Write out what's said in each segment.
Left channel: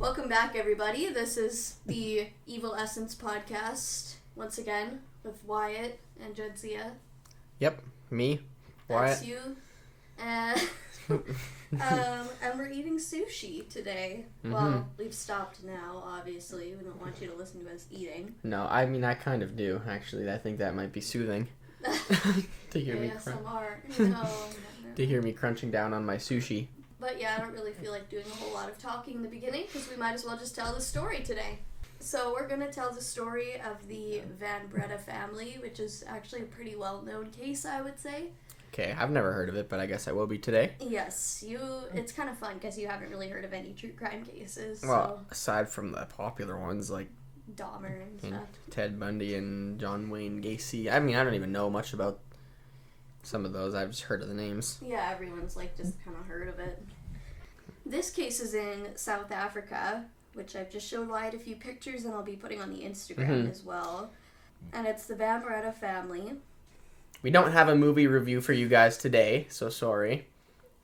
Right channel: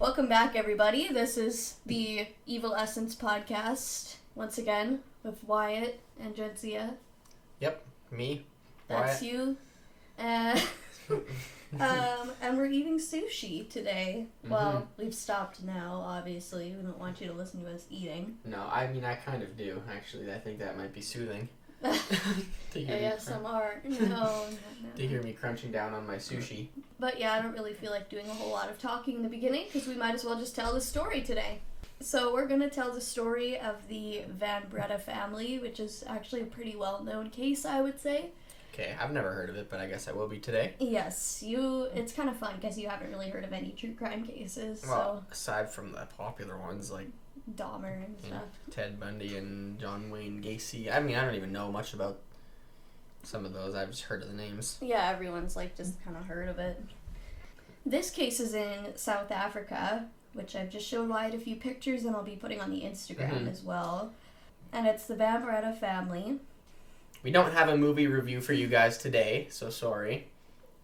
Welcome back, everybody. This is the Evil Essence podcast, once again, with Wyatt and Jadzia. Yep, me, Wyatt. That's you. And we're eating sushi today. Mm-hmm. Well, we've stopped now, obviously. We don't want you to listen to us eating. No, I mean, I kind of do, actually. I think that might be soothing. To hear to hear me crunching down on my sushi. But yeah, I don't really feel like doing a whole lot of talking in the beginning because we might as well just tell the story today. So we're going to tell the story of the Van Breda family, which is actually a pretty well-known case, I would say. Okay, I've never heard of it, but I guess I will be today. Yes, it's kind of fun because you haven't really heard of any true crime cases. Well, aside from the popular ones like Dahmer and stuff. Ted Bundy and John Wayne Gacy. I mean, I don't even know much about some of those. I've just heard of the names. Yeah, everyone's just kind of heard of it. This case is in South Africa, which I've just shown Wyatt a few pictures and I'll be putting on the Instagram as well. And it's the Van Breda family. We don't have a movie review for you guys today, so sorry.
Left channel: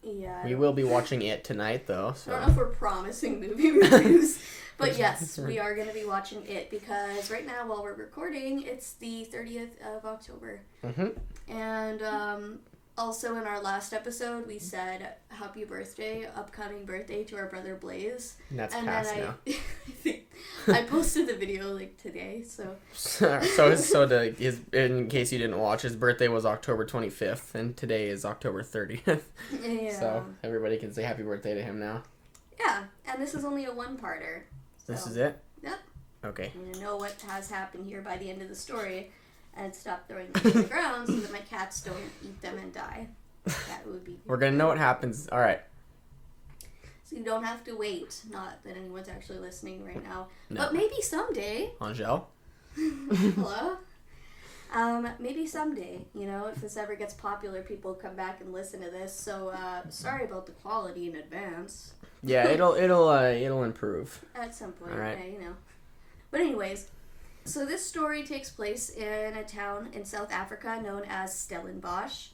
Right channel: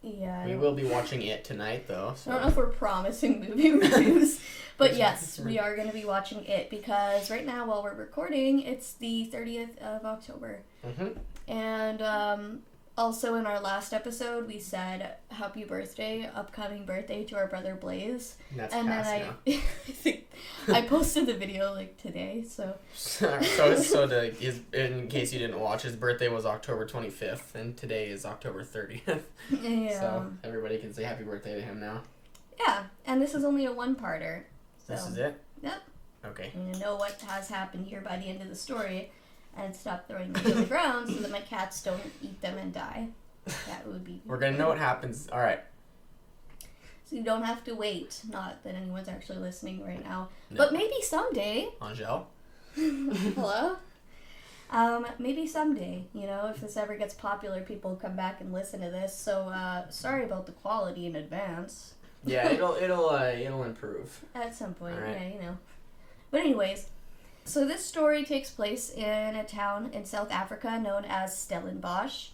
Yeah. We will be watching it tonight, though. So. I don't know if we're promising movie reviews, but yes, we are going to be watching it because right now, while we're recording, it's the 30th of October. Mm-hmm. And also in our last episode, we said happy birthday, upcoming birthday to our brother Blaze. And that's past now. I think I posted the video today, so. In case you didn't watch, his birthday was October 25th, and today is October 30th. Yeah. So everybody can say happy birthday to him now. Yeah, and this is only a one-parter. So. This is it? Yep. Okay. And you know what has happened here by the end of the story, and stop throwing them to the ground so that my cats don't eat them and die. That would be. We're gonna know what happens. All right. So you don't have to wait. Not that anyone's actually listening right now, no. But maybe someday. Angel. Hello. Maybe someday. If this ever gets popular, people come back and listen to this. So sorry about the quality in advance. Yeah, it'll improve at some point. All right. Yeah, But anyways. So this story takes place in a town in South Africa known as Stellenbosch.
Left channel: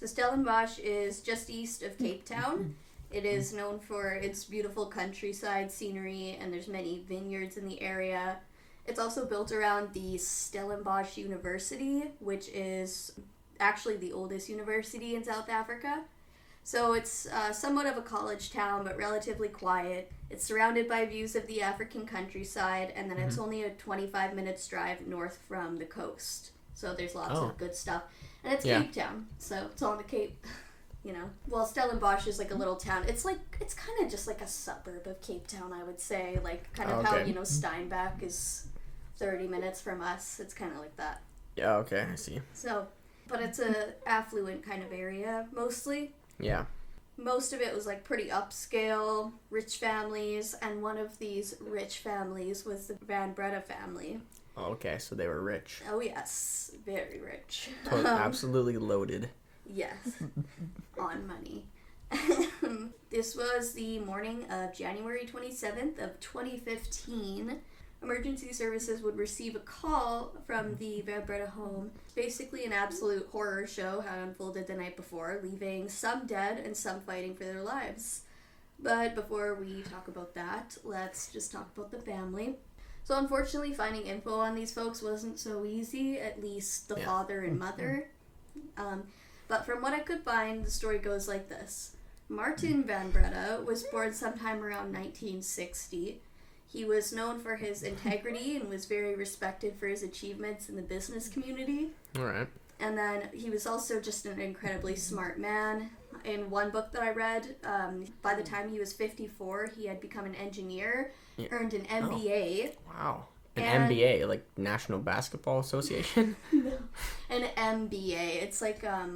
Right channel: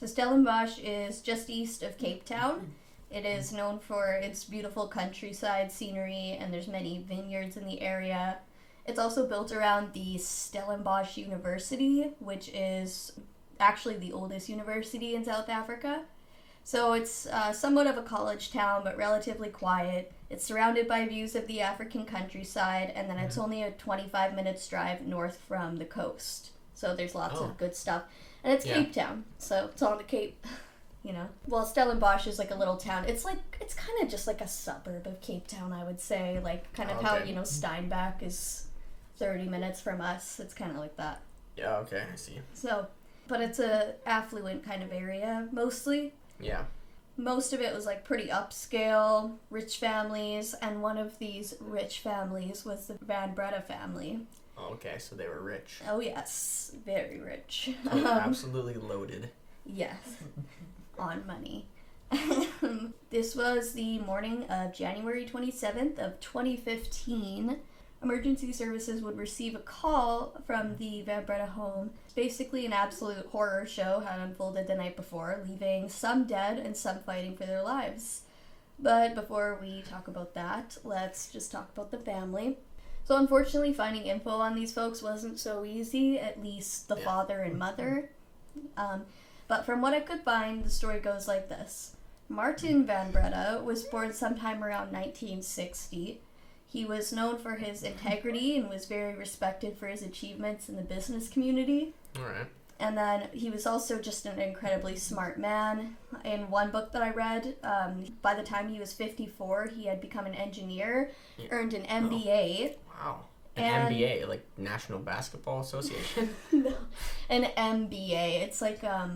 So Stellenbosch is just east of Cape Town. It is known for its beautiful countryside scenery, and there's many vineyards in the area. It's also built around the Stellenbosch University, which is actually the oldest university in South Africa. So it's somewhat of a college town, but relatively quiet. It's surrounded by views of the African countryside, and then it's only a 25 minutes drive north from the coast. So there's lots of good stuff. And it's Cape Town, so it's on the Cape, Well, Stellenbosch is like a little town. It's kind of just like a suburb of Cape Town, I would say. How, Steinbach is 30 minutes from us. It's kind of like that. Yeah, okay, I see. So, but it's a affluent kind of area, mostly. Yeah. Most of it was pretty upscale, rich families, and one of these rich families was the Van Breda family. Oh, okay, so they were rich. Oh yes, very rich. Absolutely loaded. Yes, on money. This was the morning of January 27th of 2015. Emergency services would receive a call from the Van Breda home. It's basically an absolute horror show had unfolded the night before, leaving some dead and some fighting for their lives. But before we talk about that, let's just talk about the family. So unfortunately, finding info on these folks wasn't so easy, at least the father and mother. But from what I could find, the story goes like this. Martin Van Breda was born sometime around 1960. He was known for his integrity and was very respected for his achievements in the business community. All right. And then he was also just an incredibly smart man. In one book that I read, by the time he was 54, he had become an engineer, earned an MBA. Oh, wow. An MBA, like National Basketball Association? No, an MBA. It's like a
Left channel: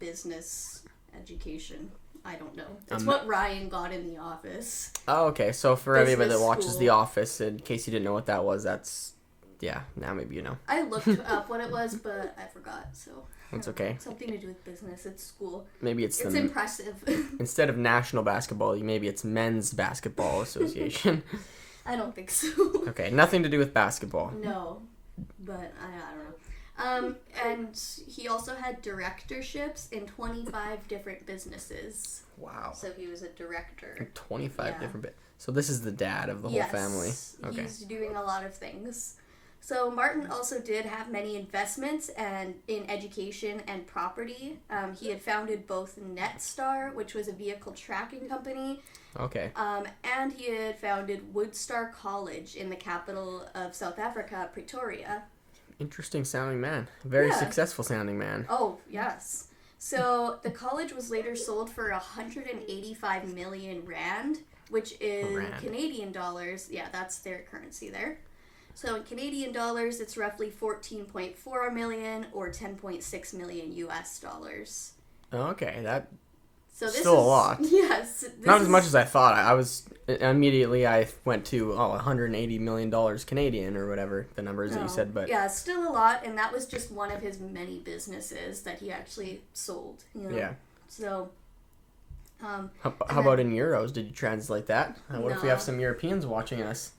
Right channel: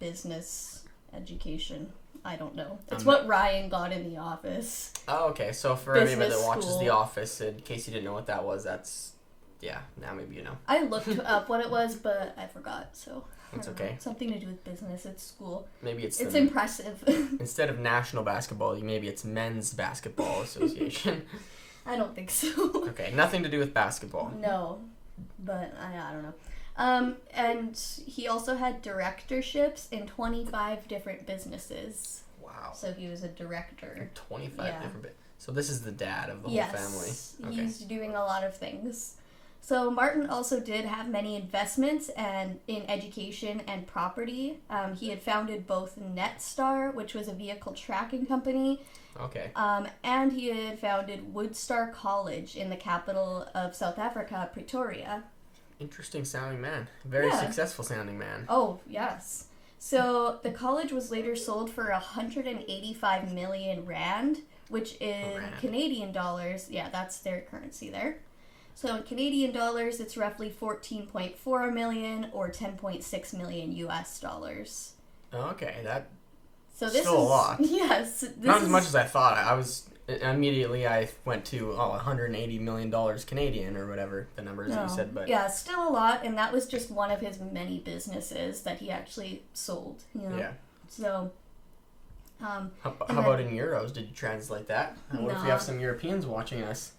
business education. I don't know. It's what Ryan got in The Office. Oh, okay. So for everybody that watches The Office, in case you didn't know what that was, now maybe you know. I looked up what it was, but I forgot, so. It's okay. Something to do with business. It's school. Maybe it's impressive. Instead of National Basketball, maybe it's Men's Basketball Association. I don't think so. Okay, nothing to do with basketball. No, but I don't know. And he also had directorships in 25 different businesses. Wow. So he was a director. 25 different So this is the dad of the whole family. Okay. He's doing a lot of things. So Martin also did have many investments and in education and property. He had founded both Netstar, which was a vehicle tracking company. Okay. And he had founded Woodstar College in the capital of South Africa, Pretoria. Interesting sounding man. Very successful sounding man. Oh, yes. So the college was later sold for 185 million rand, which is Canadian dollars. Yeah, that's their currency there. So in Canadian dollars, it's roughly 14.4 million or 10.6 million US dollars. Okay, that's this still a lot. Yes. Not as much as I thought. I went to $180 million Canadian or whatever the numbers that you said, but yeah, still a lot, and that was just one of his many businesses that he actually sold. You know? Yeah. So. How about in euros? Did you translate that? What if we have some Europeans watching us?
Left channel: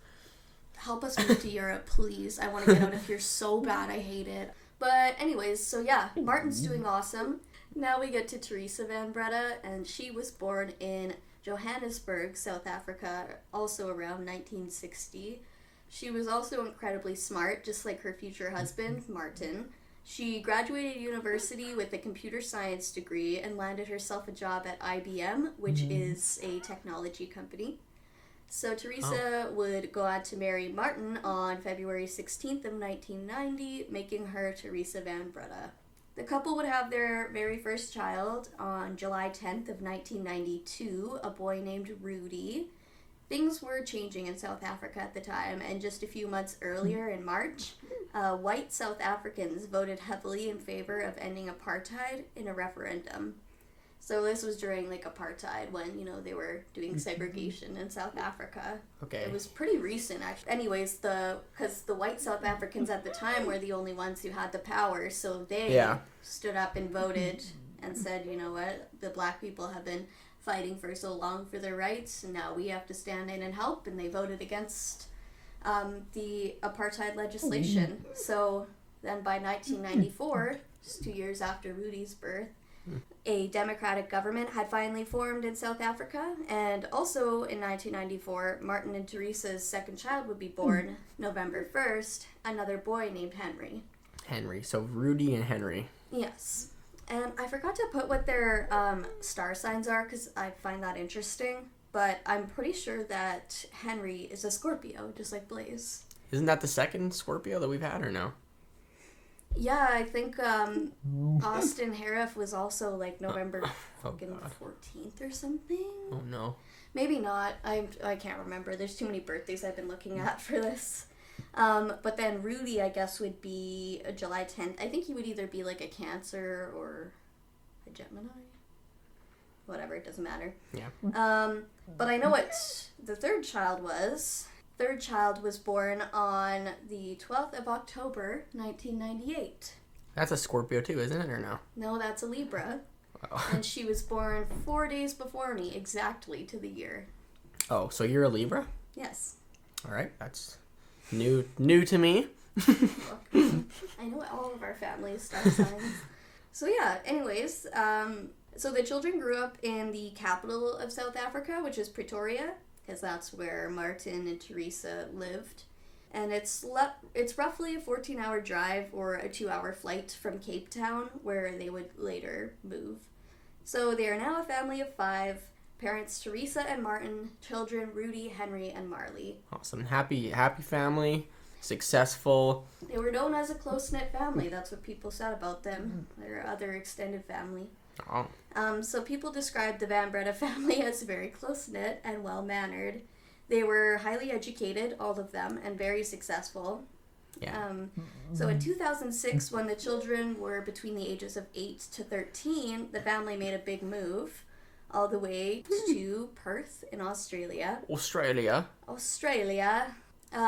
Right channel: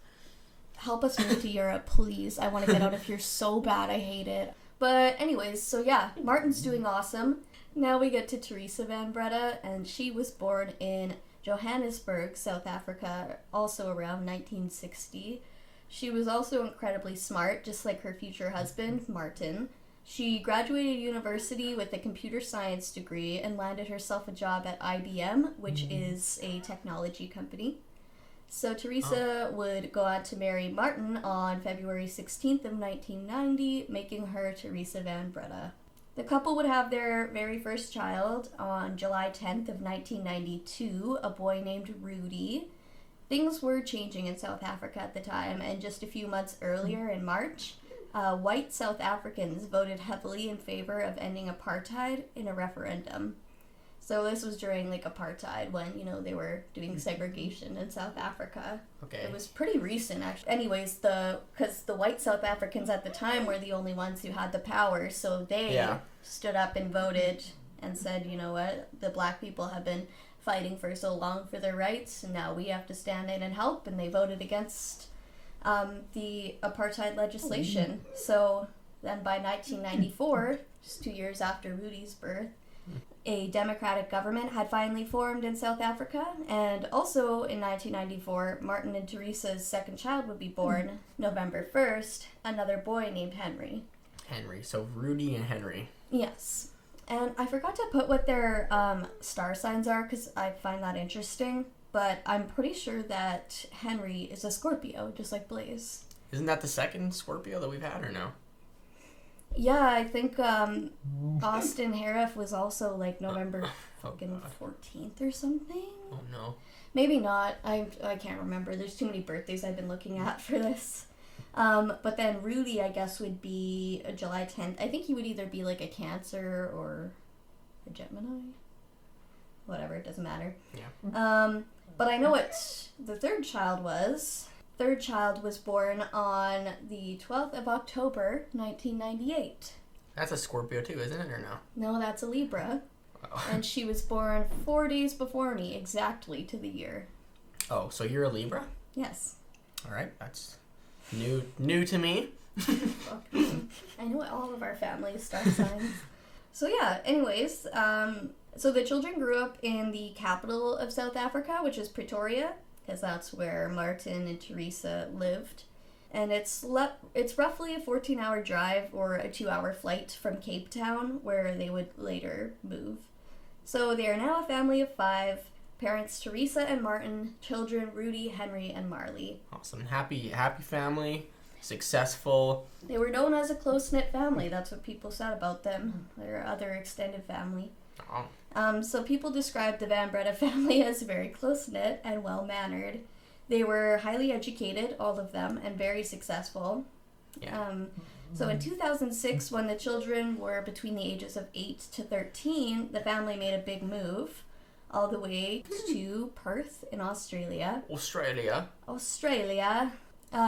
Help us move to Europe, please. I want to get out of here so bad. I hate it. But anyways, so yeah, Martin's doing awesome. Now we get to Teresa Van Breda, and she was born in Johannesburg, South Africa, also around 1960. She was also incredibly smart, just like her future husband, Martin. She graduated university with a computer science degree and landed herself a job at IBM, which is a technology company. So Teresa would go on to marry Martin on February 16th of 1990, making her Teresa Van Breda. The couple would have their very first child on July 10th of 1992, a boy named Rudy. Things were changing in South Africa at the time, and just a few months earlier in March, white South Africans voted heavily in favor of ending apartheid in a referendum. So this was during apartheid when, they were doing segregation in South Africa. Okay. It was pretty recent, actually. Anyways, because the white South Africans at the time were the only ones who had the power, so they stood up and voted and said, you know what, the black people have been fighting for so long for their rights, and now we have to stand in and help, and they voted against the apartheid legislation. So then by 1994, just 2 years after Rudy's birth, a democratic government had finally formed in South Africa, and also in 1994, Martin and Teresa's second child would be born November 1st, another boy named Henry. Henry, so Rudy and Henry. Yes. And I forgot to put what their star signs are because I find that interesting, but I'm pretty sure that Henry is a Scorpio, just like Blaze. Isn't that the second Scorpio that we've had, or no? Yeah, I think Austin Harif was also November 14th or something. Oh no. Maybe not. I can't remember. There's too many birthdays I've been looking at for this. But then Rudy, I guess, would be July 10th. I think he would either be a Cancer or a Gemini. Whatever, it doesn't matter. Yeah. But I know what the third child was. Third child was born on the 12th of October, 1998. That's a Scorpio too, isn't it, or no? No, that's a Libra. Oh. And she was born 4 days before me, exactly to the year. Oh, so you're a Libra? Yes. All right, that's new to me. I know all of our family's star signs. So yeah, anyways, so the children grew up in the capital of South Africa, which is Pretoria, because that's where Martin and Teresa lived. And it's roughly a 14-hour drive or a 2-hour flight from Cape Town, where they would later move. So they are now a family of 5, parents Teresa and Martin, children Rudy, Henry, and Marley. Awesome. Happy family, successful. They were known as a close-knit family. That's what people said about them, their other extended family. Oh. So people described the Van Breda family as very close-knit and well-mannered. They were highly educated, all of them, and very successful. Yeah. So in 2006, when the children were between the ages of 8 to 13, the family made a big move all the way to Perth in Australia. Australia.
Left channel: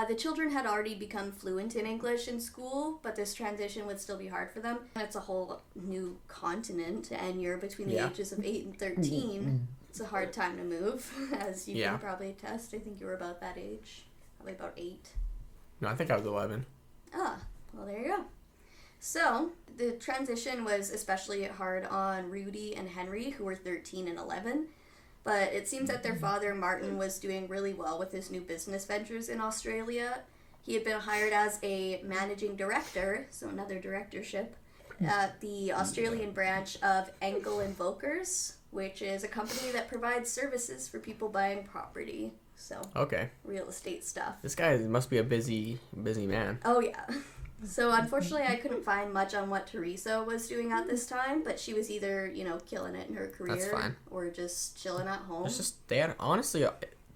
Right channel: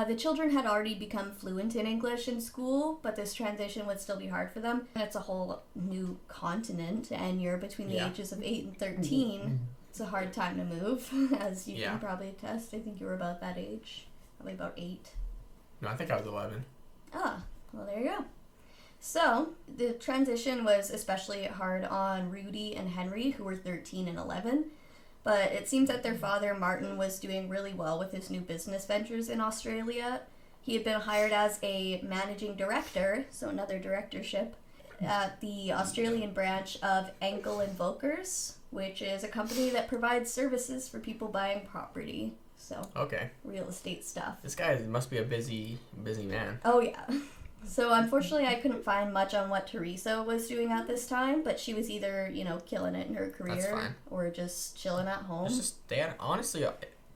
The children had already become fluent in English in school, but this transition would still be hard for them. And it's a whole new continent, and you're between the ages of 8 and 13. It's a hard time to move, as you can probably attest. I think you were about that age, probably about 8. No, I think I was 11. Ah, well, there you go. So, the transition was especially hard on Rudy and Henry, who were 13 and 11. But it seems that their father, Martin, was doing really well with his new business ventures in Australia. He had been hired as a managing director, so another directorship, at the Australian branch of Ankle and Volkers, which is a company that provides services for people buying property. So, okay, real estate stuff. This guy must be a busy man. Oh, yeah. So, unfortunately, I couldn't find much on what Teresa was doing at this time, but she was either, killing it in her career or just chilling at home. It's just honestly,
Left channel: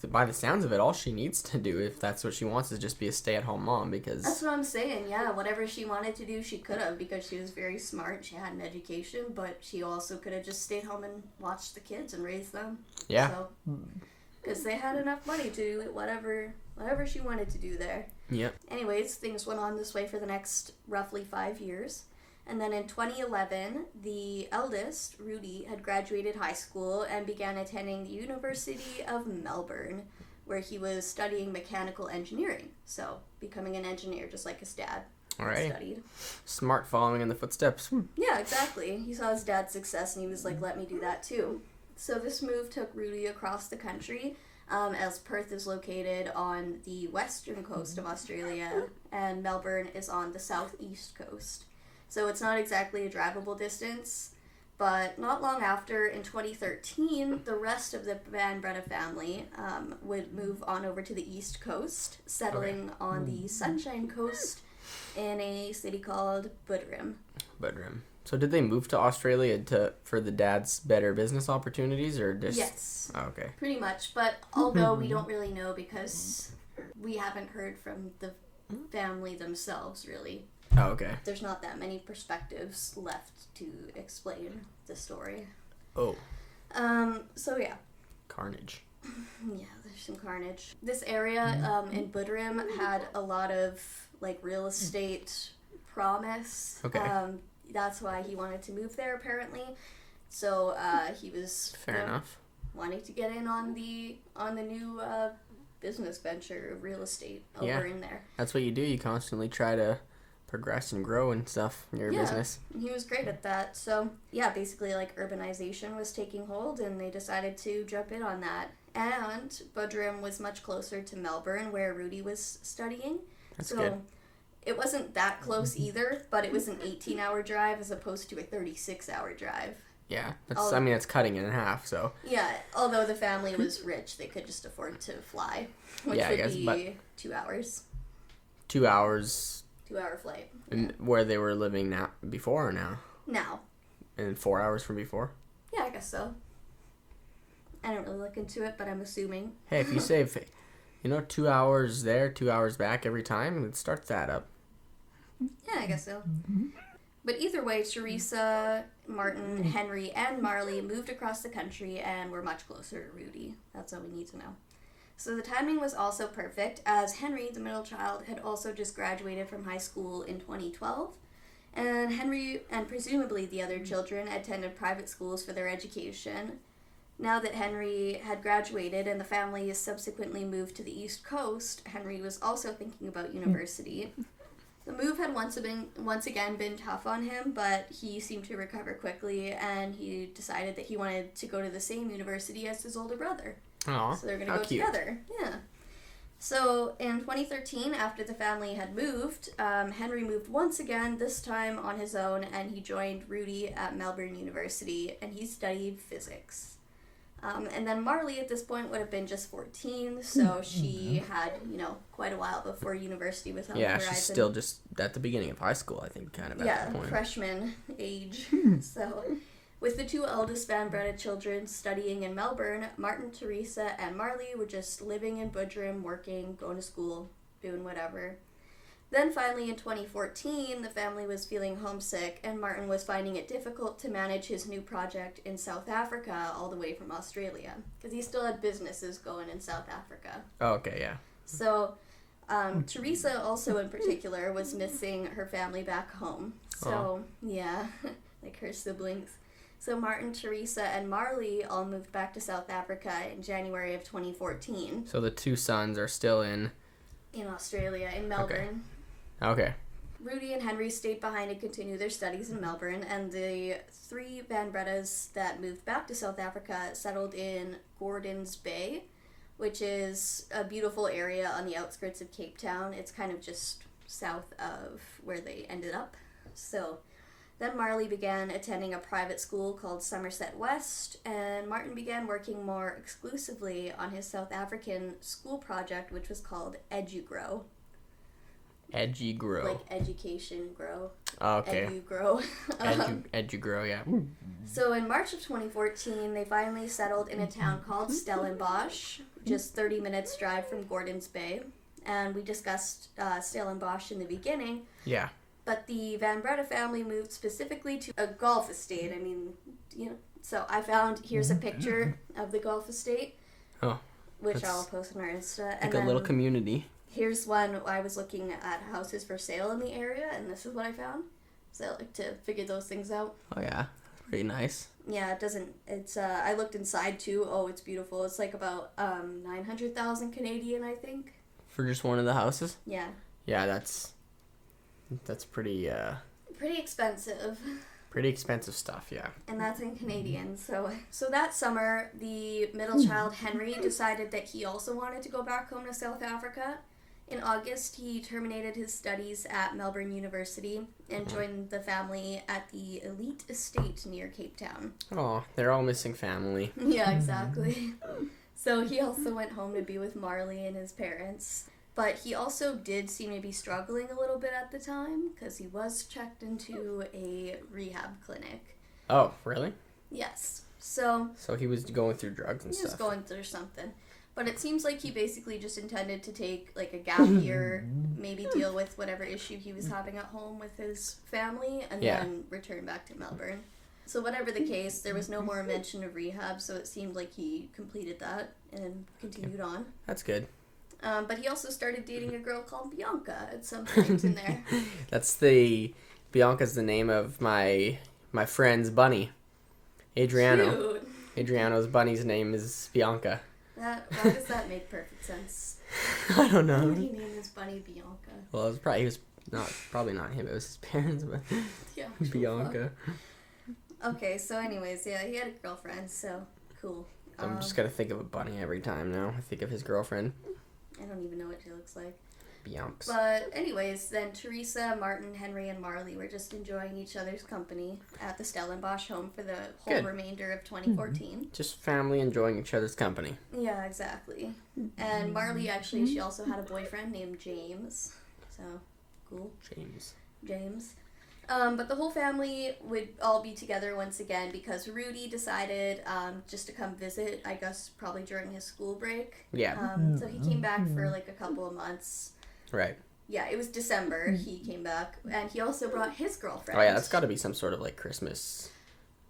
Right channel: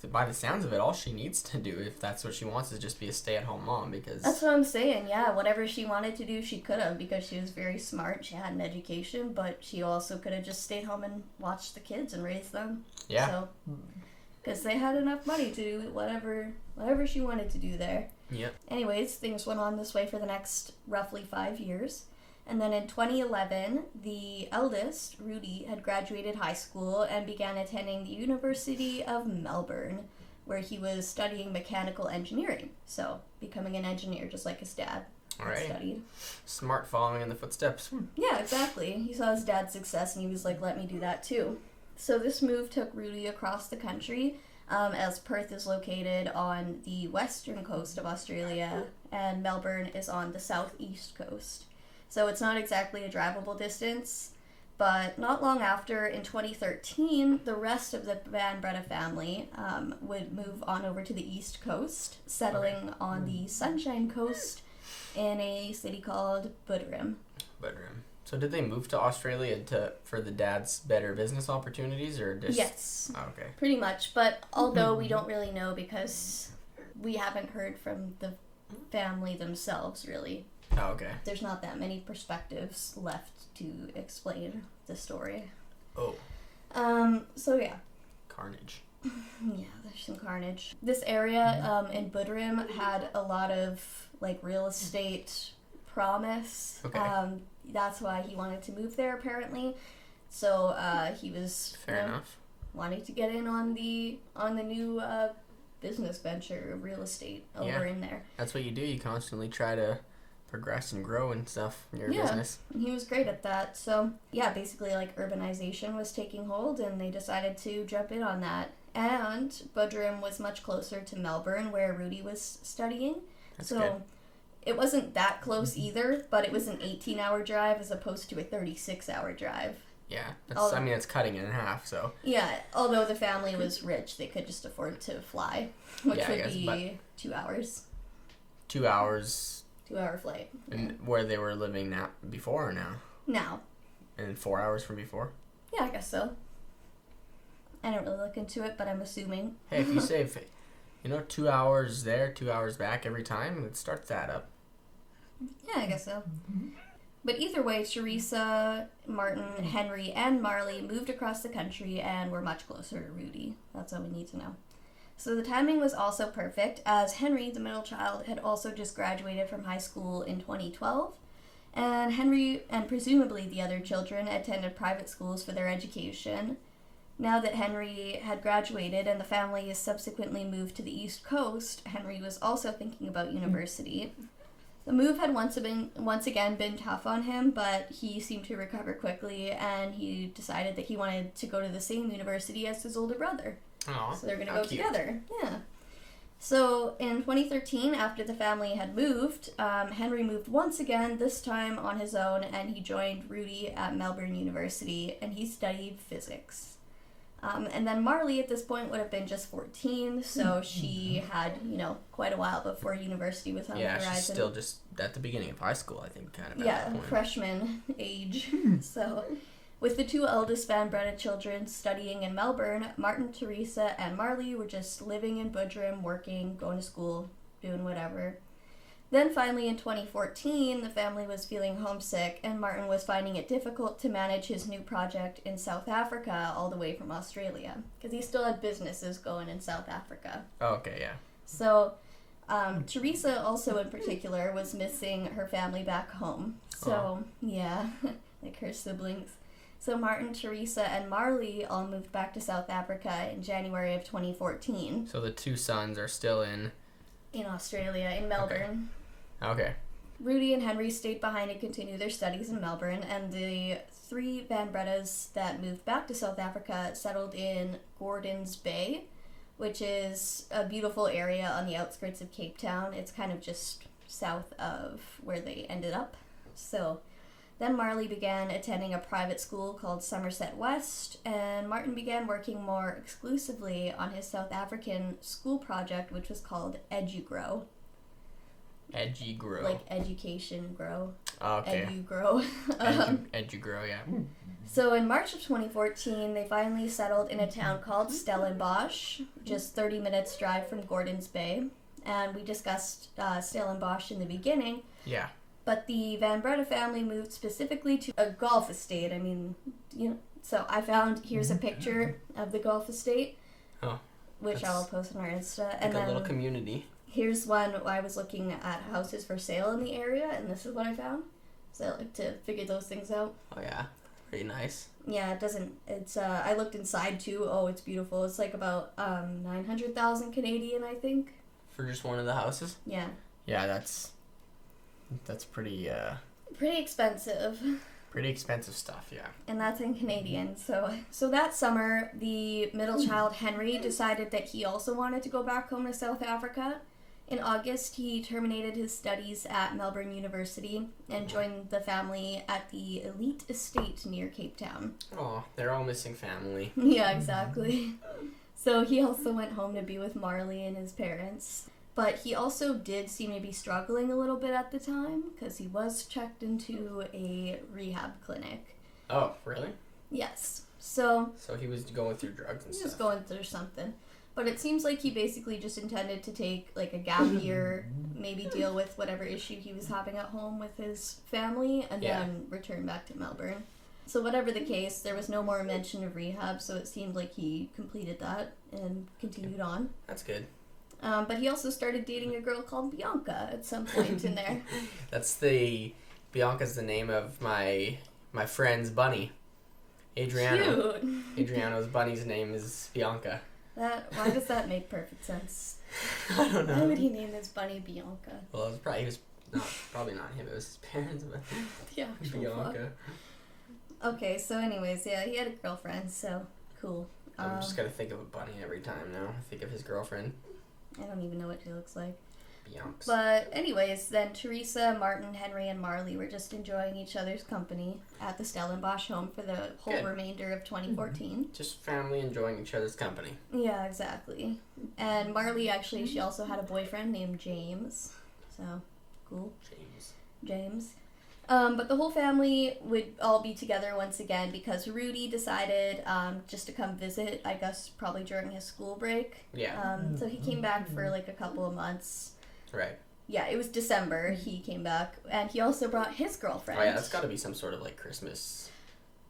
by the sounds of it, all she needs to do, if that's what she wants, is just be a stay-at-home mom, because... That's what I'm saying, yeah. Whatever she wanted to do, she could have, because she was very smart. She had an education, but she also could have just stayed home and watched the kids and raised them. Yeah. So, because they had enough money to do whatever she wanted to do there. Yep. Anyways, things went on this way for the next roughly 5 years. And then in 2011, the eldest, Rudy, had graduated high school and began attending the University of Melbourne, where he was studying mechanical engineering. So, becoming an engineer, just like his dad. All right. Studied. Smart, following in the footsteps. Yeah, exactly. He saw his dad's success and he was like, let me do that too. So this move took Rudy across the country, as Perth is located on the western coast of Australia and Melbourne is on the southeast coast. So it's not exactly a drivable distance, but not long after, in 2013, the rest of the Breda family would move on over to the east coast, settling on the Sunshine Coast in a city called Buderim. So did they move to Australia for the dad's better business opportunities, or just... Yes. Oh, okay. Pretty much, but although we don't really know because we haven't heard from the family themselves, really. Oh, okay. There's not that many perspectives left to explain the story. Oh. So yeah. Carnage. Yeah, there's some carnage. This area in Buderim had a lot of real estate promise. Okay. That's why he wanted to move there apparently. So he was fair enough. Wanting to get in on the new business venture of real estate over in there. That's what you do. You constantly try to progress and grow and stuff in your business. He was great at that. So yeah, basically urbanization was taking hold and they decided to jump in on that. And Buderim was much closer to Melbourne where Rudy was studying. That's good. It wasn't that close either, but it was an 18-hour drive as opposed to a 36-hour drive. Yeah, that's cutting it in half, so... Yeah, although the family was rich, they could just afford to fly, which I guess, would be 2 hours. 2 hours... 2-hour flight. And where they were living now, before or now? Now. And 4 hours from before? Yeah, I guess so. I didn't really look into it, but I'm assuming. Hey, if you save, 2 hours there, 2 hours back every time, it starts that up. Yeah, I guess so. But either way, Teresa, Martin, Henry, and Marley moved across the country and were much closer to Rudy. That's all we need to know. So the timing was also perfect, as Henry, the middle child, had also just graduated from high school in 2012, and Henry, and presumably the other children, attended private schools for their education. Now that Henry had graduated and the family has subsequently moved to the East Coast, Henry was also thinking about university. The move had once again been tough on him, but he seemed to recover quickly, and he decided that he wanted to go to the same university as his older brother. Aww, so they're going to go together. Yeah. So in 2013, after the family had moved, Henry moved once again, this time on his own, and he joined Rudy at Melbourne University, and he studied physics. And then Marley at this point would have been just 14, so she had, quite a while before university was on the horizon. Yeah, she's still just at the beginning of high school, I think, kind of at that point. Yeah, freshman age. So, with the two eldest Van Breda children studying in Melbourne, Martin, Teresa, and Marley were just living in Buderim, working, going to school, doing whatever. Then finally in 2014, the family was feeling homesick and Martin was finding it difficult to manage his new project in South Africa all the way from Australia because he still had businesses going in South Africa. Oh, okay, yeah. So Teresa also in particular was missing her family back home. So, yeah, like her siblings. So Martin, Teresa, and Marley all moved back to South Africa in January of 2014. So the two sons are still in Australia, in Melbourne. Okay. Rudy and Henry stayed behind to continue their studies in Melbourne, and the 3 Van Bredas that moved back to South Africa settled in Gordons Bay, which is a beautiful area on the outskirts of Cape Town. It's kind of just south of where they ended up. So then Marley began attending a private school called Somerset West, and Martin began working more exclusively on his South African school project, which was called EduGrow. EduGrow. Like education grow. Oh, okay. EduGrow. EduGrow, yeah. So in March of 2014, they finally settled in a town called Stellenbosch, just 30 minutes drive from Gordons Bay. And we discussed Stellenbosch in the beginning. Yeah. But the Van Breda family moved specifically to a golf estate. I mean, so I found, here's a picture of the golf estate. Oh. Which I'll post on our Insta. Like a little community. Here's one I was looking at houses for sale in the area, and this is what I found. So I like to figure those things out. Oh yeah, pretty nice. Yeah, I looked inside too. Oh, it's beautiful. It's like about 900,000 Canadian, I think. For just one of the houses? Yeah. Yeah, that's pretty expensive. Pretty expensive stuff, yeah. And that's in Canadian. So that summer, the middle child, Henry, decided that he also wanted to go back home to South Africa. In August, he terminated his studies at Melbourne University and joined the family at the Elite Estate near Cape Town. Oh, they're all missing family. Yeah, exactly. So he also went home to be with Marley and his parents. But he also did seem to be struggling a little bit at the time because he was checked into a rehab clinic. Oh, really? Yes. So he was going through drugs and stuff. He was going through something. But it seems like he basically just intended to take like a gap year, maybe deal with whatever issue he was having at home with his family, and then return back to Melbourne. So whatever the case, there was no more mention of rehab, so it seemed like he completed that and continued on. That's good. But he also started dating a girl called Bianca at some point in there. Bianca's the name of my friend's bunny. Adriano. Cute. Adriano's bunny's name is Bianca. Why does that make perfect sense? I don't know. Why would he name his bunny Bianca? Well, he was probably not him, it was his parents, but yeah, Bianca. Okay, so anyways, yeah, he had a girlfriend, so cool. I'm just gonna think of a bunny every time now. I think of his girlfriend. I don't even know what she looks like. Bianca. But anyways, then Teresa, Martin, Henry, and Marley were just enjoying each other's company at the Stellenbosch home for the whole remainder of 2014. Just family enjoying each other's company. Yeah, exactly. And Marley, actually, she also had a boyfriend named James. So, cool. James. But the whole family would all be together once again because Rudy decided just to come visit, I guess probably during his school break. Yeah. So he came back for like a couple of months. Right. Yeah, it was December he came back, and he also brought his girlfriend. Oh yeah, that's got to be some sort of like Christmas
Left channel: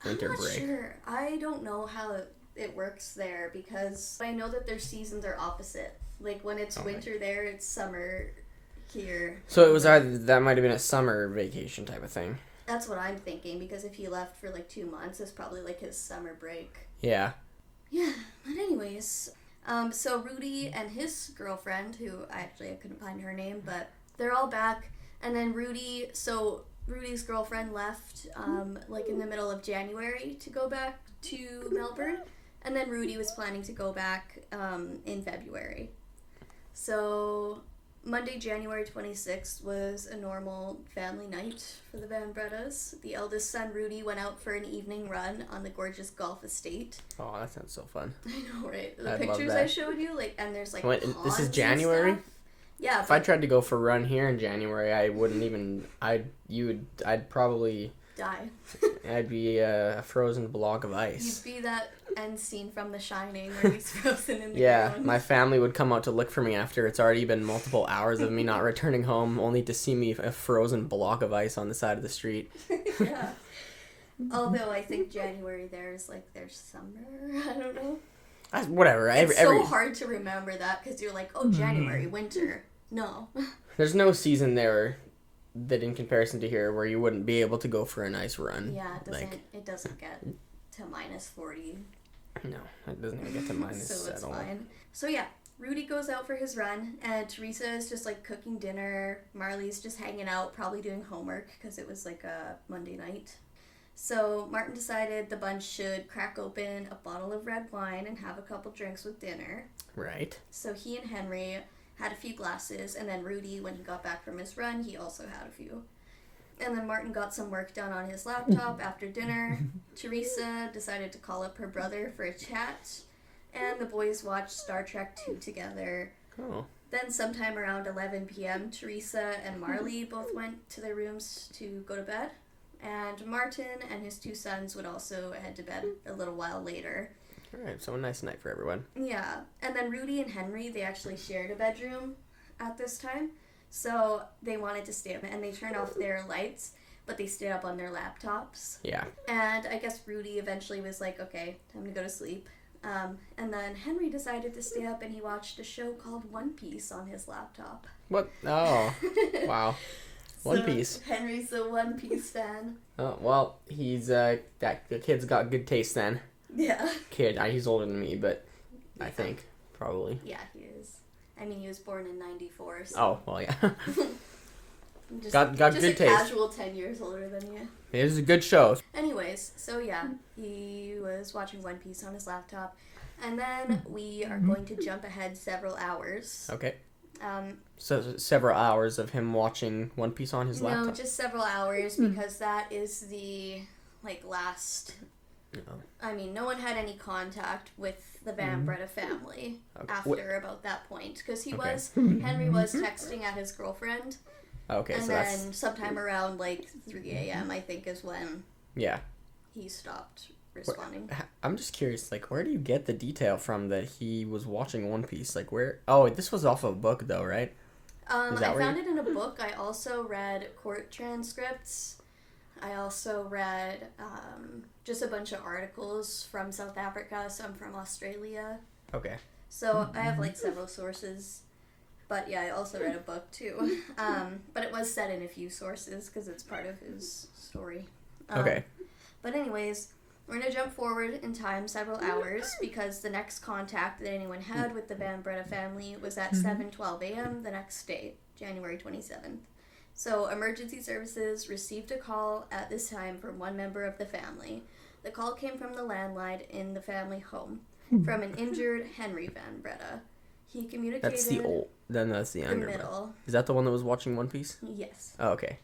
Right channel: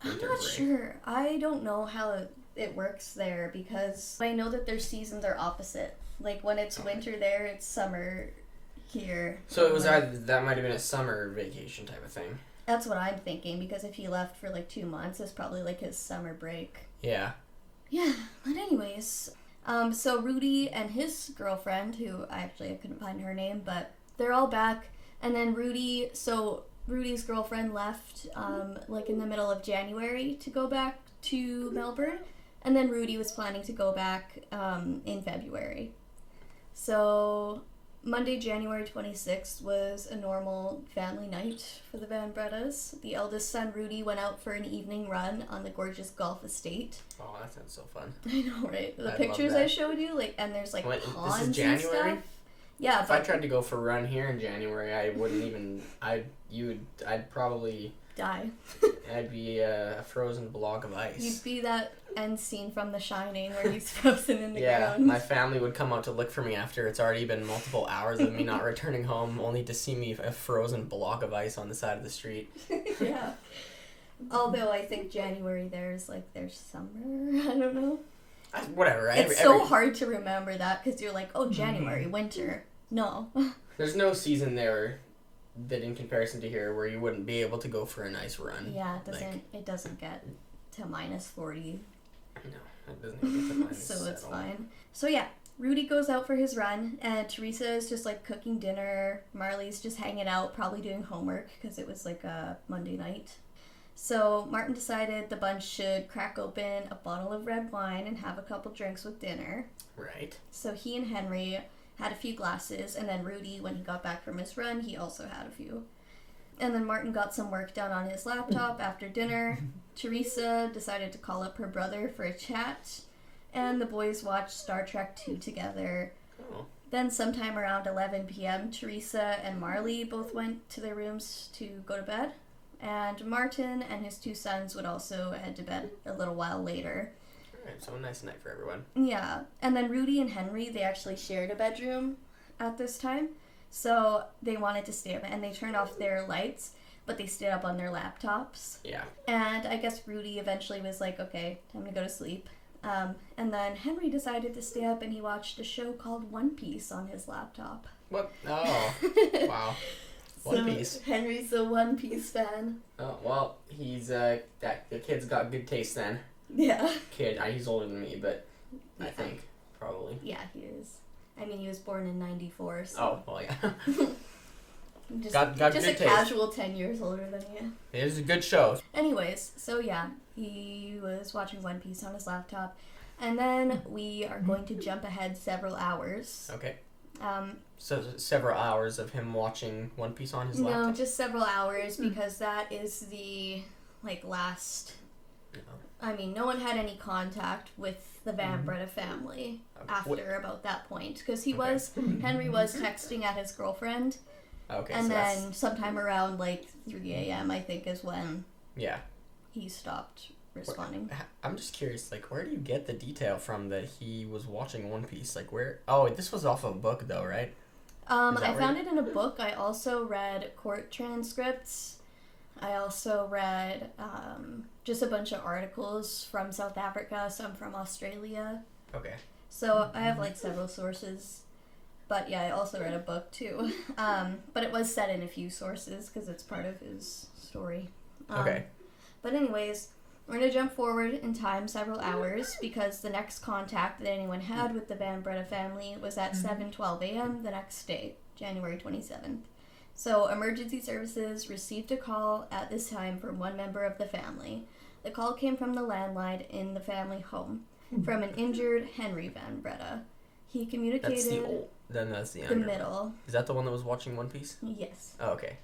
winter break. I'm not sure. I don't know how it works there because I know that their seasons are opposite. Like when it's winter there, it's summer here. So it was that might have been a summer vacation type of thing. That's what I'm thinking because if he left for like 2 months, it's probably like his summer break. Yeah. Yeah, but anyways. So Rudy and his girlfriend, who I couldn't find her name, but they're all back. And then Rudy's girlfriend left like in the middle of January to go back to Melbourne. And then Rudy was planning to go back in February. So Monday, January 26th was a normal family night for the Van Bredas. The eldest son, Rudy, went out for an evening run on the gorgeous golf estate. Oh, that sounds so fun. I know, right? The I'd pictures love that. I showed you, and there's like What, ponds this is and January? stuff. Yeah. If I tried to go for a run here in January, I wouldn't even. I'd probably die. I'd be a frozen block of ice. You'd be that end scene from The Shining where he's frozen in the Yeah, ground. my family would come out to look for me after it's already been multiple hours of me not returning home, only to see me a frozen block of ice on the side of the street. Yeah. Although I think January there's summer. I don't know. Whatever. It's so hard to remember that because you're like, oh, January, winter. No. There's no season there that in comparison to here where you wouldn't be able to go for a nice run. Yeah, it doesn't get to -40. No, it doesn't even get to minus so at it's all. fine. So yeah, Rudy goes out for his run, and Teresa is just like cooking dinner. Marley's just hanging out, probably doing homework because it was like a Monday night. So Martin decided the bunch should crack open a bottle of red wine and have a couple drinks with dinner. Right. So he and Henry had a few glasses, and then Rudy, when he got back from his run, he also had a few. And then Martin got some work done on his laptop after dinner. Teresa decided to call up her brother for a chat, and the boys watched Star Trek II together. Oh. Then sometime around 11 p.m., Teresa and Marley both went to their rooms to go to bed. And Martin and his 2 sons would also head to bed a little while later. Alright, so a nice night for everyone. Yeah. And then Rudy and Henry, they actually shared a bedroom at this time. So they wanted to stay up, and they turned off their lights, but they stayed up on their laptops. Yeah. And I guess Rudy eventually was like, okay, time to go to sleep. And then Henry decided to stay up, and he watched a show called One Piece on his laptop. What? Oh, wow. One Piece. Henry's a One Piece fan. Oh, well, he's, the kid's got good taste then. Yeah. Kid, he's older than me, but I think, probably. Yeah, he is. I mean, he was born in 94, so... Oh, well, yeah. got good taste. Just a casual 10 years older than you. It is a good show. Anyways, so yeah, he was watching One Piece on his laptop. And then we are going to jump ahead several hours. Okay. So several hours of him watching One Piece on his laptop? No, just several hours, because that is the, last... No. I mean, no one had any contact with the Van Breda family after about that point. Because Henry was texting at his girlfriend. Okay, and so then sometime around, 3 a.m., I think, is when he stopped responding. I'm just curious, where do you get the detail from that he was watching One Piece? Where... Oh, this was off of a book, though, right? I found it in a book. I also read court transcripts. I also read just a bunch of articles from South Africa, some from Australia. Okay. So I have several sources. But yeah, I also read a book too. But it was set in a few sources because it's part of his story. Okay. But anyways, we're going to jump forward in time several hours because the next contact that anyone had with the Van Breda family was at 7:12 a.m. the next day, January 27th. So emergency services received a call at this time from one member of the family. The call came from the landline in the family home from an injured Henry Van Breda. He communicated... That's the old... Then that's the younger middle. one. Is that the one that was watching One Piece? Yes. Oh, okay.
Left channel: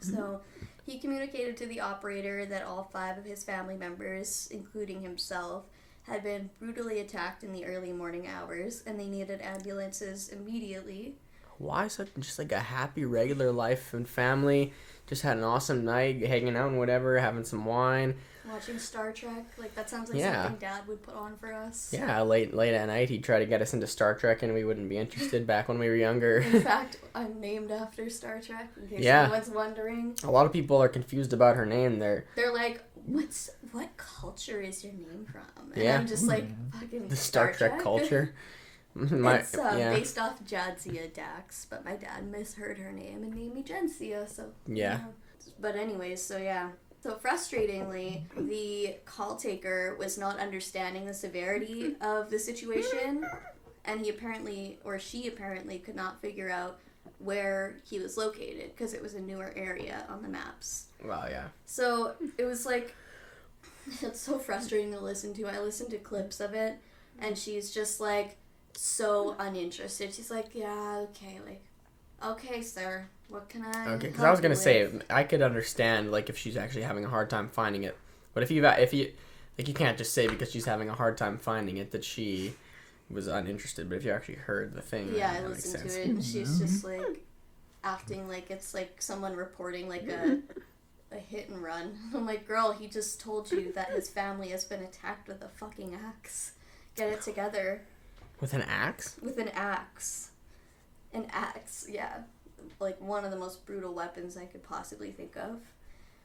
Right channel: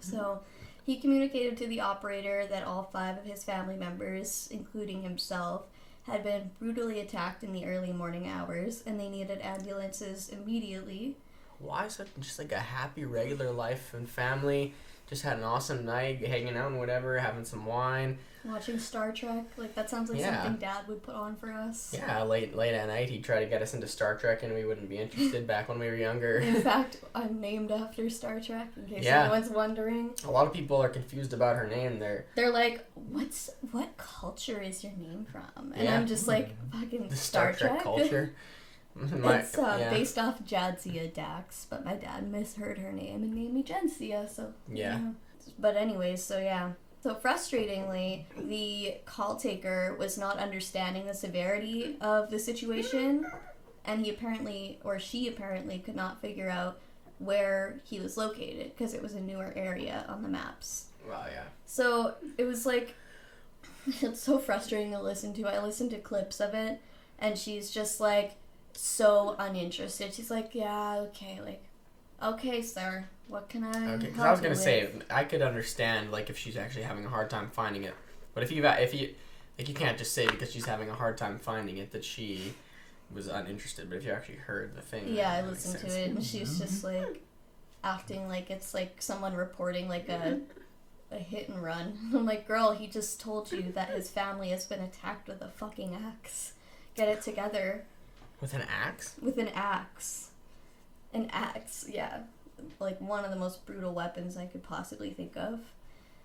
So he communicated to the operator that all 5 of his family members, including himself, had been brutally attacked in the early morning hours, and they needed ambulances immediately. Why such just a happy regular life and family? Just had an awesome night, hanging out and whatever, having some wine. Watching Star Trek, that sounds like something Dad would put on for us. Yeah, late at night he'd try to get us into Star Trek and we wouldn't be interested back when we were younger. In fact, I'm named after Star Trek, in case anyone's wondering. A lot of people are confused about her name. They're like, what culture is your name from? And yeah. I'm just fucking the Star Trek culture. It's based off Jadzia Dax, but my dad misheard her name and named me Jensia, so... Yeah. But anyways, so yeah. So frustratingly, the call taker was not understanding the severity of the situation, and she apparently could not figure out where he was located, because it was a newer area on the maps. Wow, yeah. So it was it's so frustrating to listen to. I listened to clips of it, and she's just so uninterested. She's yeah, okay, okay, sir, what can I... Okay, because I was gonna say, I could understand, if she's actually having a hard time finding it, but if you can't just say because she's having a hard time finding it that she was uninterested, but if you actually heard the thing, yeah, that I makes listened sense. to it, and she's just, acting like it's, someone reporting, a hit and run. I'm girl, he just told you that his family has been attacked with a fucking axe. Get it together. With an axe? With an axe. An axe, yeah. One of the most brutal weapons I could possibly think of.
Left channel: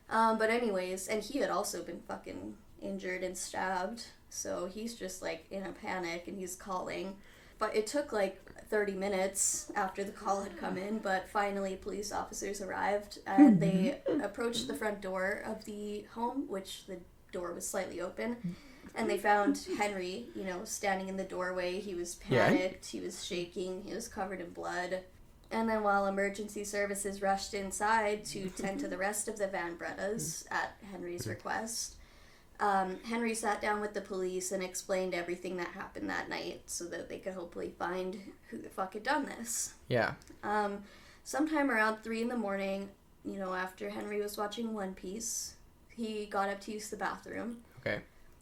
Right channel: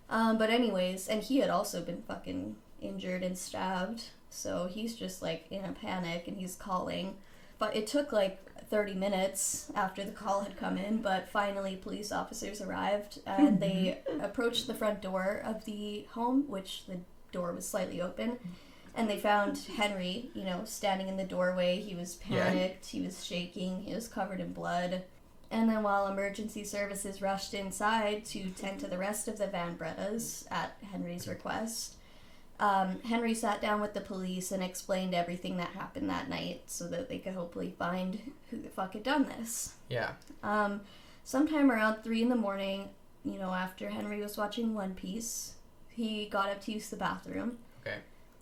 But anyways, and he had also been fucking injured and stabbed, so he's just in a panic and he's calling. But it took 30 minutes after the call had come in, but finally police officers arrived and they approached the front door of the home, which the door was slightly open. And they found Henry, standing in the doorway. He was panicked. He was shaking. He was covered in blood. And then while emergency services rushed inside to tend to the rest of the Van Bredas at Henry's request, Henry sat down with the police and explained everything that happened that night so that they could hopefully find who the fuck had done this. Yeah. Sometime around 3 in the morning, after Henry was watching One Piece, he got up to use the bathroom. Okay.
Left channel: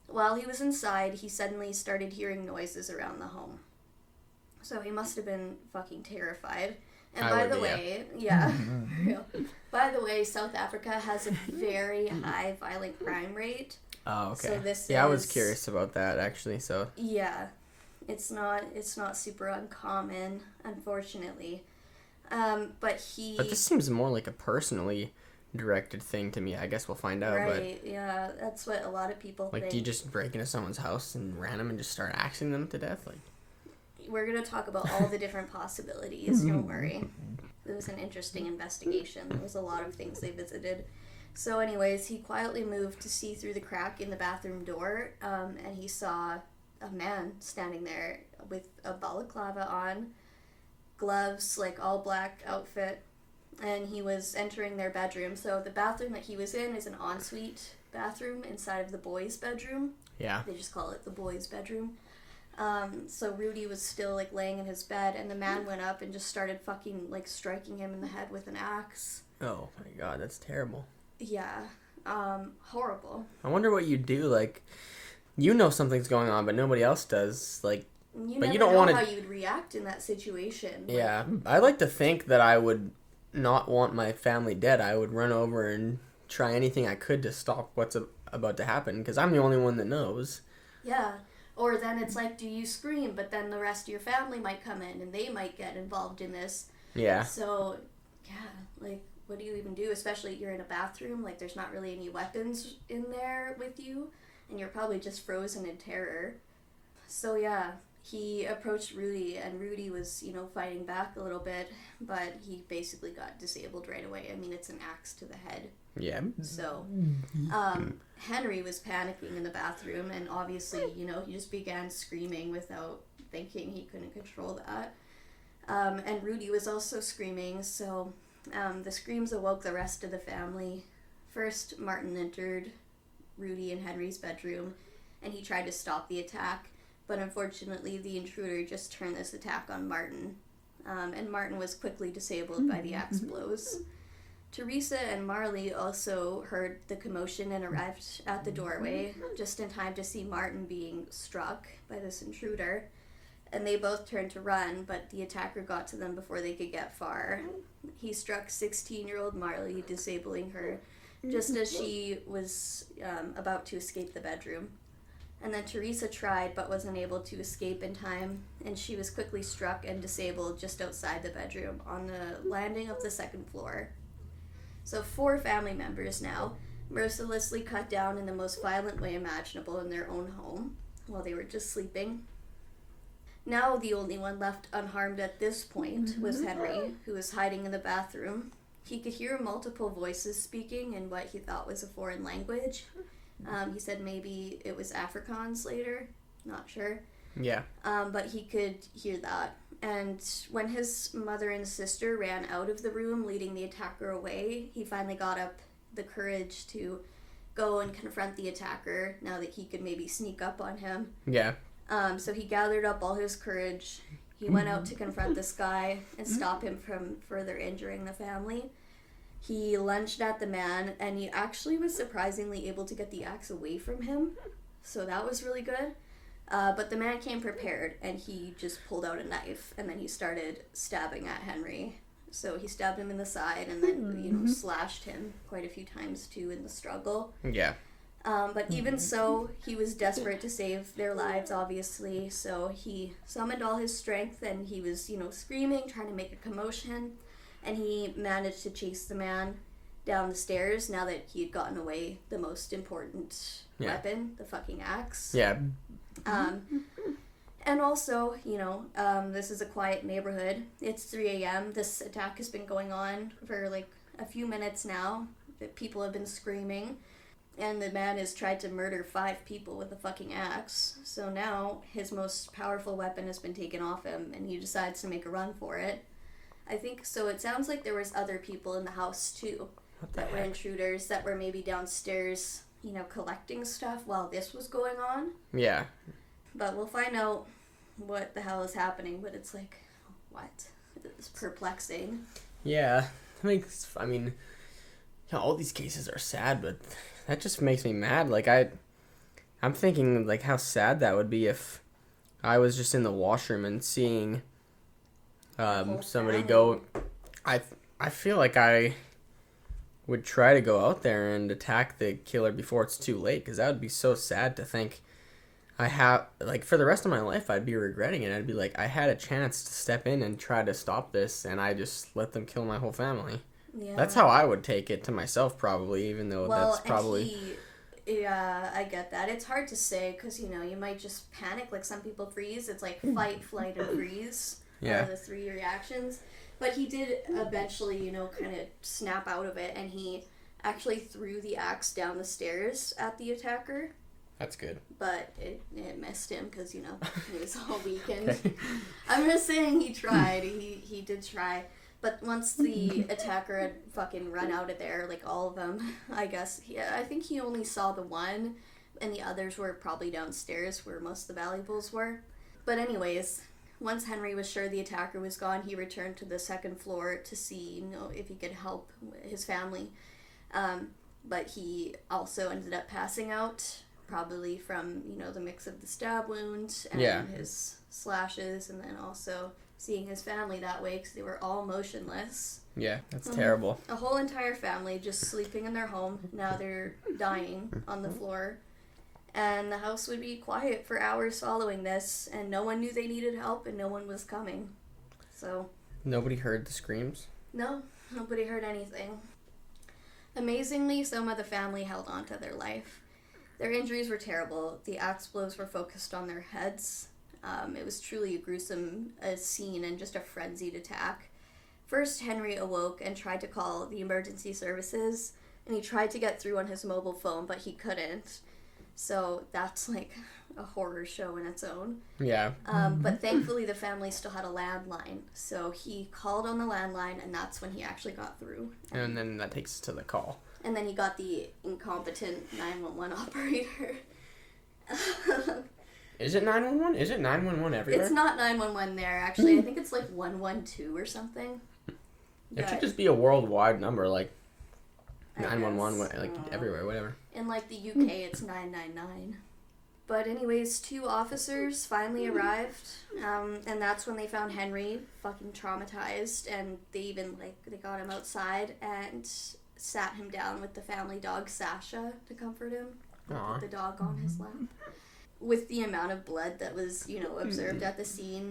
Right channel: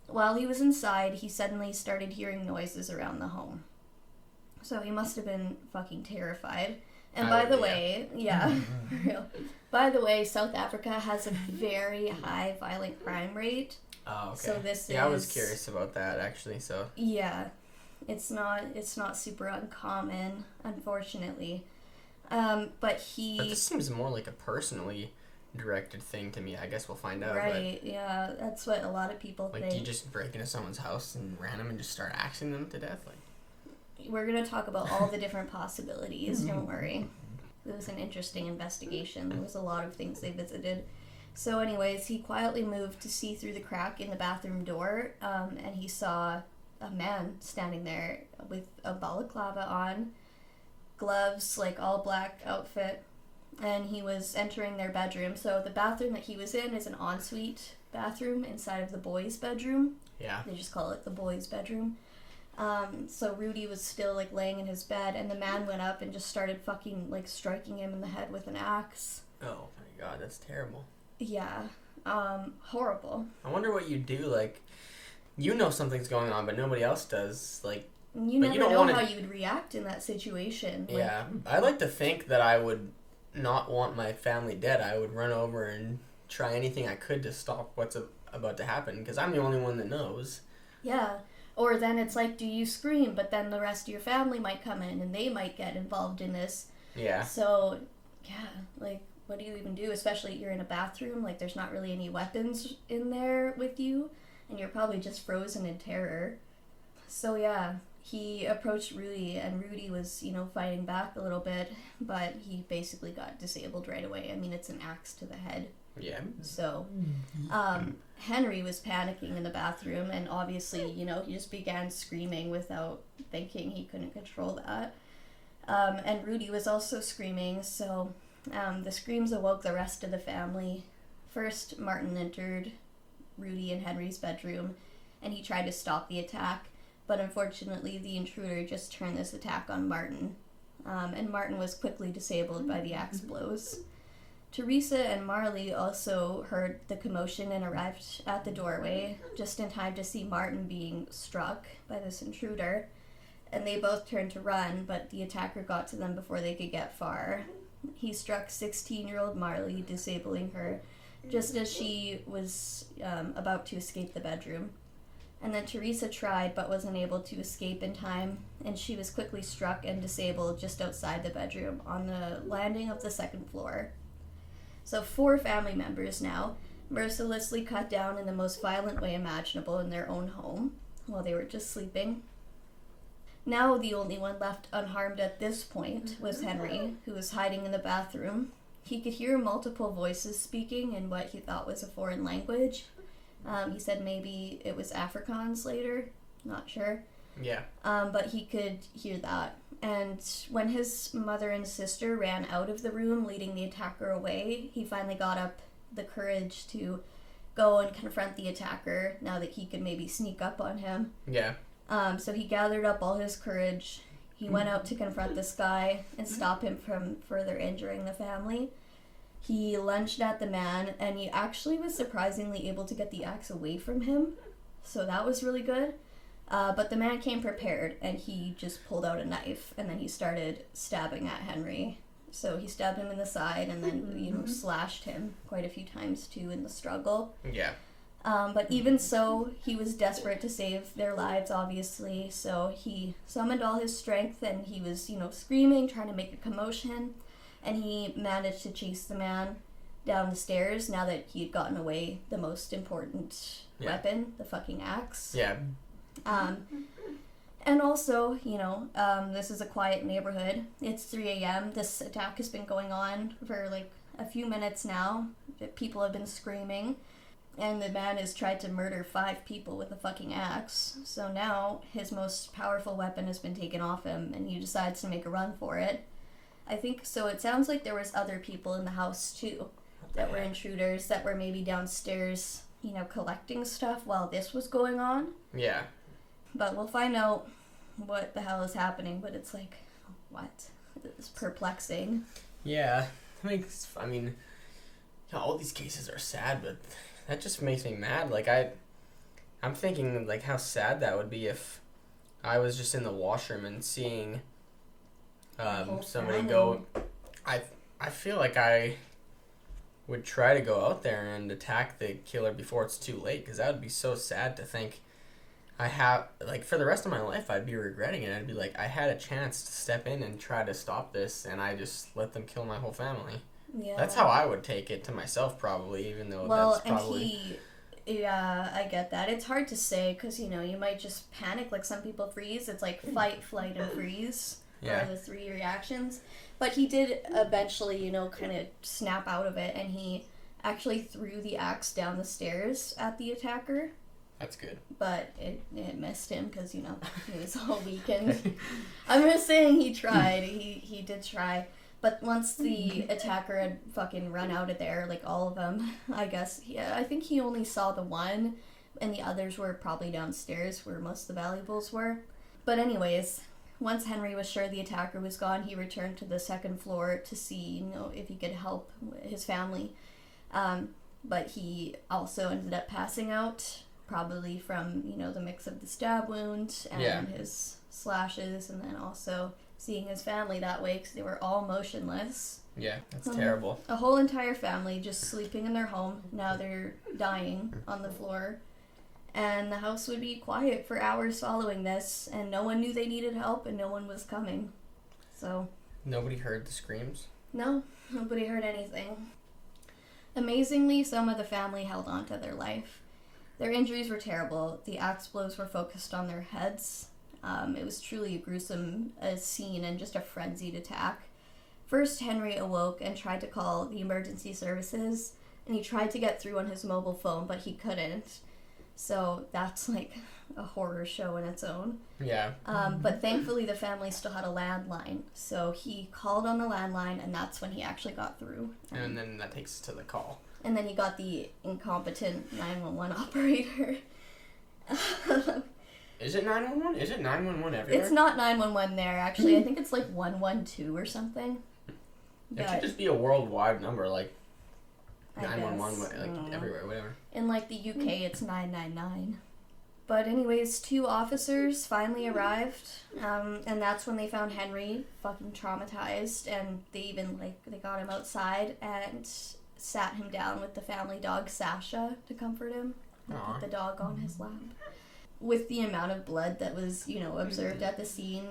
While he was inside, he suddenly started hearing noises around the home. So he must have been fucking terrified. And by the way, for real. By the way, South Africa has a very high violent crime rate. Oh, okay. So I was curious about that actually. So yeah, it's not super uncommon, unfortunately. But this seems more like a personally directed thing to me. I guess we'll find out. Right? But, yeah, that's what a lot of people think. Do you just break into someone's house and random and just start axing them to death? We're going to talk about all the different possibilities, don't worry. It was an interesting investigation. There was a lot of things they visited. So anyways, he quietly moved to see through the crack in the bathroom door, and he saw a man standing there with a balaclava on, gloves, all black outfit, and he was entering their bedroom. So the bathroom that he was in is an ensuite bathroom inside of the boys' bedroom. Yeah. They just call it the boys' bedroom. So Rudy was still laying in his bed, and the man went up and just started fucking striking him in the head with an axe. Oh my god, that's terrible. Yeah, horrible. I wonder what you do. Something's going on, but nobody else does. But you don't want to. How you'd react in that situation. Yeah, I like to think that I would not want my family dead. I would run over and try anything I could to stop what's about to happen, because I'm the only one that knows. Yeah. Or then it's do you scream, but then the rest of your family might come in and they might get involved in this. Yeah. So, yeah, what do you even do? Especially you're in a bathroom, there's not really any weapons in there with you, and you're probably just frozen in terror. So, yeah, he approached Rudy, and Rudy was, fighting back a little bit, but he basically got disabled right away. I mean, it's an axe to the head. Yeah. So, Henry was panicking in the bathroom, and obviously, he just began screaming without thinking. He couldn't control that. And Rudy was also screaming, so the screams awoke the rest of the family. First, Martin entered Rudy and Henry's bedroom, and he tried to stop the attack, but unfortunately, the intruder just turned this attack on Martin, and Martin was quickly disabled by the axe blows. Teresa and Marley also heard the commotion and arrived at the doorway just in time to see Martin being struck by this intruder, and they both turned to run, but the attacker got to them before they could get far. He struck 16-year-old Marley, disabling her just as she was about to escape the bedroom. And then Teresa tried but wasn't able to escape in time, and she was quickly struck and disabled just outside the bedroom on the landing of the second floor. So 4 family members now, mercilessly cut down in the most violent way imaginable in their own home while they were just sleeping. Now the only one left unharmed at this point was Henry, who was hiding in the bathroom. He could hear multiple voices speaking in what he thought was a foreign language. He said maybe it was Afrikaans later, not sure. Yeah. But he could hear that. And when his mother and sister ran out of the room, leading the attacker away, he finally got up the courage to go and confront the attacker now that he could maybe sneak up on him. Yeah. So he gathered up all his courage. He went out to confront this guy and stop him from further injuring the family. He lunged at the man, and he actually was surprisingly able to get the axe away from him. So that was really good. But the man came prepared, and he just pulled out a knife, and then he started stabbing at Henry. So he stabbed him in the side, and then, slashed him quite a few times, too, in the struggle. Yeah. But even so, he was desperate to save their lives, obviously. So he summoned all his strength, and he was, screaming, trying to make a commotion. And he managed to chase the man down the stairs now that he had gotten away the most important weapon, the fucking axe. Yeah. And also, this is a quiet neighborhood. It's 3 a.m. This attack has been going on for a few minutes now. People have been screaming. And the man has tried to murder 5 people with a fucking axe. So now his most powerful weapon has been taken off him, and he decides to make a run for it. I think so. It sounds like there was other people in the house too that were intruders that were maybe downstairs, collecting stuff while this was going on. Yeah. But we'll find out what the hell is happening. But it's like, what? It's perplexing. Yeah. I mean, all these cases are sad, but that just makes me mad. Like, I'm thinking, like, how sad that would be if I was just in the washroom and seeing somebody go. I feel like I would try to go out there and attack the killer before it's too late, because that would be so sad to think I have, like, for the rest of my life I'd be regretting it. I'd be like, I had a chance to step in and try to stop this, and I just let them kill my whole family. Yeah. That's how I would take it to myself, probably, even though that's probably... Yeah, I get that. It's hard to say, because, you might just panic, like some people freeze. It's like fight, flight, and freeze. Yeah. The 3 reactions. But he did eventually, kind of snap out of it, and he actually threw the axe down the stairs at the attacker. That's good. But it missed him because, he was all weakened. Okay. I'm just saying he tried. He did try. But once the attacker had fucking run out of there, like all of them, I guess, I think he only saw the one, and the others were probably downstairs where most of the valuables were. But anyways, once Henry was sure the attacker was gone, he returned to the second floor to see, if he could help his family. But he also ended up passing out, probably from, the mix of the stab wound and his slashes, and then also seeing his family that way because they were all motionless. Yeah, that's terrible. A whole entire family just sleeping in their home. Now they're dying on the floor. And the house would be quiet for hours following this, and no one knew they needed help, and no one was coming. So... Nobody heard the screams? No, nobody heard anything. Amazingly, some of the family held on to their life. Their injuries were terrible. The axe blows were focused on their heads. It was truly a gruesome scene and just a frenzied attack. First, Henry awoke and tried to call the emergency services, and he tried to get through on his mobile phone, but he couldn't. So that's like a horror show in its own. Yeah. But thankfully the family still had a landline. So he called on the landline, and that's when he actually got through. And then that takes us to the call. And then you got the incompetent 911 operator. Is it 911? Is it 911 everywhere? It's not 911 there, actually. I think it's like 112 or something. It should just be a worldwide number, like 911, like everywhere, whatever. In like the UK, it's 999. But anyways, 2 officers finally arrived, and that's when they found Henry fucking traumatized, and they even they got him outside and sat him down with the family dog Sasha to comfort him. Aww. The dog on his lap. With the amount of blood that was, observed at the scene,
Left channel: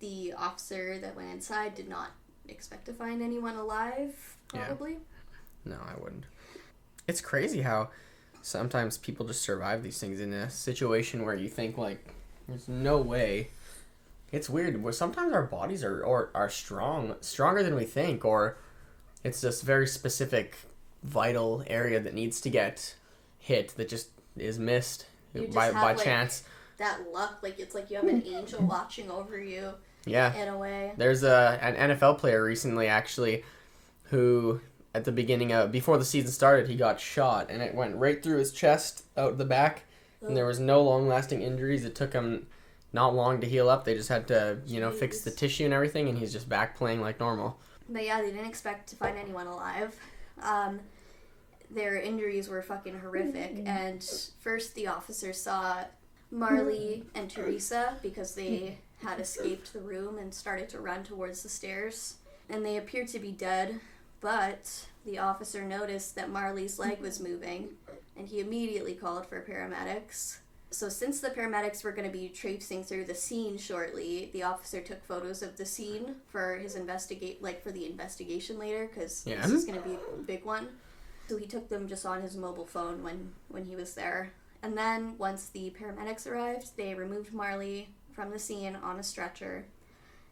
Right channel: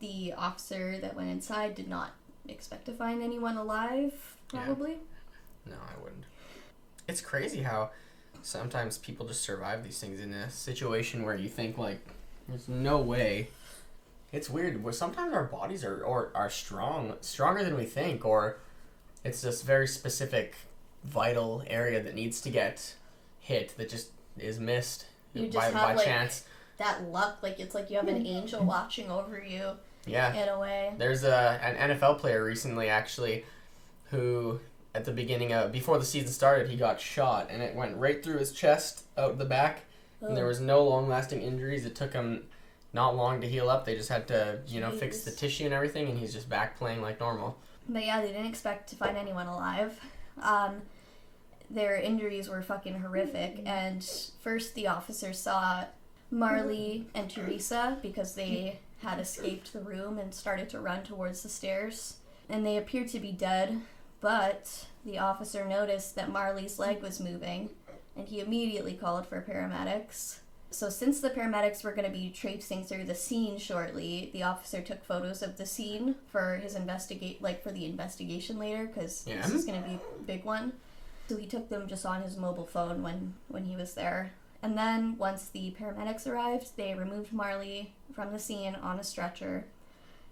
the officer that went inside did not expect to find anyone alive, probably. Yeah. No, I wouldn't. It's crazy how sometimes people just survive these things in a situation where you think, like, there's no way. It's weird. Sometimes our bodies are stronger than we think, or it's this very specific, vital area that needs to get hit that just is missed by chance. That luck, it's like you have an angel watching over you. Yeah. In a way. There's an NFL player recently, actually, who at the beginning before the season started, he got shot, and it went right through his chest, out the back, and there was no long-lasting injuries. It took him not long to heal up. They just had to, fix the tissue and everything, and he's just back playing like normal. But yeah, they didn't expect to find anyone alive. Their injuries were fucking horrific, and first the officers saw Marley and Teresa because they had escaped the room and started to run towards the stairs, and they appeared to be dead, but the officer noticed that Marley's leg was moving, and he immediately called for paramedics. So since the paramedics were going to be traipsing through the scene shortly, the officer took photos of the scene for his for the investigation later, because this is going to be a big one. So he took them just on his mobile phone when he was there. And then once the paramedics arrived, they removed Marley from the scene on a stretcher.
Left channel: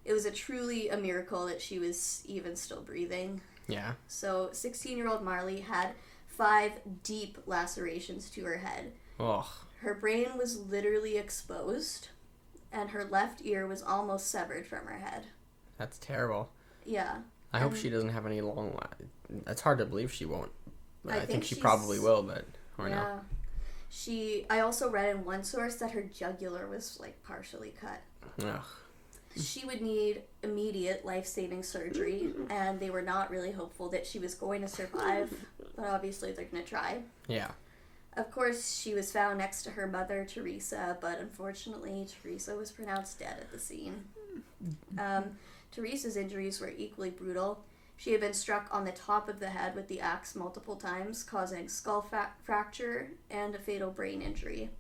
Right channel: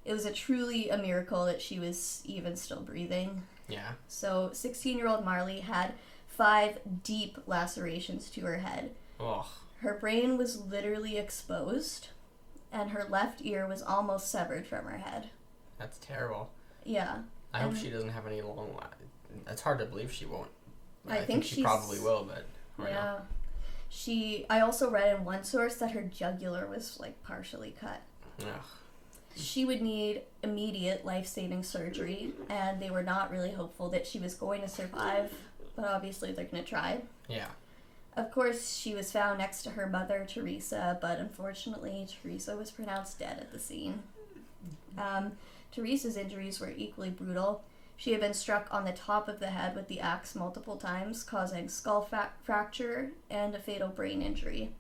It was truly a miracle that she was even still breathing. Yeah. So 16-year-old Marley had 5 deep lacerations to her head. Oh. Her brain was literally exposed, and her left ear was almost severed from her head. That's terrible. Yeah. I hope she doesn't have any long. It's hard to believe she won't. I think she she's- probably will, but yeah. I also read in one source that her jugular was like partially cut. Ugh. She would need immediate life-saving surgery, and they were not really hopeful that she was going to survive, but obviously they're going to try. Yeah. Of course, she was found next to her mother, Teresa, but unfortunately, Teresa was pronounced dead at the scene. Teresa's injuries were equally brutal. She had been struck on the top of the head with the axe multiple times, causing skull fracture and a fatal brain injury.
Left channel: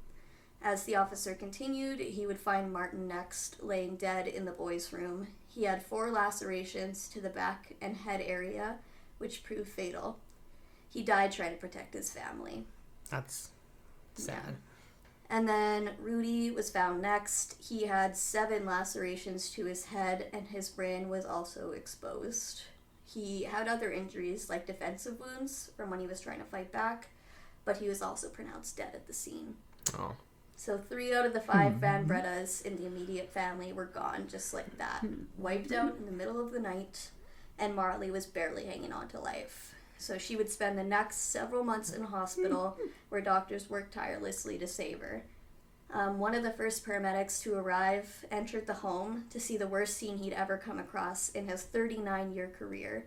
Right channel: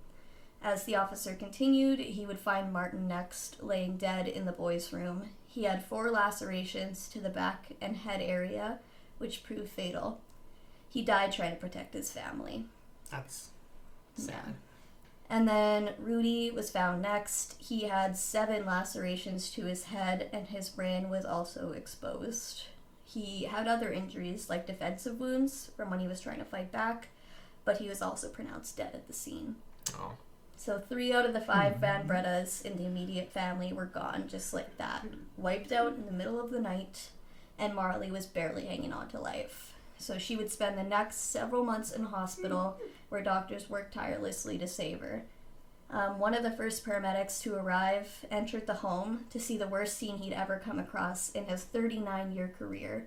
As the officer continued, he would find Martin next, laying dead in the boys' room. He had 4 lacerations to the back and head area, which proved fatal. He died trying to protect his family. That's sad. And then Rudy was found next. He had 7 lacerations to his head, and his brain was also exposed. He had other injuries, like defensive wounds from when he was trying to fight back, but he was also pronounced dead at the scene. Oh. So 3 out of the 5 Van Bredas in the immediate family were gone, just like that. Wiped out in the middle of the night, and Marley was barely hanging on to life. So she would spend the next several months in hospital, where doctors worked tirelessly to save her. One of the first paramedics to arrive entered the home to see the worst scene he'd ever come across in his 39-year career.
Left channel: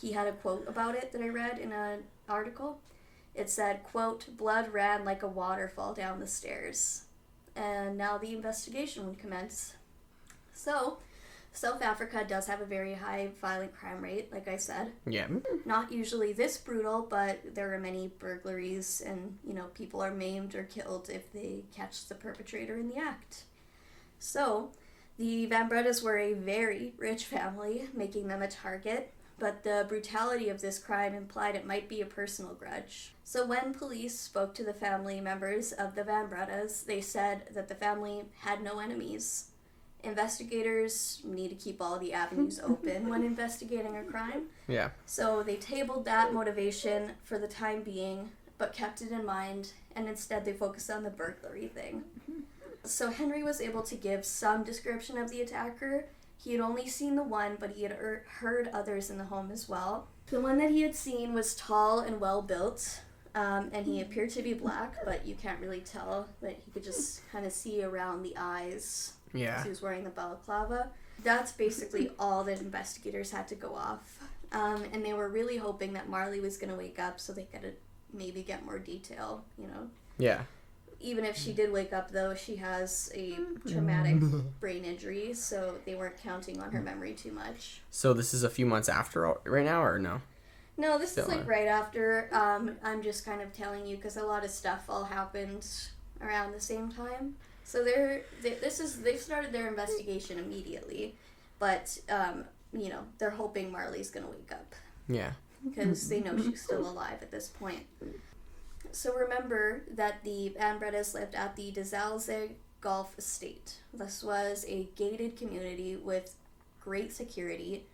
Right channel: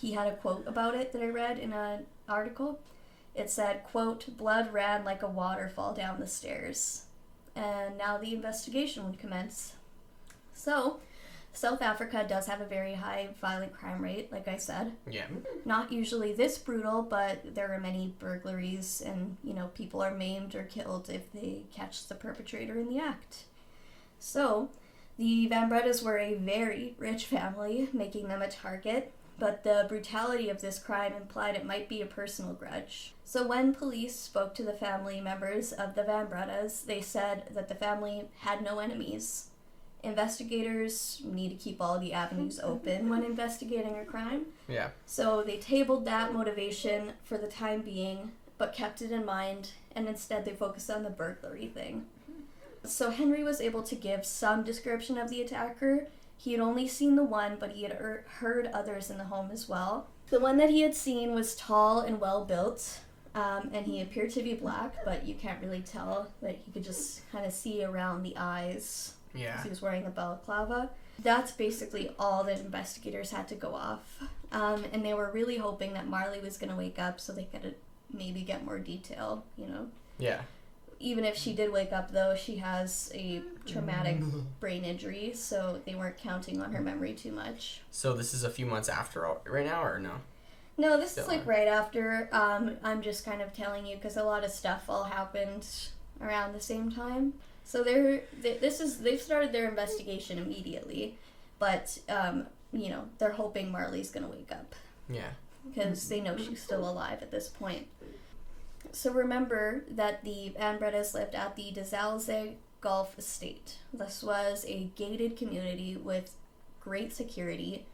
He had a quote about it that I read in an article. It said, quote, "Blood ran like a waterfall down the stairs." And now the investigation would commence. So, South Africa does have a very high violent crime rate, like I said. Yeah. Not usually this brutal, but there are many burglaries and, people are maimed or killed if they catch the perpetrator in the act. So, the Van Bredas were a very rich family, making them a target, but the brutality of this crime implied it might be a personal grudge. So when police spoke to the family members of the Van Bredas, they said that the family had no enemies. Investigators need to keep all the avenues open when investigating a crime. Yeah. So they tabled that motivation for the time being, but kept it in mind, and instead they focused on the burglary thing. So Henry was able to give some description of the attacker. He had only seen the one, but he had heard others in the home as well. The one that he had seen was tall and well-built, and he appeared to be black, but you can't really tell. That you could just kind of see around the eyes. Yeah. He was wearing a balaclava. That's basically all that investigators had to go off. And they were really hoping that Marley was going to wake up so they could maybe get more detail, Yeah. Even if she did wake up, though, she has a traumatic brain injury, so they weren't counting on her memory too much. So this is a few months after right now, or no? No, this is like right after. I'm just kind of telling you because a lot of stuff all happened around the same time. So they've started their investigation immediately, but they're hoping Marley's gonna wake up. Yeah. Because they know she's still alive at this point. So remember that the Van Bredas lived at the Zalze Golf Estate. This was a gated community with great security.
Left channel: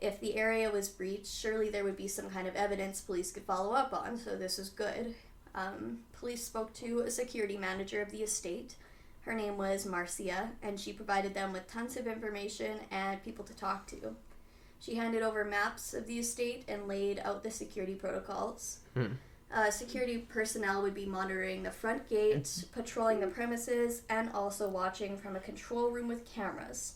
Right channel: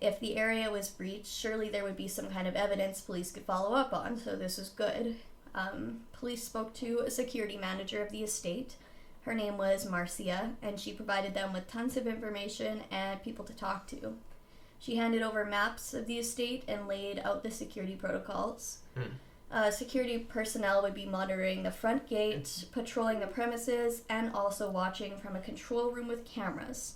If the area was breached, surely there would be some kind of evidence police could follow up on, so this is good. Police spoke to a security manager of the estate. Her name was Marcia, and she provided them with tons of information and people to talk to. She handed over maps of the estate and laid out the security protocols. Security personnel would be monitoring the front gate, patrolling the premises, and also watching from a control room with cameras.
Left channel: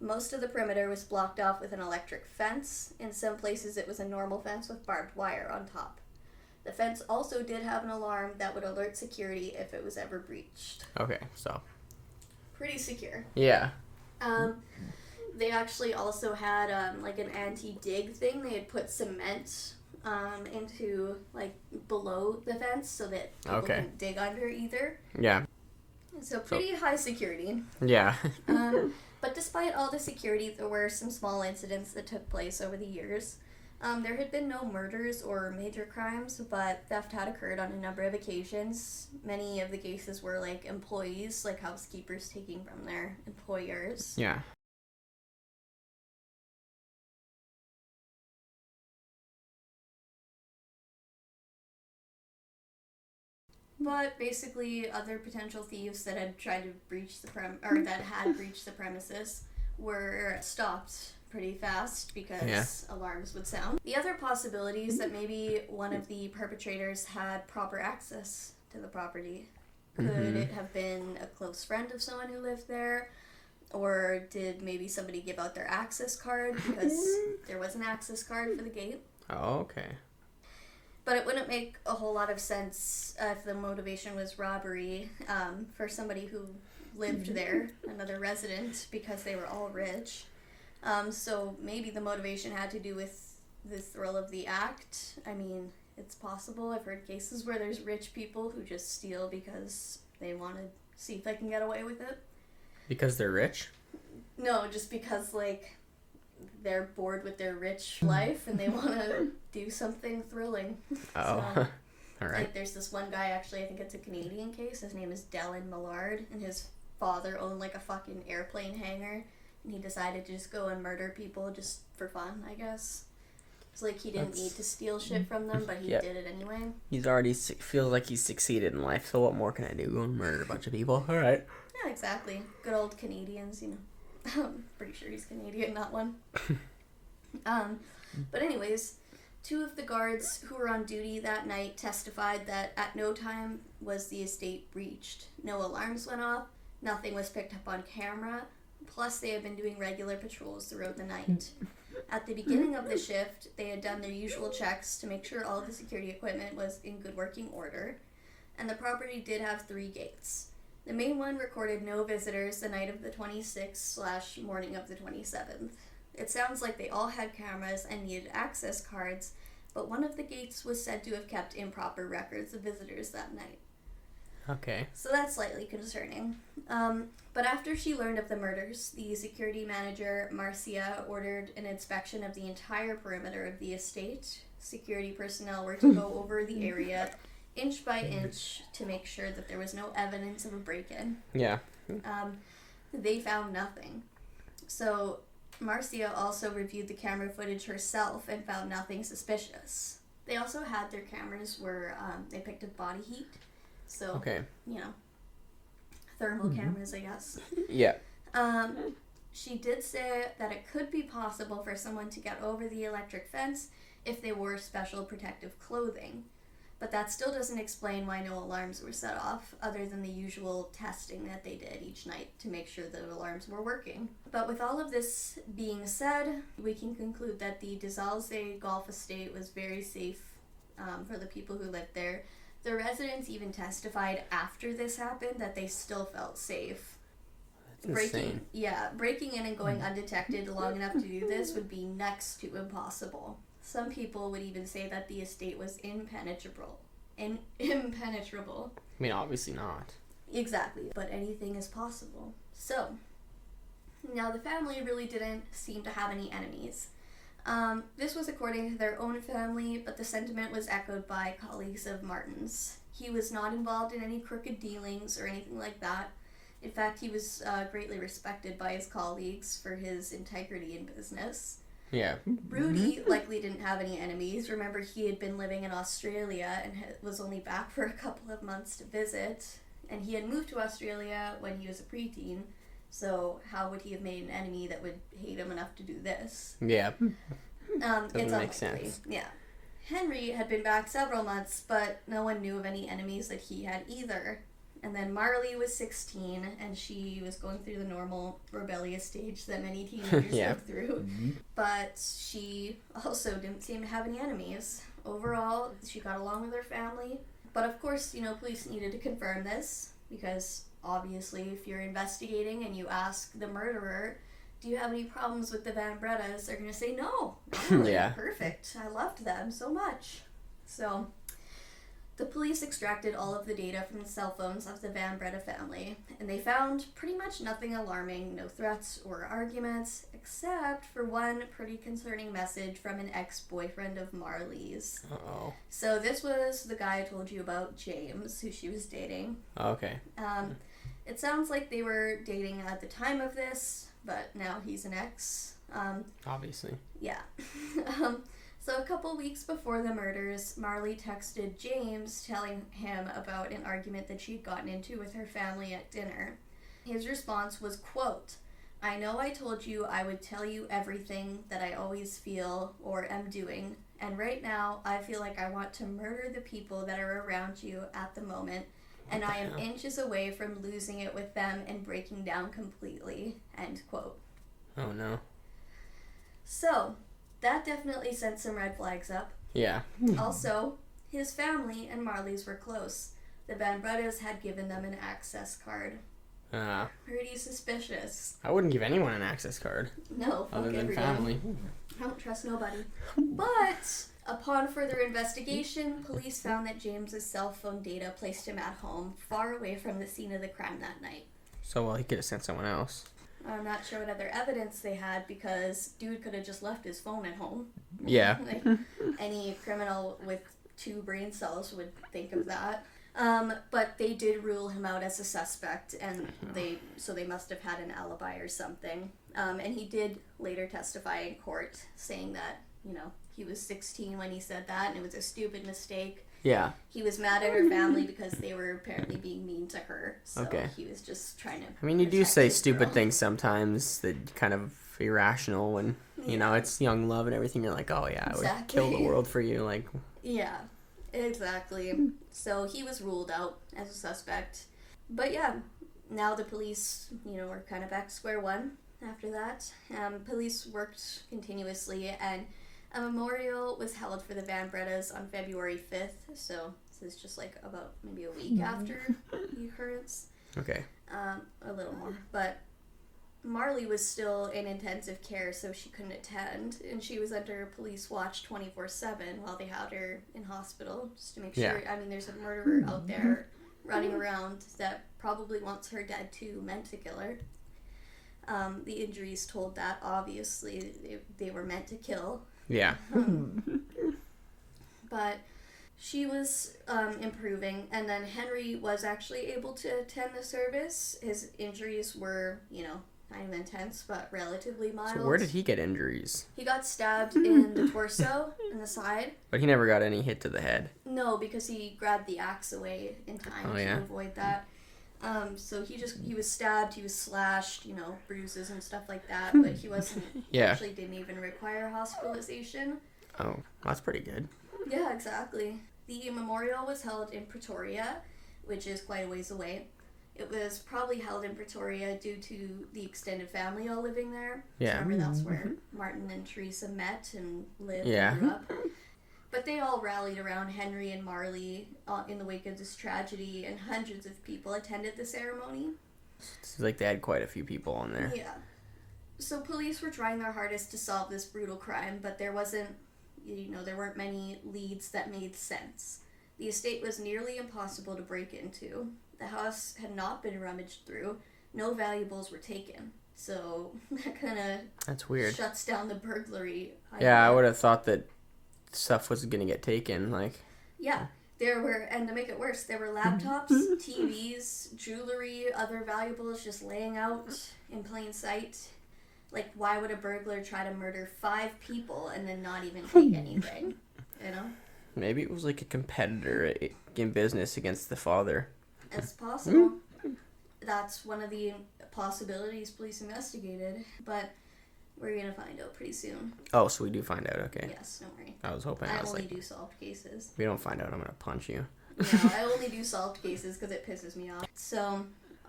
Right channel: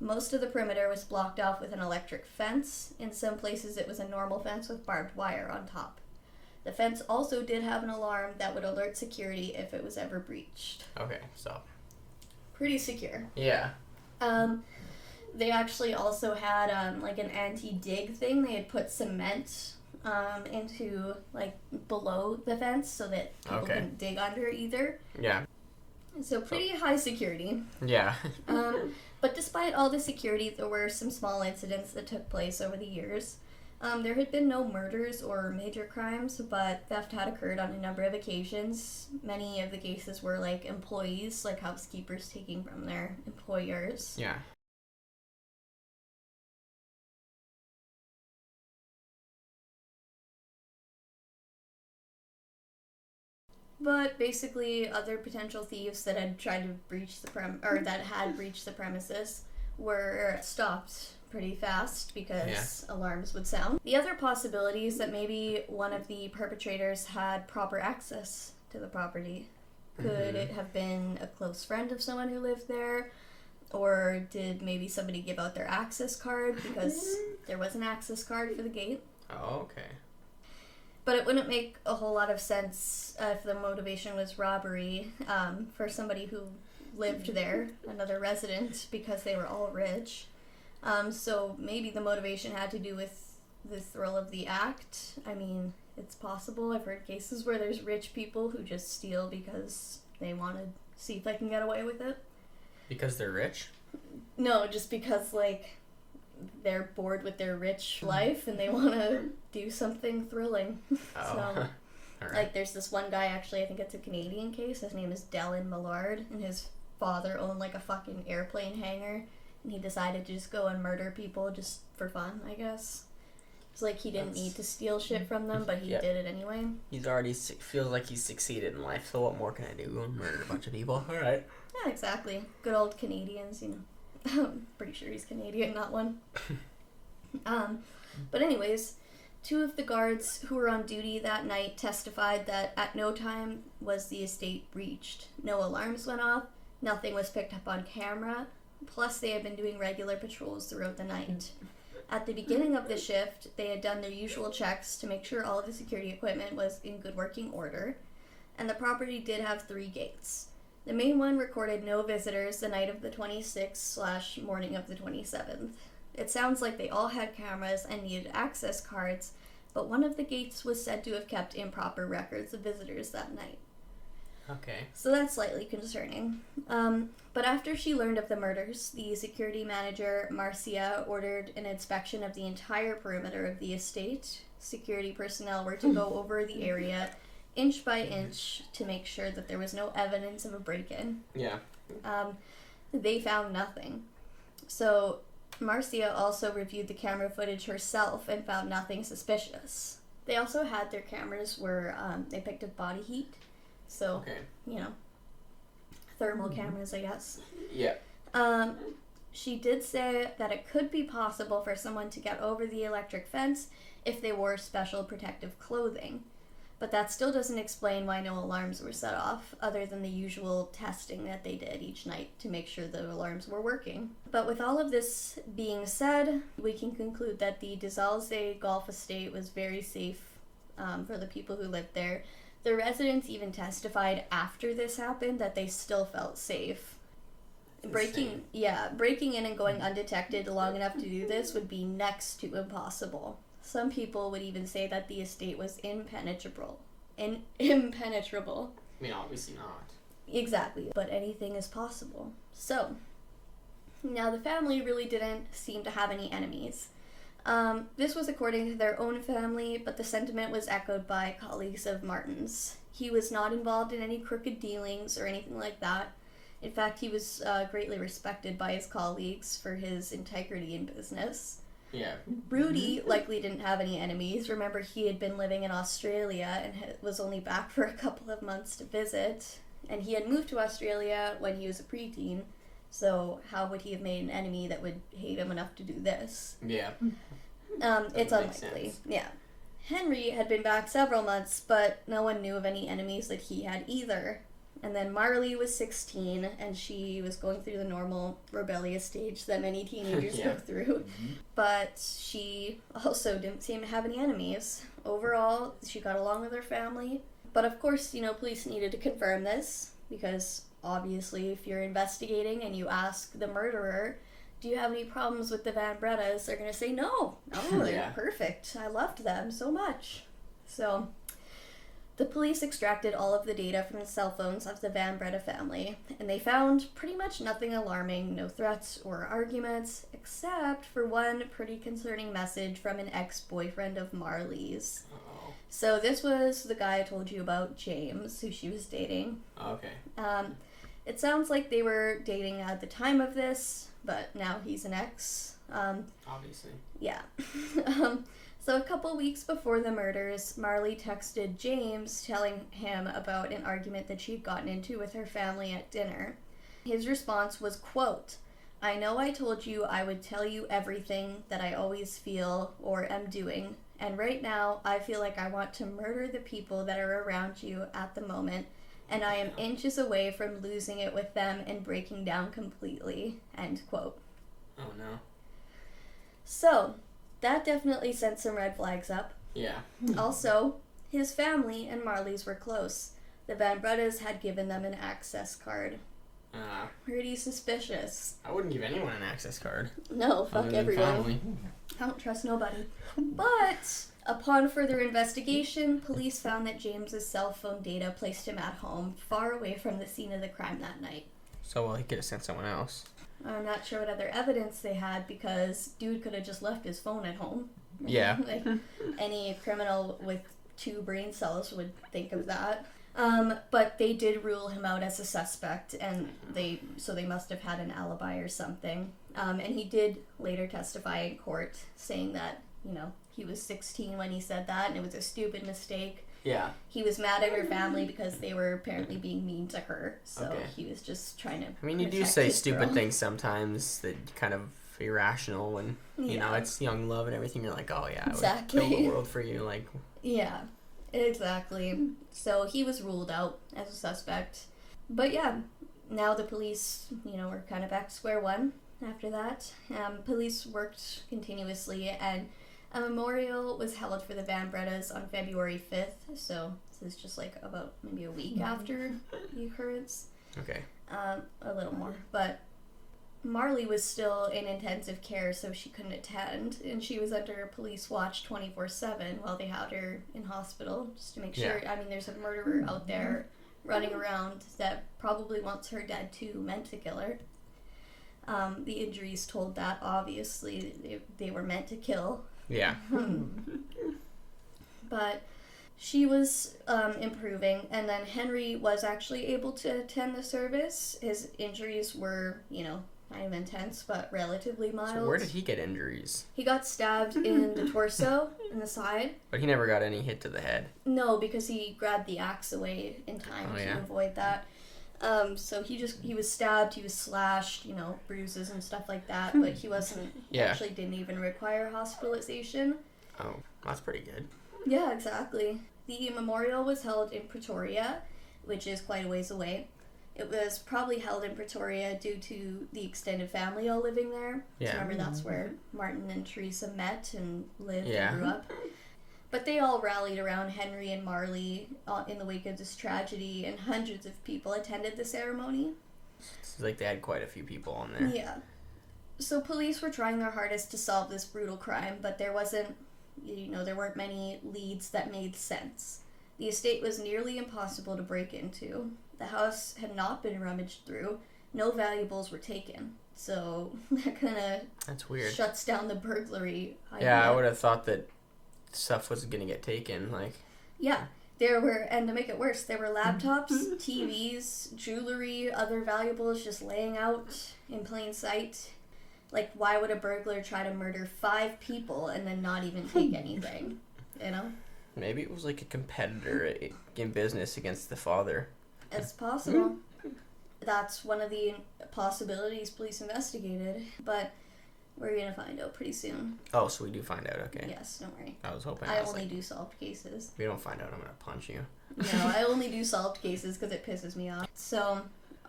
Most of the perimeter was blocked off with an electric fence. In some places it was a normal fence with barbed wire on top. The fence also did have an alarm that would alert security if it was ever breached. Okay, so. Pretty secure. Yeah. They actually also had like an anti-dig thing. They had put cement into like below the fence so that people couldn't dig under either. Yeah. So pretty high security. Yeah. But despite all the security, there were some small incidents that took place over the years. There had been no murders or major crimes, but theft had occurred on a number of occasions. Many of the cases were like employees, like housekeepers taking from their employers. Yeah. But basically, other potential thieves that had tried to breach the that had breached the premises were stopped pretty fast because alarms would sound. The other possibility is that maybe one of the perpetrators had proper access to the property. Could it have been a close friend of someone who lived there? Or did maybe somebody give out their access card because there was an access card for the gate? Oh, okay. But it wouldn't make a whole lot of sense if the motivation was robbery for somebody who lived there, another resident, because they were all rich. So maybe the motivation had to do with the thrill of the act. I mean, it's possible. I've heard cases where there's rich people who just steal because they want to see if they can get away with it. Because they're rich? No, just because, like, they're bored with their rich life and they want to do something thrilling. Oh, so, all right. Like, there's this one guy, actually, I think it's a Canadian case. His name is Dallin Millard, and his father owned, like, a fucking airplane hangar, and he decided to just go and murder people just for fun, I guess. It's like he didn't need to steal shit from them, but he did it anyway. He's already feels like he's succeeded in life, so what more can I do? Go and murder a bunch of people. All right. Yeah, exactly. Good old Canadians, you know. I'm pretty sure he's Canadian, not one. But anyways, 2 of the guards who were on duty that night testified that at no time was the estate breached. No alarms went off, nothing was picked up on camera, plus they had been doing regular patrols throughout the night. At the beginning of the shift, they had done their usual checks to make sure all of the security equipment was in good working order, and the property did have 3 gates. The main one recorded no visitors the night of the 26th/morning of the 27th. It sounds like they all had cameras and needed access cards, but one of the gates was said to have kept improper records of visitors that night. Okay. So that's slightly concerning. But after she learned of the murders, the security manager, Marcia, ordered an inspection of the entire perimeter of the estate. Security personnel were to go over the area inch by inch to make sure that there was no evidence of a break-in. Yeah. They found nothing. So Marcia also reviewed the camera footage herself and found nothing suspicious. They also had their cameras where they picked up body heat. So, you know, thermal cameras, I guess. Yeah. She did say that it could be possible for someone to get over the electric fence if they wore special protective clothing. But that still doesn't explain why no alarms were set off, other than the usual testing that they did each night to make sure the alarms were working. But with all of this being said, we can conclude that the Zalze Golf Estate was very safe for the people who lived there. The residents even testified after this happened that they still felt safe. Breaking in and going undetected long enough to do this would be next to impossible. Some people would even say that the estate was impenetrable. Impenetrable. I mean, obviously not. Exactly, but anything is possible. So, now the family really didn't seem to have any enemies. This was according to their own family, but the sentiment was echoed by colleagues of Martin's. He was not involved in any crooked dealings or anything like that. In fact, he was greatly respected by his colleagues for his integrity in business. Yeah. Rudy likely didn't have any enemies. Remember, he had been living in Australia and was only back for a couple of months to visit. And he had moved to Australia when he was a preteen. So how would he have made an enemy that would hate him enough to do this? Yeah. It's make sense. Yeah. Henry had been back several months, but no one knew of any enemies that he had either. And then Marley was 16, and she was going through the normal rebellious stage that many teenagers go through. But she also didn't seem to have any enemies. Overall, she got along with her family. But of course, you know, police needed to confirm this, because obviously if you're investigating and you ask the murderer, do you have any problems with the Van Bredas, they're going to say no. Really, perfect. I loved them so much. So the police extracted all of the data from the cell phones of the Van Breda family, and they found pretty much nothing alarming, no threats or arguments, except for one pretty concerning message from an ex-boyfriend of Marley's. Uh-oh. So this was the guy I told you about, James, who she was dating. Okay. It sounds like they were dating at the time of this, but now he's an ex. Obviously. Yeah. So a couple weeks before the murders, Marley texted James telling him about an argument that she'd gotten into with her family at dinner. His response was, quote, I know I told you I would tell you everything that I always feel or am doing, and right now I feel like I want to murder the people that are around you at the moment, and I am inches away from losing it with them and breaking down completely. End quote. Oh no. So, that definitely sent some red flags up. Yeah. Also, his family and Marley's were close. The Van Bredas had given them an access card. Pretty suspicious. I wouldn't give anyone an access card. No, fuck other than everyone. family. I don't trust nobody. But upon further investigation, police found that James's cell phone data placed him at home, far away from the scene of the crime that night. So, well, he could have sent someone else. I'm not sure what other evidence they had because dude could have just left his phone at home. Yeah. Like, any criminal with 2 brain cells would think of that. But they did rule him out as a suspect, and they must have had an alibi or something. And he did later testify in court, saying that, he was 16 when he said that, and it was a stupid mistake. Yeah. He was mad at her family because they were apparently being mean to her. So he was just trying to. I mean, you do say stupid things sometimes that kind of irrational when, it's young love and everything. You're like, oh yeah, I would kill the world for you. Like. Yeah, exactly. So he was ruled out as a suspect. But yeah, now the police, were kind of back to square one after that. Police worked continuously, and a memorial was held for the Van Bredas on February 5th, so this is just like about maybe a week after the occurrence. Okay. A little more. But Marley was still in intensive care, so she couldn't attend, and she was under police watch 24/7 while they had her in hospital, just to make sure. I mean, there's a murderer out there running around that probably wants her dead too, meant to kill her. The injuries told that, obviously, they were meant to kill. Yeah. But she was improving, and then Henry was actually able to attend the service. His injuries were, kind of intense, but relatively mild. So where did he get injuries? He got stabbed in the torso, in the side. But he never got any hit to the head. No, because he grabbed the axe away in time to avoid that. So he was stabbed, he was slashed, bruises and stuff like that, but he wasn't, actually didn't even require hospitalization. Oh, that's pretty good. Yeah, exactly. The memorial was held in Pretoria, which is quite a ways away. It was probably held in Pretoria due to the extended family all living there. Yeah. Remember, that's where Martin and Teresa met and lived and grew up. But they all rallied around Henry and Marley in the wake of this tragedy, and hundreds of people attended the ceremony. It's like they had quite a few people on there. Yeah. So police were trying their hardest to solve this brutal crime, but there weren't many leads that made sense. The estate was nearly impossible to break into. The house had not been rummaged through. No valuables were taken. So that kind of That's weird. Shuts down the burglary idea. Yeah, I would have thought that stuff was going to get taken, like. Yeah. There were, and to make it worse, there were laptops, TVs, jewelry, other valuables just laying out in plain sight. Like, why would a burglar try to murder 5 people and then not even take anything? Maybe it was like a competitor in business against the father. It's possible. That's one of the possibilities police investigated, but we're going to find out pretty soon. Oh, so we do find out, okay. Yes, don't worry. I was hoping. I only do solved cases. If we don't find out, I'm going to punch you. No, I only do solved cases because it pisses me off. So,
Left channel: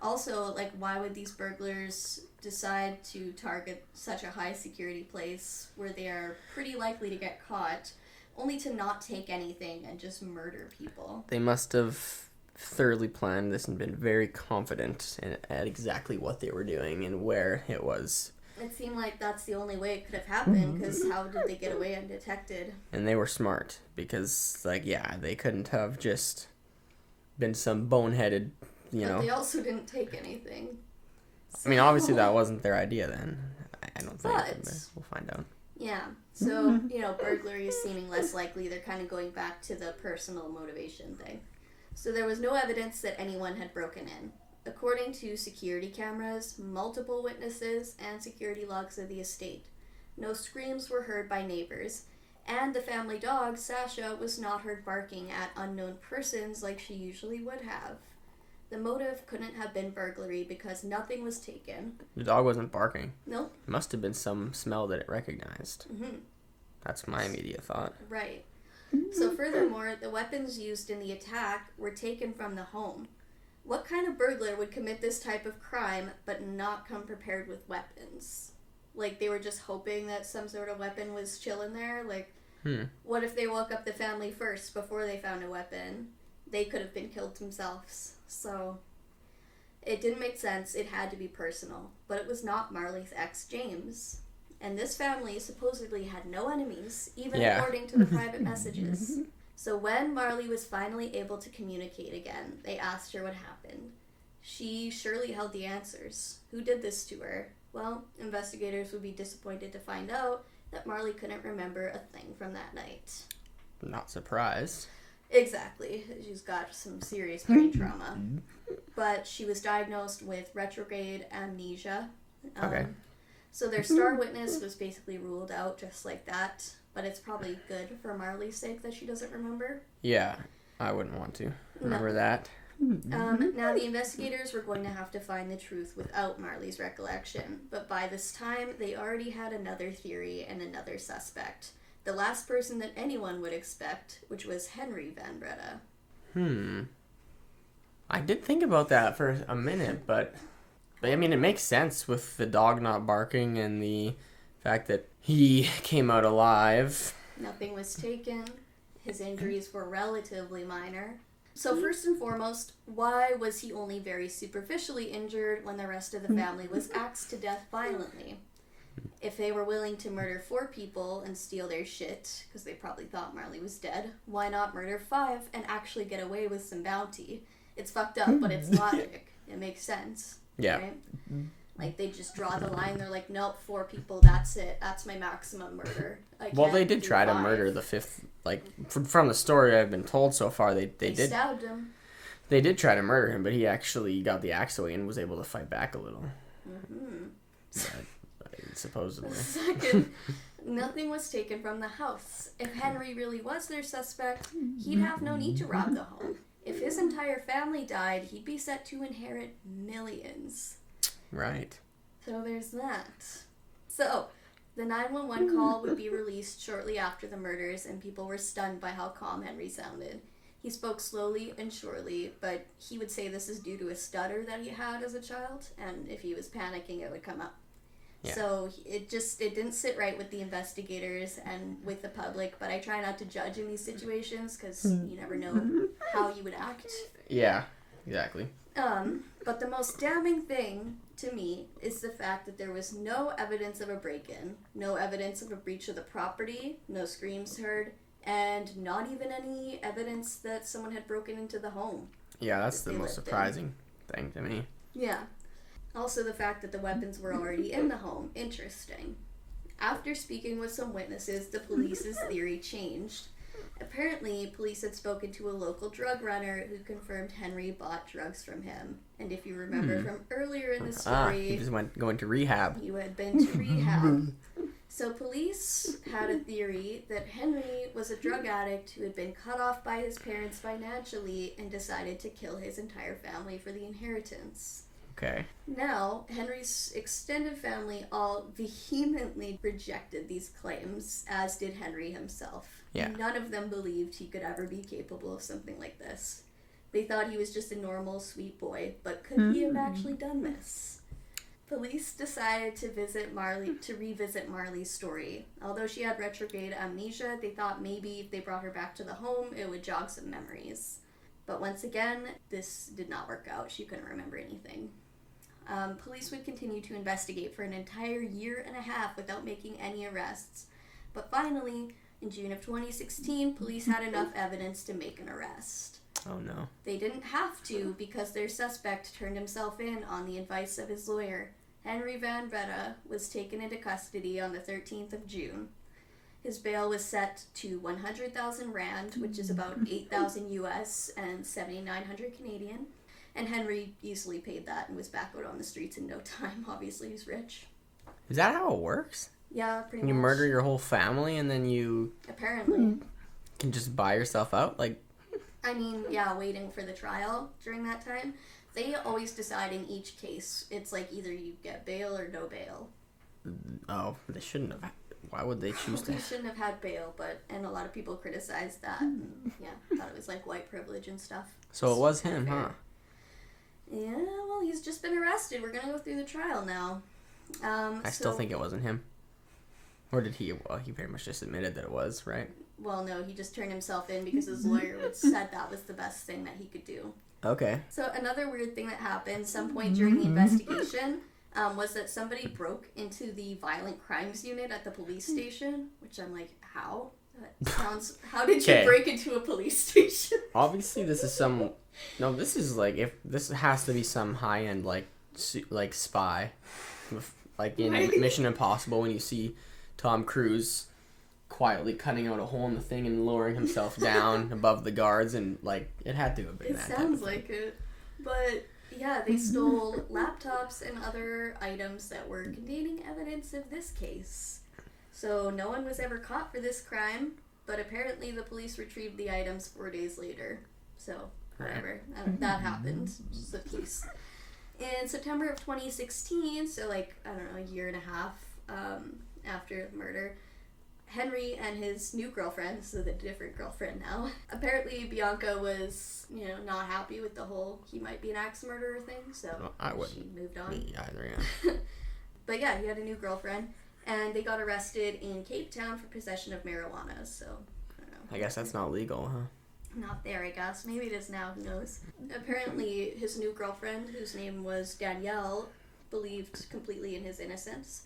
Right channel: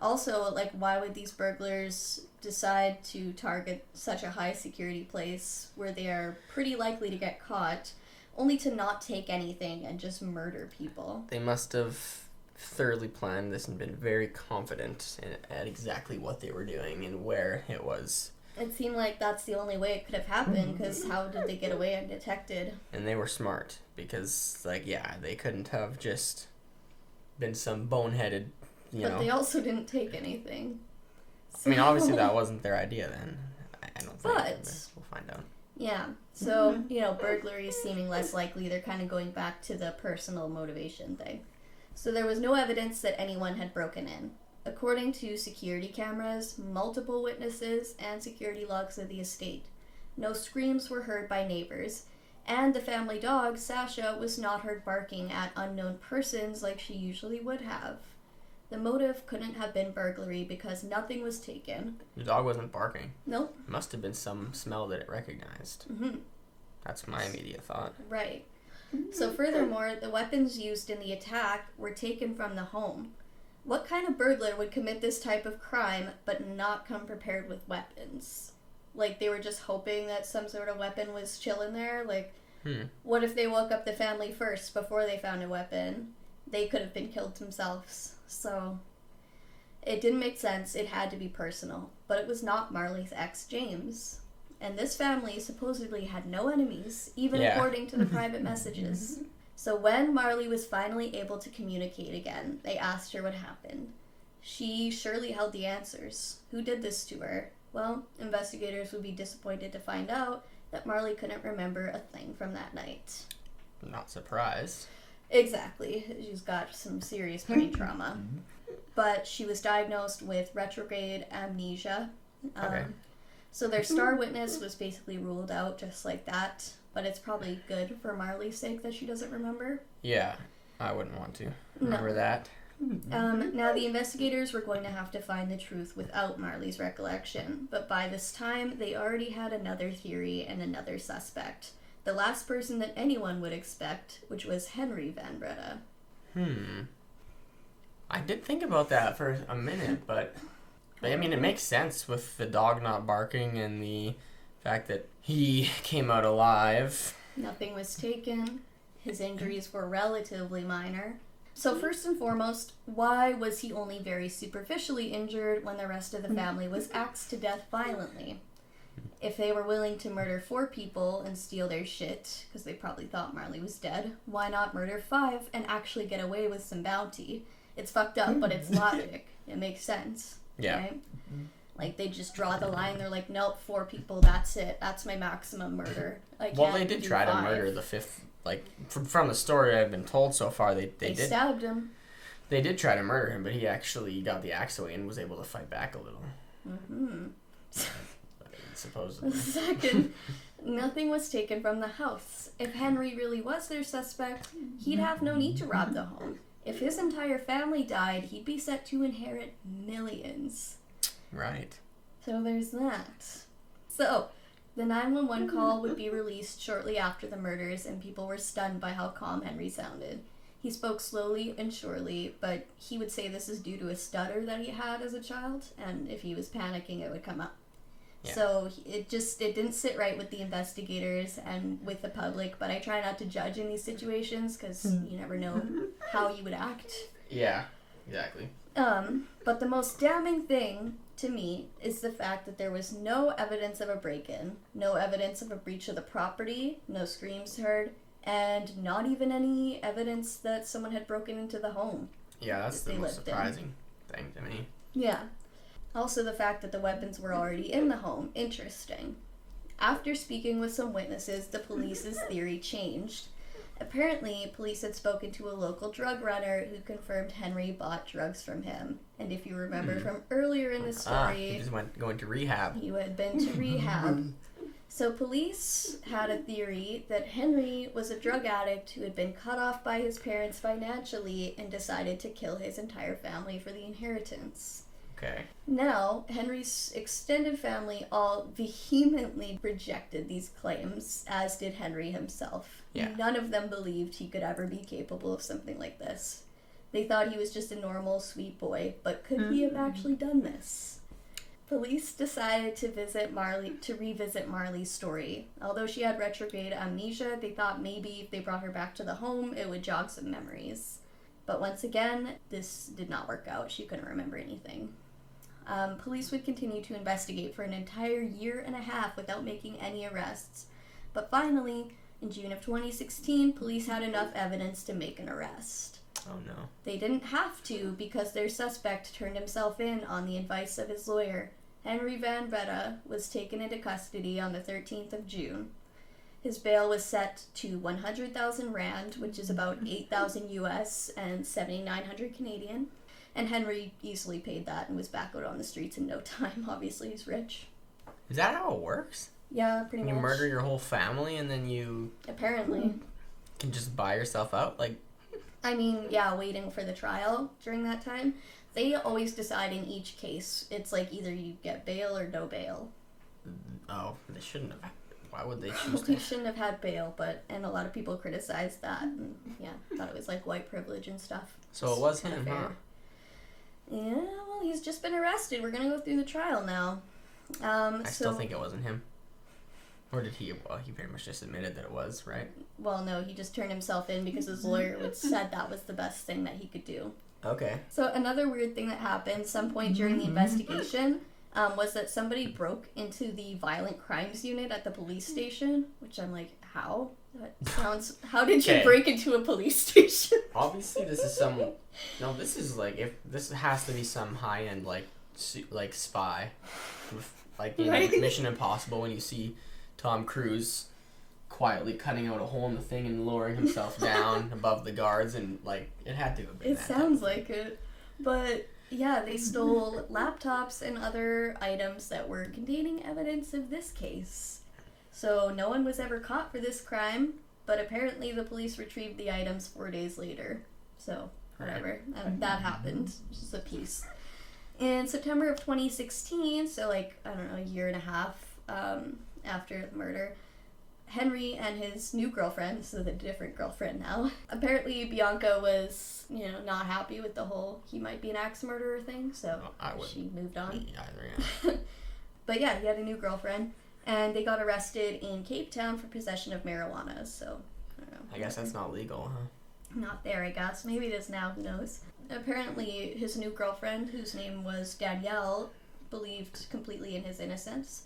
also, like, why would these burglars decide to target such a high security place where they are pretty likely to get caught, only to not take anything and just murder people? They must have thoroughly planned this and been very confident at exactly what they were doing and where it was. It seemed like that's the only way it could have happened, because how did they get away undetected? And they were smart, because, they couldn't have just been some boneheaded, But they also didn't take anything. So... I mean, obviously that wasn't their idea then. I don't think, but we'll find out. Yeah, so, burglary seeming less likely, they're kind of going back to the personal motivation thing. So there was no evidence that anyone had broken in. According to security cameras, multiple witnesses, and security logs of the estate, no screams were heard by neighbors, and the family dog, Sasha, was not heard barking at unknown persons like she usually would have. The motive couldn't have been burglary because nothing was taken. The dog wasn't barking. Nope. Must have been some smell that it recognized. Mm-hmm. That's my immediate thought. Right. So furthermore, the weapons used in the attack were taken from the home. What kind of burglar would commit this type of crime but not come prepared with weapons? Like, they were just hoping that some sort of weapon was chilling there? Like, what if they woke up the family first before they found a weapon? They could have been killed themselves. So, it didn't make sense. It had to be personal. But it was not Marley's ex, James. And this family supposedly had no enemies, even according to the private messages. So when Marley was finally able to communicate again, they asked her what happened. She surely held the answers. Who did this to her? Well, investigators would be disappointed to find out that Marley couldn't remember a thing from that night. Not surprised. Exactly. She's got some serious brain trauma. But she was diagnosed with retrograde amnesia. Okay. So their star witness was basically ruled out just like that. But it's probably good for Marley's sake that she doesn't remember. Yeah, I wouldn't want to remember that. Now the investigators were going to have to find the truth without Marley's recollection. But by this time, they already had another theory and another suspect. The last person that anyone would expect, which was Henry Van Breda. I did think about that for a minute, but I mean, it makes sense with the dog not barking and the fact that he came out alive. Nothing was taken. His injuries were relatively minor. So first and foremost, why was he only very superficially injured when the rest of the family was axed to death violently? If they were willing to murder 4 people and steal their shit, because they probably thought Marley was dead, why not murder 5 and actually get away with some bounty? It's fucked up, but it's logic. It makes sense. Yeah. Right? Like, they just draw the line. They're like, nope, 4 people, that's it. That's my maximum murder. Well, they did try to murder the 5th. Like, from the story I've been told so far, they did. Stabbed him. They did try to murder him, but he actually got the axe away and was able to fight back a little. Supposedly. Second, nothing was taken from the house. If Henry really was their suspect, he'd have no need to rob the home. If his entire family died, he'd be set to inherit millions. Right. So there's that. So, the 911 call would be released shortly after the murders, and people were stunned by how calm Henry sounded. He spoke slowly and surely, but he would say this is due to a stutter that he had as a child, and if he was panicking, it would come up. Yeah. So it didn't sit right with the investigators and with the public, but I try not to judge in these situations because you never know how you would act. Yeah, exactly. But the most damning thing to me is the fact that there was no evidence of a break-in, no evidence of a breach of the property, no screams heard, and not even any evidence that someone had broken into the home. Yeah, that's the most surprising thing to me. Yeah. Also the fact that the weapons were already in the home. Interesting. After speaking with some witnesses, the police's theory changed. Apparently, police had spoken to a local drug runner who confirmed Henry bought drugs from him. And if you remember from earlier in the story... he just going to rehab. He had been to rehab. So police had a theory that Henry was a drug addict who had been cut off by his parents financially and decided to kill his entire family for the inheritance. Okay. Now, Henry's extended family all vehemently rejected these claims, as did Henry himself. Yeah. None of them believed he could ever be capable of something like this. They thought he was just a normal, sweet boy, but could he have actually done this? Police decided to revisit Marley's story. Although she had retrograde amnesia, they thought maybe if they brought her back to the home, it would jog some memories. But once again, this did not work out. She couldn't remember anything. Police would continue to investigate for an entire year and a half without making any arrests. But finally, in June of 2016, police had enough evidence to make an arrest. Oh no. They didn't have to because their suspect turned himself in on the advice of his lawyer. Henry Van Breda was taken into custody on the 13th of June. His bail was set to 100,000 rand, which is about 8,000 US and 7,900 Canadian. And Henry easily paid that and was back out on the streets in no time. Obviously, he's rich. Is that how it works? Yeah, pretty much. You murder your whole family and then you... Apparently. Can just buy yourself out? Like... I mean, yeah, waiting for the trial during that time. They always decide in each case. It's like either you get bail or no bail. Oh, they shouldn't have. Why would they choose They to? shouldn't have had bail, and a lot of people criticized that. And, thought it was like white privilege and stuff. So it was him, huh? Yeah, well, he's just been arrested. We're gonna go through the trial now. I still think it wasn't him. Or did he? Well, he pretty much just admitted that it was, right? Well, no, he just turned himself in because his lawyer said that was the best thing that he could do. Okay. So another weird thing that happened some point during the investigation was that somebody broke into the violent crimes unit at the police station, which I'm like, how? That sounds... How did you break into a police station? Obviously, this is some... No, this is like... If this has to be some high-end, like spy. Like in Mission Impossible, when you see Tom Cruise quietly cutting out a hole in the thing and lowering himself down above the guards, and like it had to have been that. It sounds like it. But yeah, they stole laptops and other items that were containing evidence of this case. So no one was ever caught for this crime, but apparently the police retrieved the items 4 days later. So whatever, that happened. Just a piece. In September of 2016, so like, I don't know, a year and a half after the murder, Henry and his new girlfriend, so the different girlfriend now, apparently Bianca was, not happy with the whole he might be an axe murderer thing, so she moved on. Me either, yeah. But yeah, he had a new girlfriend, and they got arrested in Cape Town for possession of marijuana, so I don't know. I guess that's not legal, huh? Not there, I guess. Maybe it is now, who knows. Apparently, his new girlfriend, whose name was Danielle, believed completely in his innocence.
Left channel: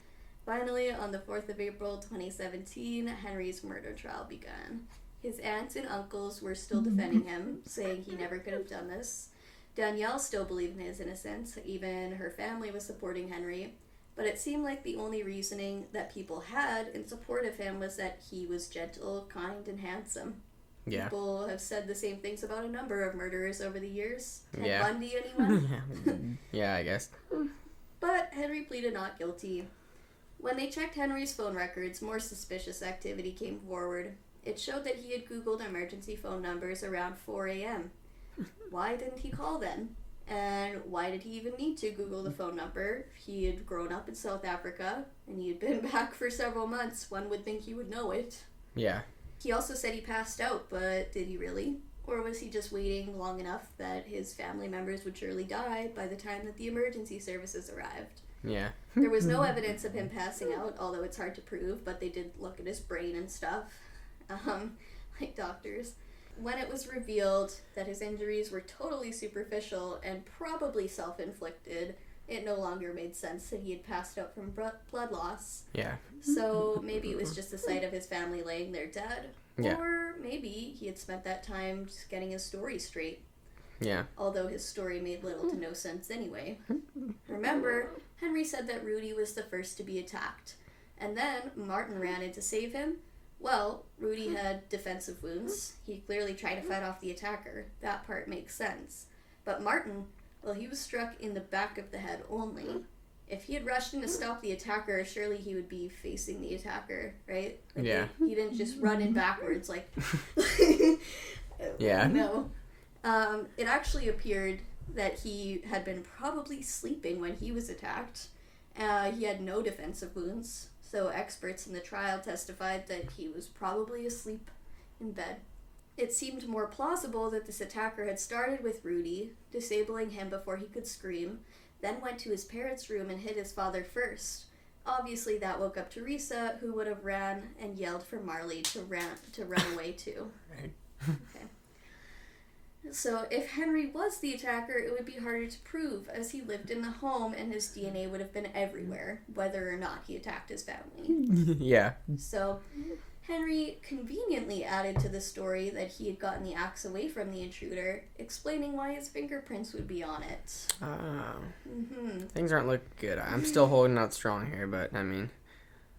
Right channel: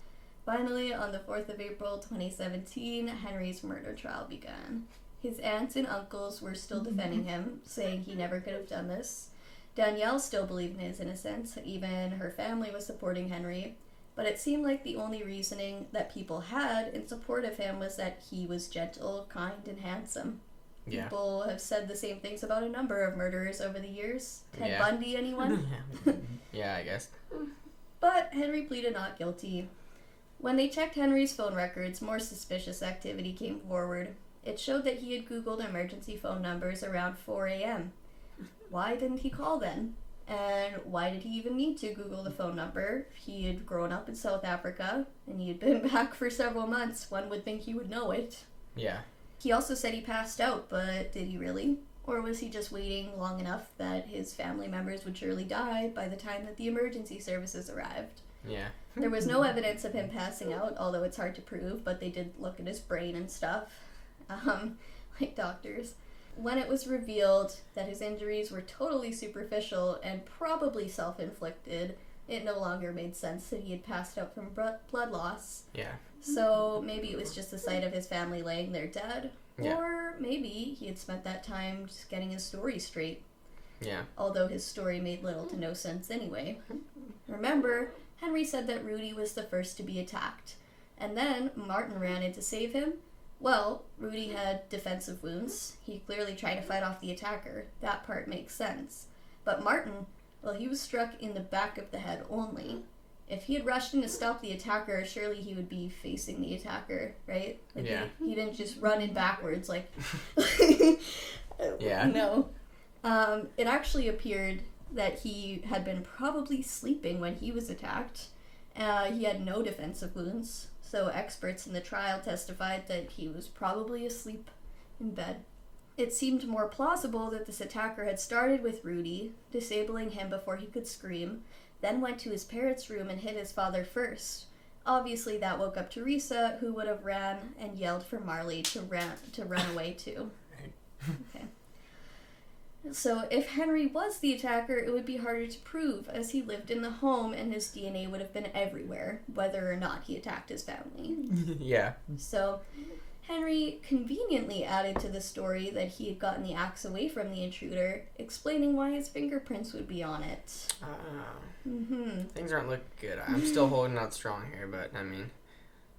Finally, on the 4th of April 2017, Henry's murder trial began. His aunts and uncles were still defending him, saying he never could have done this. Danielle still believed in his innocence. Even her family was supporting Henry. But it seemed like the only reasoning that people had in support of him was that he was gentle, kind, and handsome. Yeah. People have said the same things about a number of murderers over the years. Ted Yeah. Bundy, anyone? Yeah, I guess. But Henry pleaded not guilty. When they checked Henry's phone records, more suspicious activity came forward. It showed that he had Googled emergency phone numbers around 4 a.m. Why didn't he call then? And why did he even need to Google the phone number? He had grown up in South Africa, and he had been back for several months. One would think he would know it. Yeah. He also said he passed out, but did he really? Or was he just waiting long enough that his family members would surely die by the time that the emergency services arrived? Yeah. There was no evidence of him passing out, although it's hard to prove, but they did look at his brain and stuff, like doctors. When it was revealed that his injuries were totally superficial and probably self-inflicted, it no longer made sense that he had passed out from blood loss. Yeah. So maybe it was just the sight of his family laying there dead. Yeah. Or maybe he had spent that time just getting his story straight. Yeah. Although his story made little to no sense anyway. Remember, Henry said that Rudy was the first to be attacked. And then Martin ran in to save him. Well, Rudy had defensive wounds. He clearly tried to fight off the attacker. That part makes sense. But Martin, well, he was struck in the back of the head only. If he had rushed in to stop the attacker, surely he would be facing the attacker, right? Like Yeah. He didn't just run in backwards like... Yeah. No. It actually appeared that he had been probably sleeping when he was attacked. He had no defensive wounds, so experts in the trial testified that he was probably asleep in bed. It seemed more plausible that this attacker had started with Rudy, disabling him before he could scream, then went to his parents' room and hit his father first. Obviously that woke up Teresa, who would have ran and yelled for Marley to run away too. Right. Okay. So if Henry was the attacker, it would be harder to prove, as he lived in the home and his DNA would have been everywhere, whether or not he attacked his family. Yeah. So Henry conveniently added to the story that he had gotten the axe away from the intruder, explaining why his fingerprints would be on it. Things aren't looking good. I'm still holding out strong here, but I mean...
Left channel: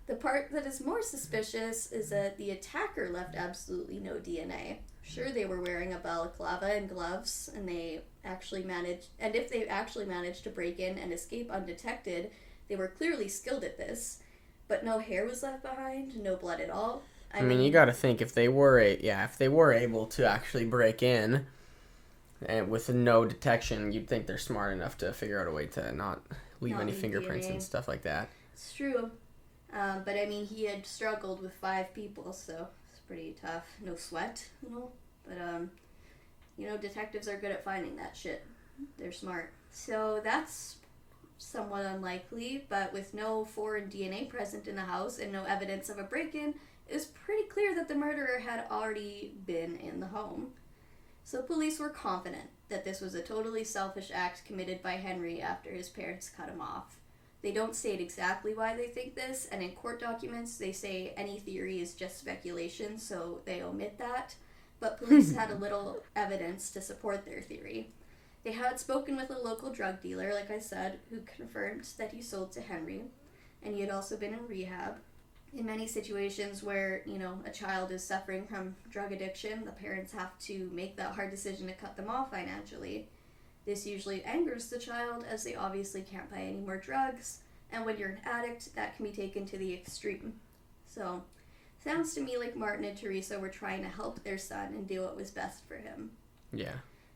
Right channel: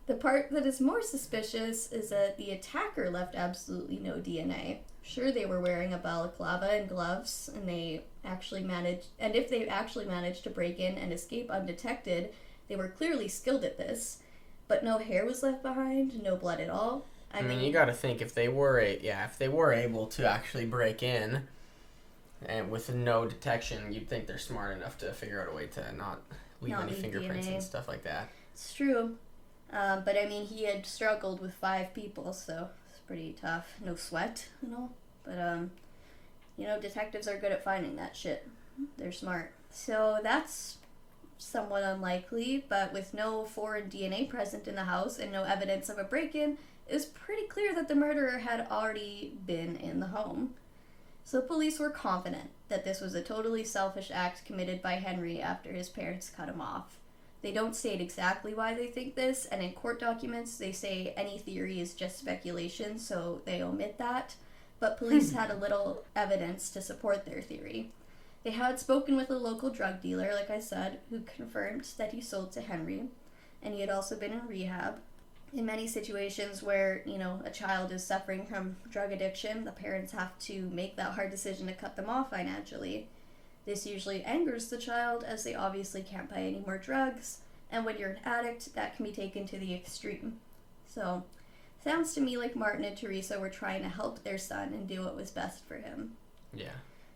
The part that is more suspicious is that the attacker left absolutely no DNA. Sure, they were wearing a balaclava and gloves, and if they actually managed to break in and escape undetected, they were clearly skilled at this. But no hair was left behind, no blood at all. I mean, you got to think if they were able to actually break in, And with no detection, you'd think they're smart enough to figure out a way to not leave any fingerprints DNA. and stuff like that. It's true. But I mean, he had struggled with 5 people, so it's pretty tough. No sweat, But, detectives are good at finding that shit. They're smart. So that's somewhat unlikely, but with no foreign DNA present in the house and no evidence of a break-in, it's pretty clear that the murderer had already been in the home. So police were confident that this was a totally selfish act committed by Henry after his parents cut him off. They don't state exactly why they think this, and in court documents they say any theory is just speculation, so they omit that. But police had a little evidence to support their theory. They had spoken with a local drug dealer, like I said, who confirmed that he sold to Henry, and he had also been in rehab. In many situations where, a child is suffering from drug addiction, the parents have to make that hard decision to cut them off financially. This usually angers the child, as they obviously can't buy any more drugs, and when you're an addict, that can be taken to the extreme. So, sounds to me like Martin and Teresa were trying to help their son and do what was best for him. Yeah.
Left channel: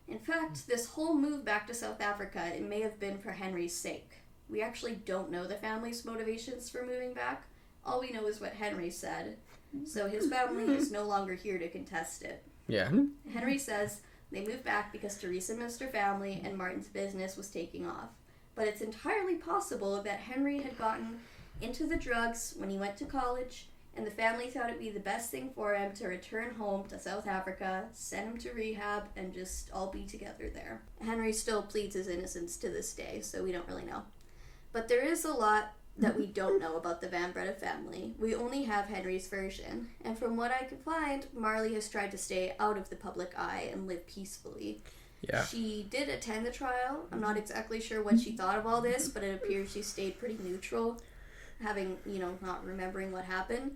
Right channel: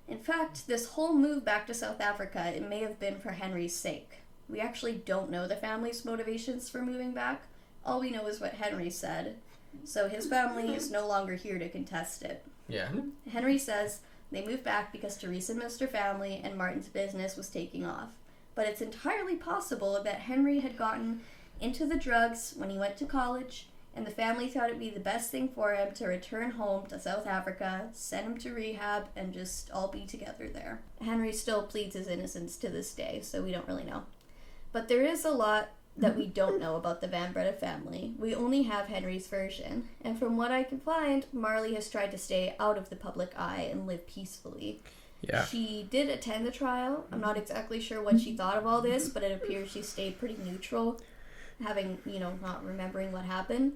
In fact, this whole move back to South Africa, it may have been for Henry's sake. We actually don't know the family's motivations for moving back. All we know is what Henry said. So his family is no longer here to contest it. Yeah. Henry says they moved back because Teresa missed her family and Martin's business was taking off. But it's entirely possible that Henry had gotten into the drugs when he went to college, and the family thought it'd be the best thing for him to return home to South Africa, send him to rehab, and just all be together there. Henry still pleads his innocence to this day, so we don't really know. But there is a lot that we don't know about the Van Breda family. We only have Henry's version, and from what I can find, Marley has tried to stay out of the public eye and live peacefully. Yeah. She did attend the trial. I'm not exactly sure what she thought of all this, but it appears she stayed pretty neutral, having, not remembering what happened.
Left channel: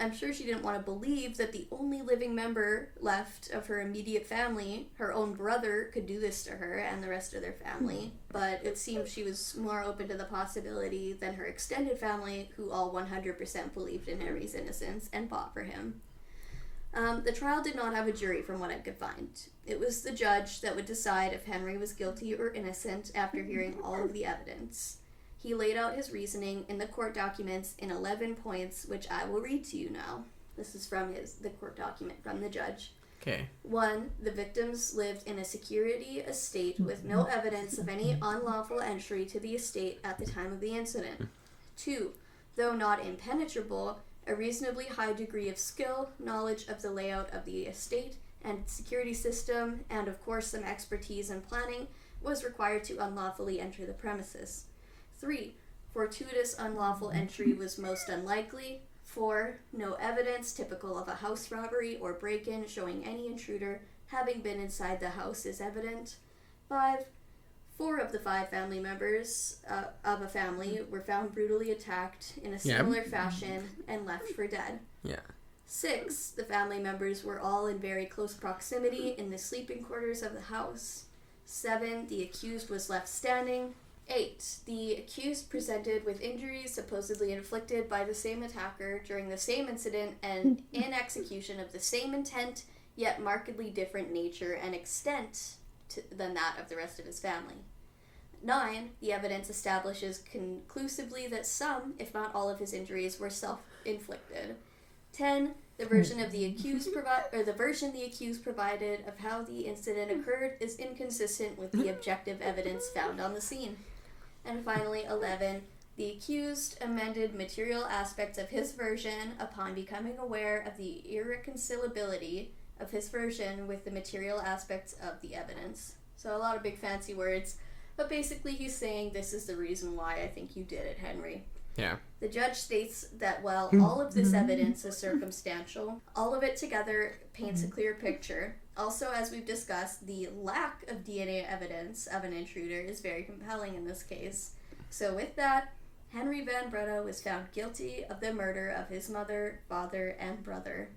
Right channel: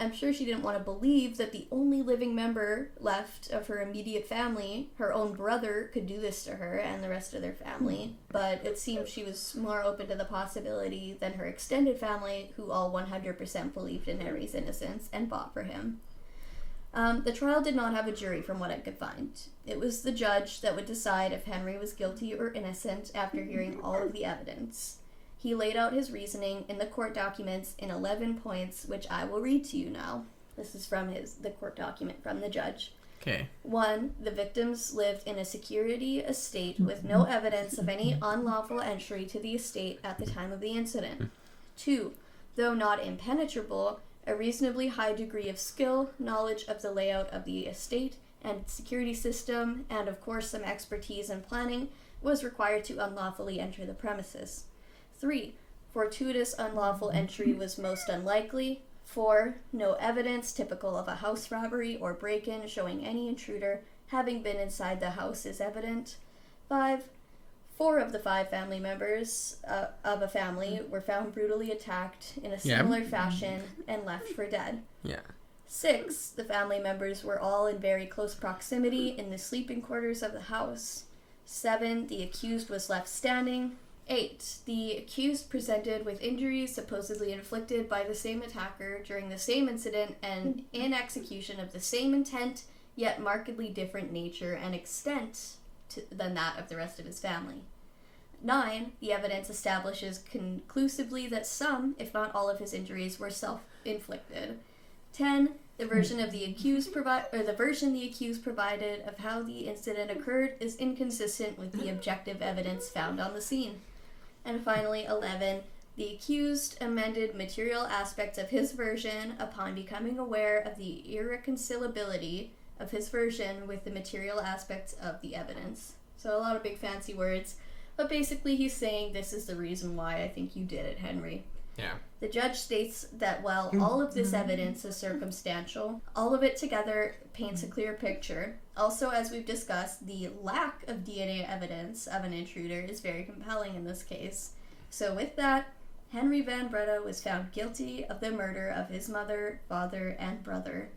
I'm sure she didn't want to believe that the only living member left of her immediate family, her own brother, could do this to her and the rest of their family. But it seems she was more open to the possibility than her extended family, who all 100% believed in Henry's innocence and fought for him. The trial did not have a jury from what I could find. It was the judge that would decide if Henry was guilty or innocent after hearing all of the evidence. He laid out his reasoning in the court documents in 11 points, which I will read to you now. This is from the court document from the judge. Okay. 1. The victims lived in a security estate with no evidence of any unlawful entry to the estate at the time of the incident. 2. Though not impenetrable, a reasonably high degree of skill, knowledge of the layout of the estate and security system, and of course some expertise in planning, was required to unlawfully enter the premises. 3. Fortuitous unlawful entry was most unlikely. 4. No evidence typical of a house robbery or break-in showing any intruder having been inside the house is evident. 5. 4 of the 5 family members of a family were found brutally attacked in a similar fashion and left for dead. Yeah. 6. The family members were all in very close proximity in the sleeping quarters of the house. 7. The accused was left standing. 8. The accused presented with injuries supposedly inflicted by the same attacker during the same incident and in execution of the same intent, yet markedly different nature and extent than that of the rest of his family. 9. The evidence establishes conclusively that some, if not all of his injuries, were self-inflicted. 10. The version the accused provided of how the incident occurred is inconsistent with the objective evidence found on the scene. And finally, 11. The accused amended material aspects of his version upon becoming aware of the irreconcilability of his version with the material aspects of the evidence. So a lot of big fancy words, but basically he's saying this is the reason why I think you did it, Henry. Yeah. The judge states that while all of this evidence is circumstantial, all of it together paints a clear picture. Also, as we've discussed, the lack of DNA evidence of an intruder is very compelling in this case. So with that, Henry Van Breda was found guilty of the murder of his mother, father, and brother.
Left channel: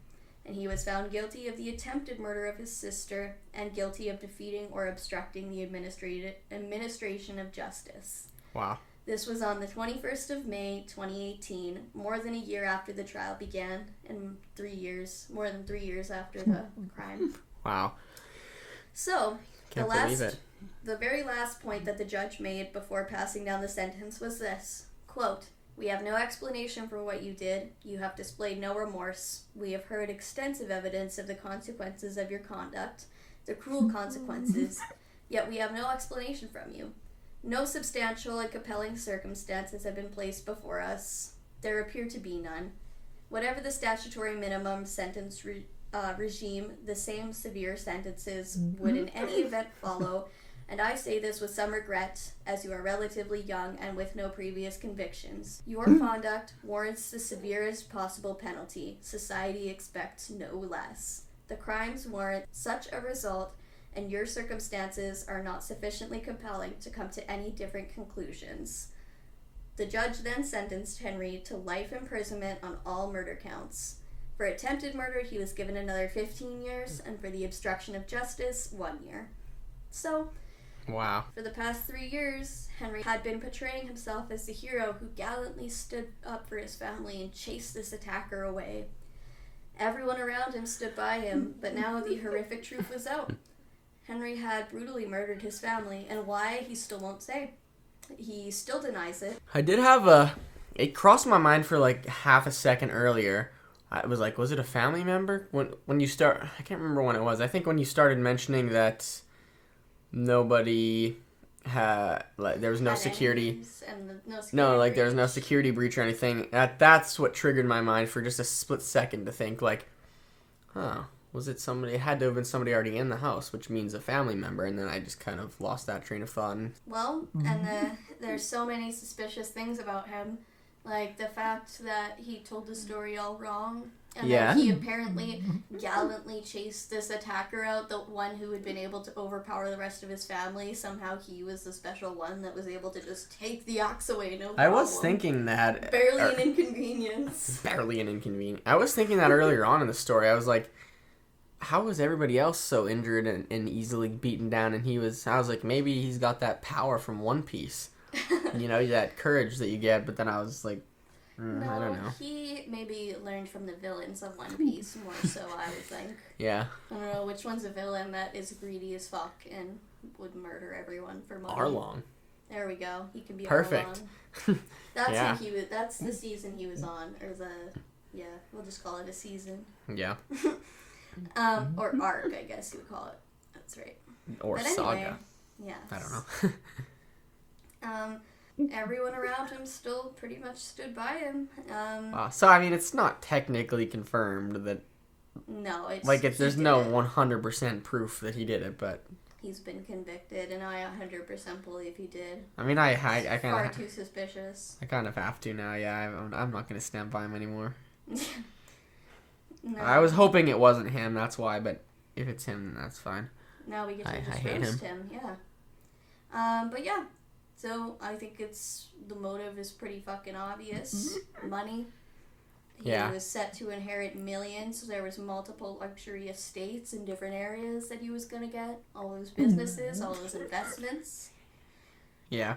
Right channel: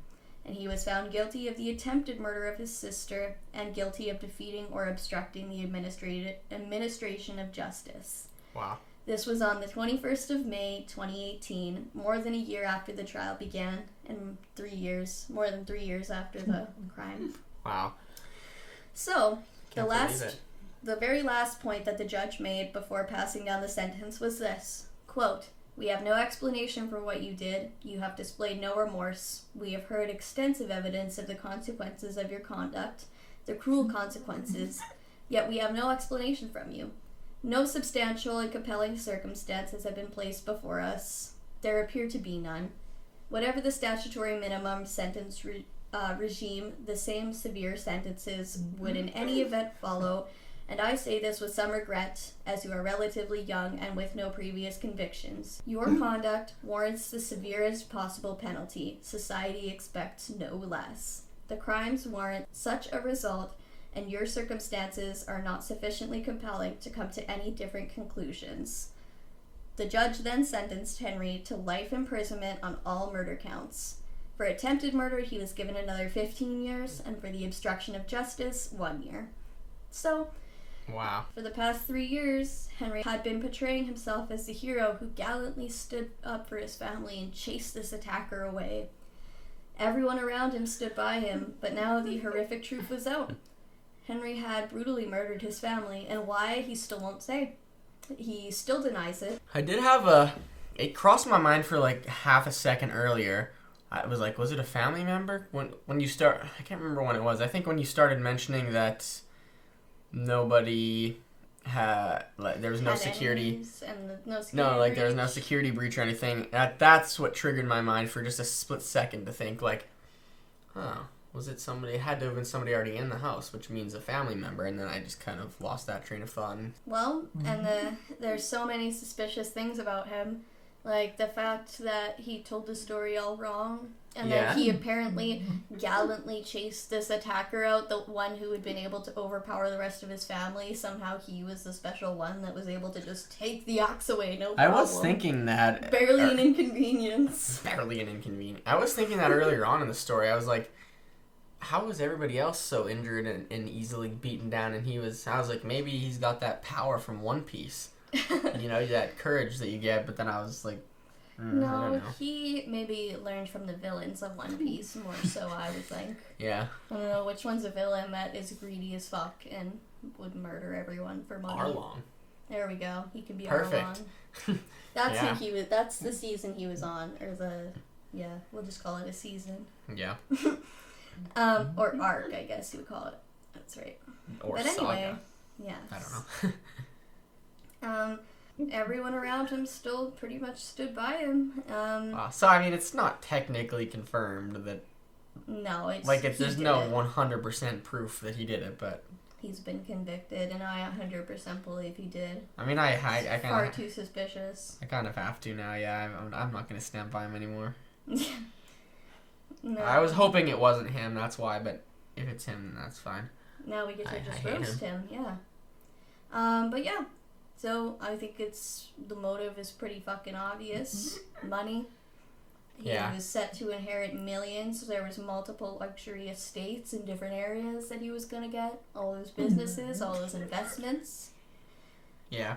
And he was found guilty of the attempted murder of his sister and guilty of defeating or obstructing the administration of justice. Wow. This was on the 21st of May, 2018, more than a year after the trial began, and more than 3 years after the crime. Wow. So, Can't believe it. The very last point that the judge made before passing down the sentence was this, quote, "We have no explanation for what you did. You have displayed no remorse. We have heard extensive evidence of the consequences of your conduct, the cruel consequences, yet we have no explanation from you. No substantial and compelling circumstances have been placed before us. There appear to be none. Whatever the statutory minimum sentence regime, the same severe sentences would in any event follow, and I say this with some regret, as you are relatively young and with no previous convictions. Your conduct warrants the severest possible penalty. Society expects no less. The crimes warrant such a result, and your circumstances are not sufficiently compelling to come to any different conclusions." The judge then sentenced Henry to life imprisonment on all murder counts. For attempted murder, he was given another 15 years, and for the obstruction of justice, 1 year. So, wow. For the past 3 years, Henry had been portraying himself as the hero who gallantly stood up for his family and chased this attacker away. Everyone around him stood by him, but now the horrific truth was out. Henry had brutally murdered his family, and why, he still won't say. He still denies it. I did have it crossed my mind for like half a second earlier. I was like, was it a family member? When you start, I can't remember when it was. I think when you started mentioning that nobody had, like, there was no security. No, like there was no security breach or anything. That's what triggered my mind for just a split second to think like, oh, was it somebody? It had to have been somebody already in the house, which means a family member. And then I just kind of lost that train of thought. Well, and there's so many suspicious things about him. Like the fact that he told the story all wrong. And that he apparently gallantly chased this attacker out, the one who had been able to overpower the rest of his family. Somehow he was the special one that was able to just take the axe away, no problem. I was thinking that. Barely an inconvenience. Barely an inconvenience. I was thinking that earlier on in the story. I was like, how was everybody else so injured and easily beaten down? And I was like, maybe he's got that power from One Piece. You know, that courage that you get. But then I was like, I don't know. He maybe learned from the villains of One Piece more so, I would think. Yeah. I don't know which one's a villain that is greedy as fuck and would murder everyone for money. Arlong. There we go. He can be perfect. Arlong. That's the season he was on, or we'll just call it a season. Yeah. Or arc, I guess you would call it. That's right. Or but saga. Anyway, yeah. I don't know. Everyone around him still pretty much stood by him. So I mean, it's not technically confirmed that. No, it's like there's no 100% proof that he did it, but he's been convicted, and I 100% believe he did. I mean, I kind of far too suspicious. I kind of have to now. Yeah, I'm not gonna stand by him anymore. No. I was hoping it wasn't him. That's why, but if it's him, then that's fine. Now we get to I hate roast him. Yeah. But yeah. So I think the motive is pretty fucking obvious. Money. Yeah. He was set to inherit millions. There was multiple luxury estates in different areas that he was gonna get. All those businesses, all those investments. Yeah.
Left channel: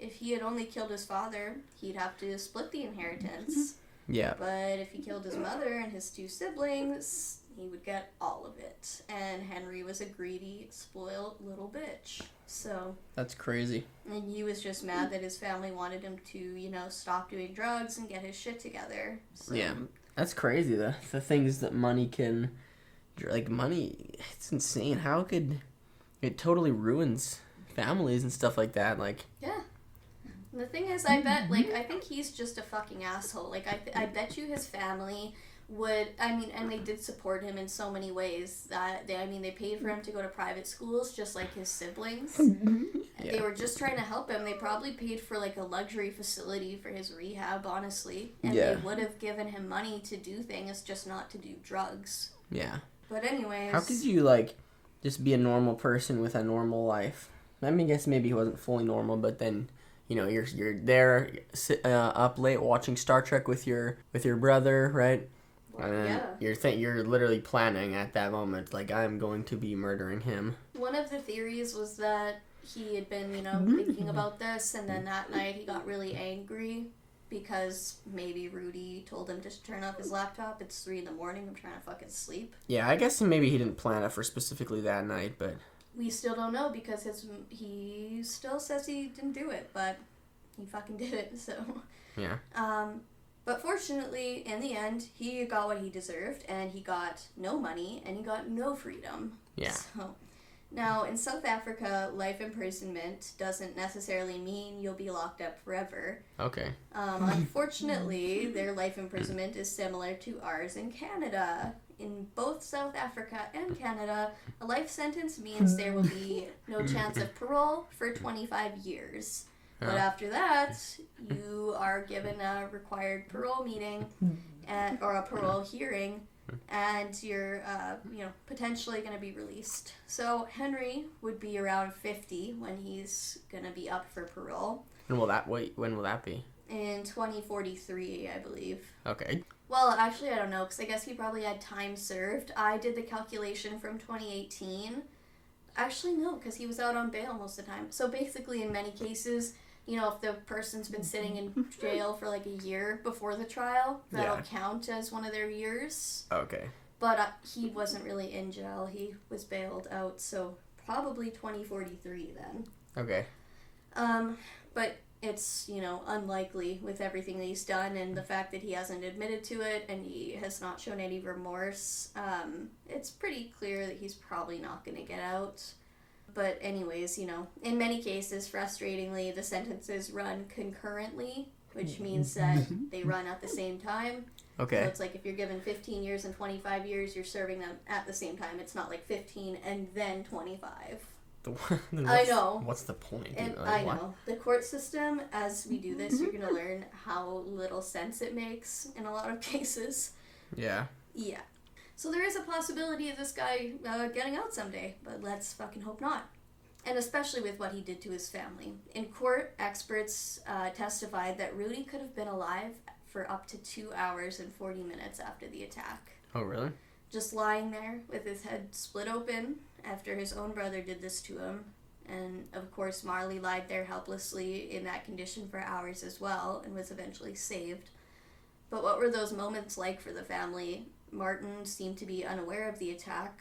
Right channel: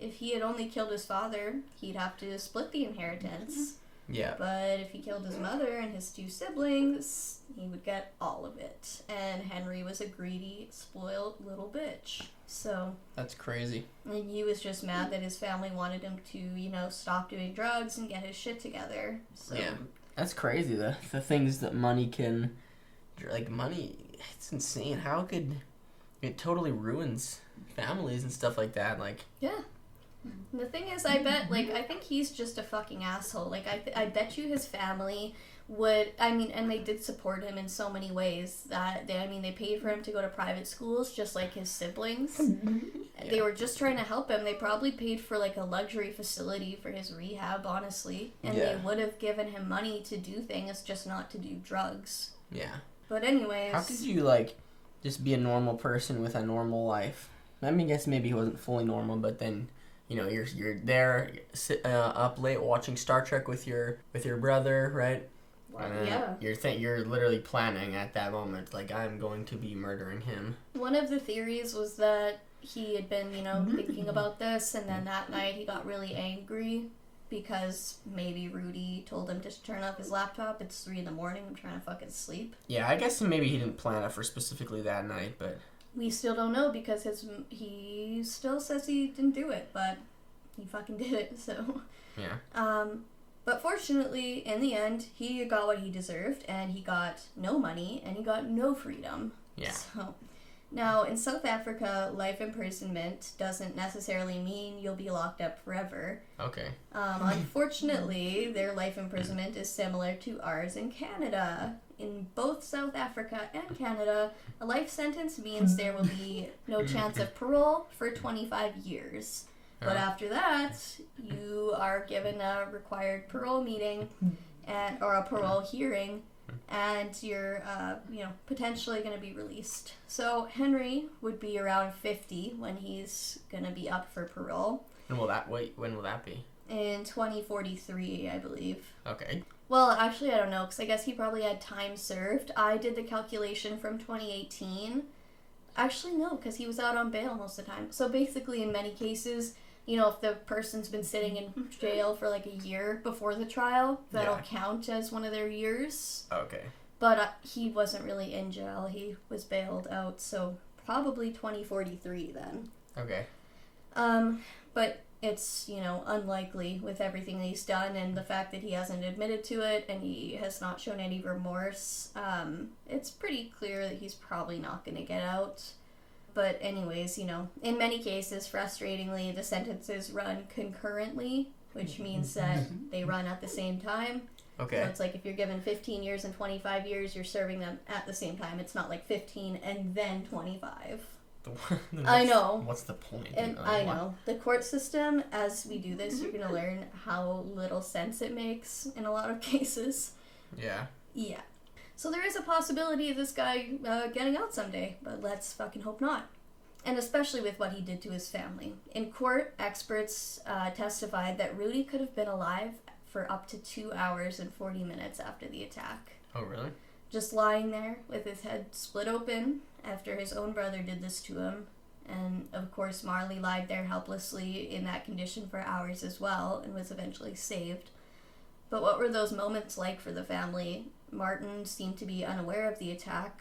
If he had only killed his father, he'd have to split the inheritance. Yeah. But if he killed his mother and his 2 siblings, he would get all of it. And Henry was a greedy, spoiled little bitch. So that's crazy. And he was just mad that his family wanted him to, stop doing drugs and get his shit together. So. Yeah. That's crazy, the things that money can... Like, money, it's insane. How could... It totally ruins families and stuff like that. Like... Yeah. The thing is, I think he's just a fucking asshole. Like, I bet you his family would, and they did support him in so many ways that, they paid for him to go to private schools just like his siblings. Yeah. They were just trying to help him. They probably paid for, like, a luxury facility for his rehab, honestly. And they would have given him money to do things, just not to do drugs. Yeah. But anyways. How could you, just be a normal person with a normal life? I guess maybe he wasn't fully normal, but then... you're there up late watching Star Trek with your brother, right? And you're literally planning at that moment, like, I'm going to be murdering him. One of the theories was that he had been, thinking about this, and then that night he got really angry because maybe Rudy told him to turn off his laptop. It's 3 a.m. I'm trying to fucking sleep. Yeah, I guess maybe he didn't plan it for specifically that night, but... we still don't know because he still says he didn't do it, but he fucking did it, so. Yeah. But fortunately, in the end, he got what he deserved, and he got no money, and he got no freedom. Yeah. So, now, in South Africa, life imprisonment doesn't necessarily mean you'll be locked up forever. Okay. Unfortunately, their life imprisonment is similar to ours in Canada. In both South Africa and Canada, a life sentence means there will be no chance of parole for 25 years. But after that, you are given a required parole meeting or a parole hearing, and you're potentially going to be released. So Henry would be around 50 when he's going to be up for parole. When will that be? In 2043, I believe. Okay. Well, actually, I don't know, because I guess he probably had time served. I did the calculation from 2018. Actually, no, because he was out on bail most of the time. So basically, in many cases, if the person's been sitting in jail for like a year before the trial, that'll count as one of their years. Okay. But he wasn't really in jail. He was bailed out, so probably 2043 then. Okay. But it's, unlikely with everything that he's done and the fact that he hasn't admitted to it and he has not shown any remorse. It's pretty clear that he's probably not going to get out. But anyways, in many cases, frustratingly, the sentences run concurrently, which means that they run at the same time. Okay. So it's like if you're given 15 years and 25 years, you're serving them at the same time. It's not like 15 and then 25. I know. What's the point? I know. The court system, as we do this, you're going to learn how little sense it makes in a lot of cases. Yeah. Yeah. So there is a possibility of this guy getting out someday, but let's fucking hope not. And especially with what he did to his family. In court, experts testified that Rudy could have been alive for up to 2 hours and 40 minutes after the attack. Oh, really? Just lying there with his head split open after his own brother did this to him. And, of course, Marley lied there helplessly in that condition for hours as well and was eventually saved. But what were those moments like for the family? Martin seemed to be unaware of the attack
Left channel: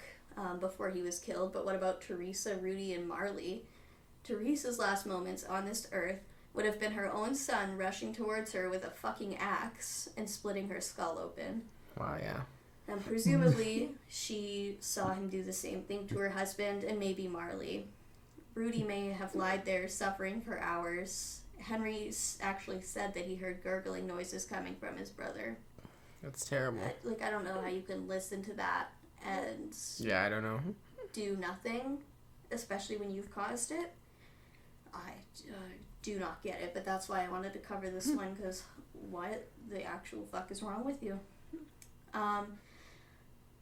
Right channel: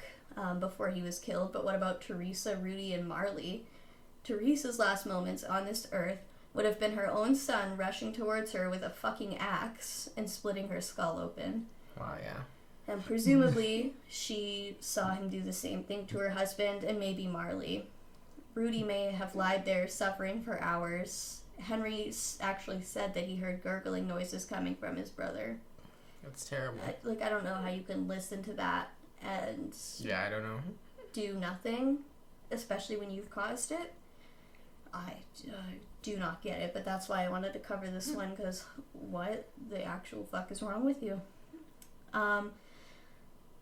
before he was killed, but what about Teresa, Rudy, and Marley? Teresa's last moments on this earth would have been her own son rushing towards her with a fucking axe and splitting her skull open. Wow, yeah. And presumably, she saw him do the same thing to her husband and maybe Marley. Rudy may have lied there suffering for hours. Henry actually said that he heard gurgling noises coming from his brother. That's terrible. I don't know how you can listen to that and... Yeah, I don't know. ...do nothing, especially when you've caused it. I do not get it, but that's why I wanted to cover this one, because what the actual fuck is wrong with you?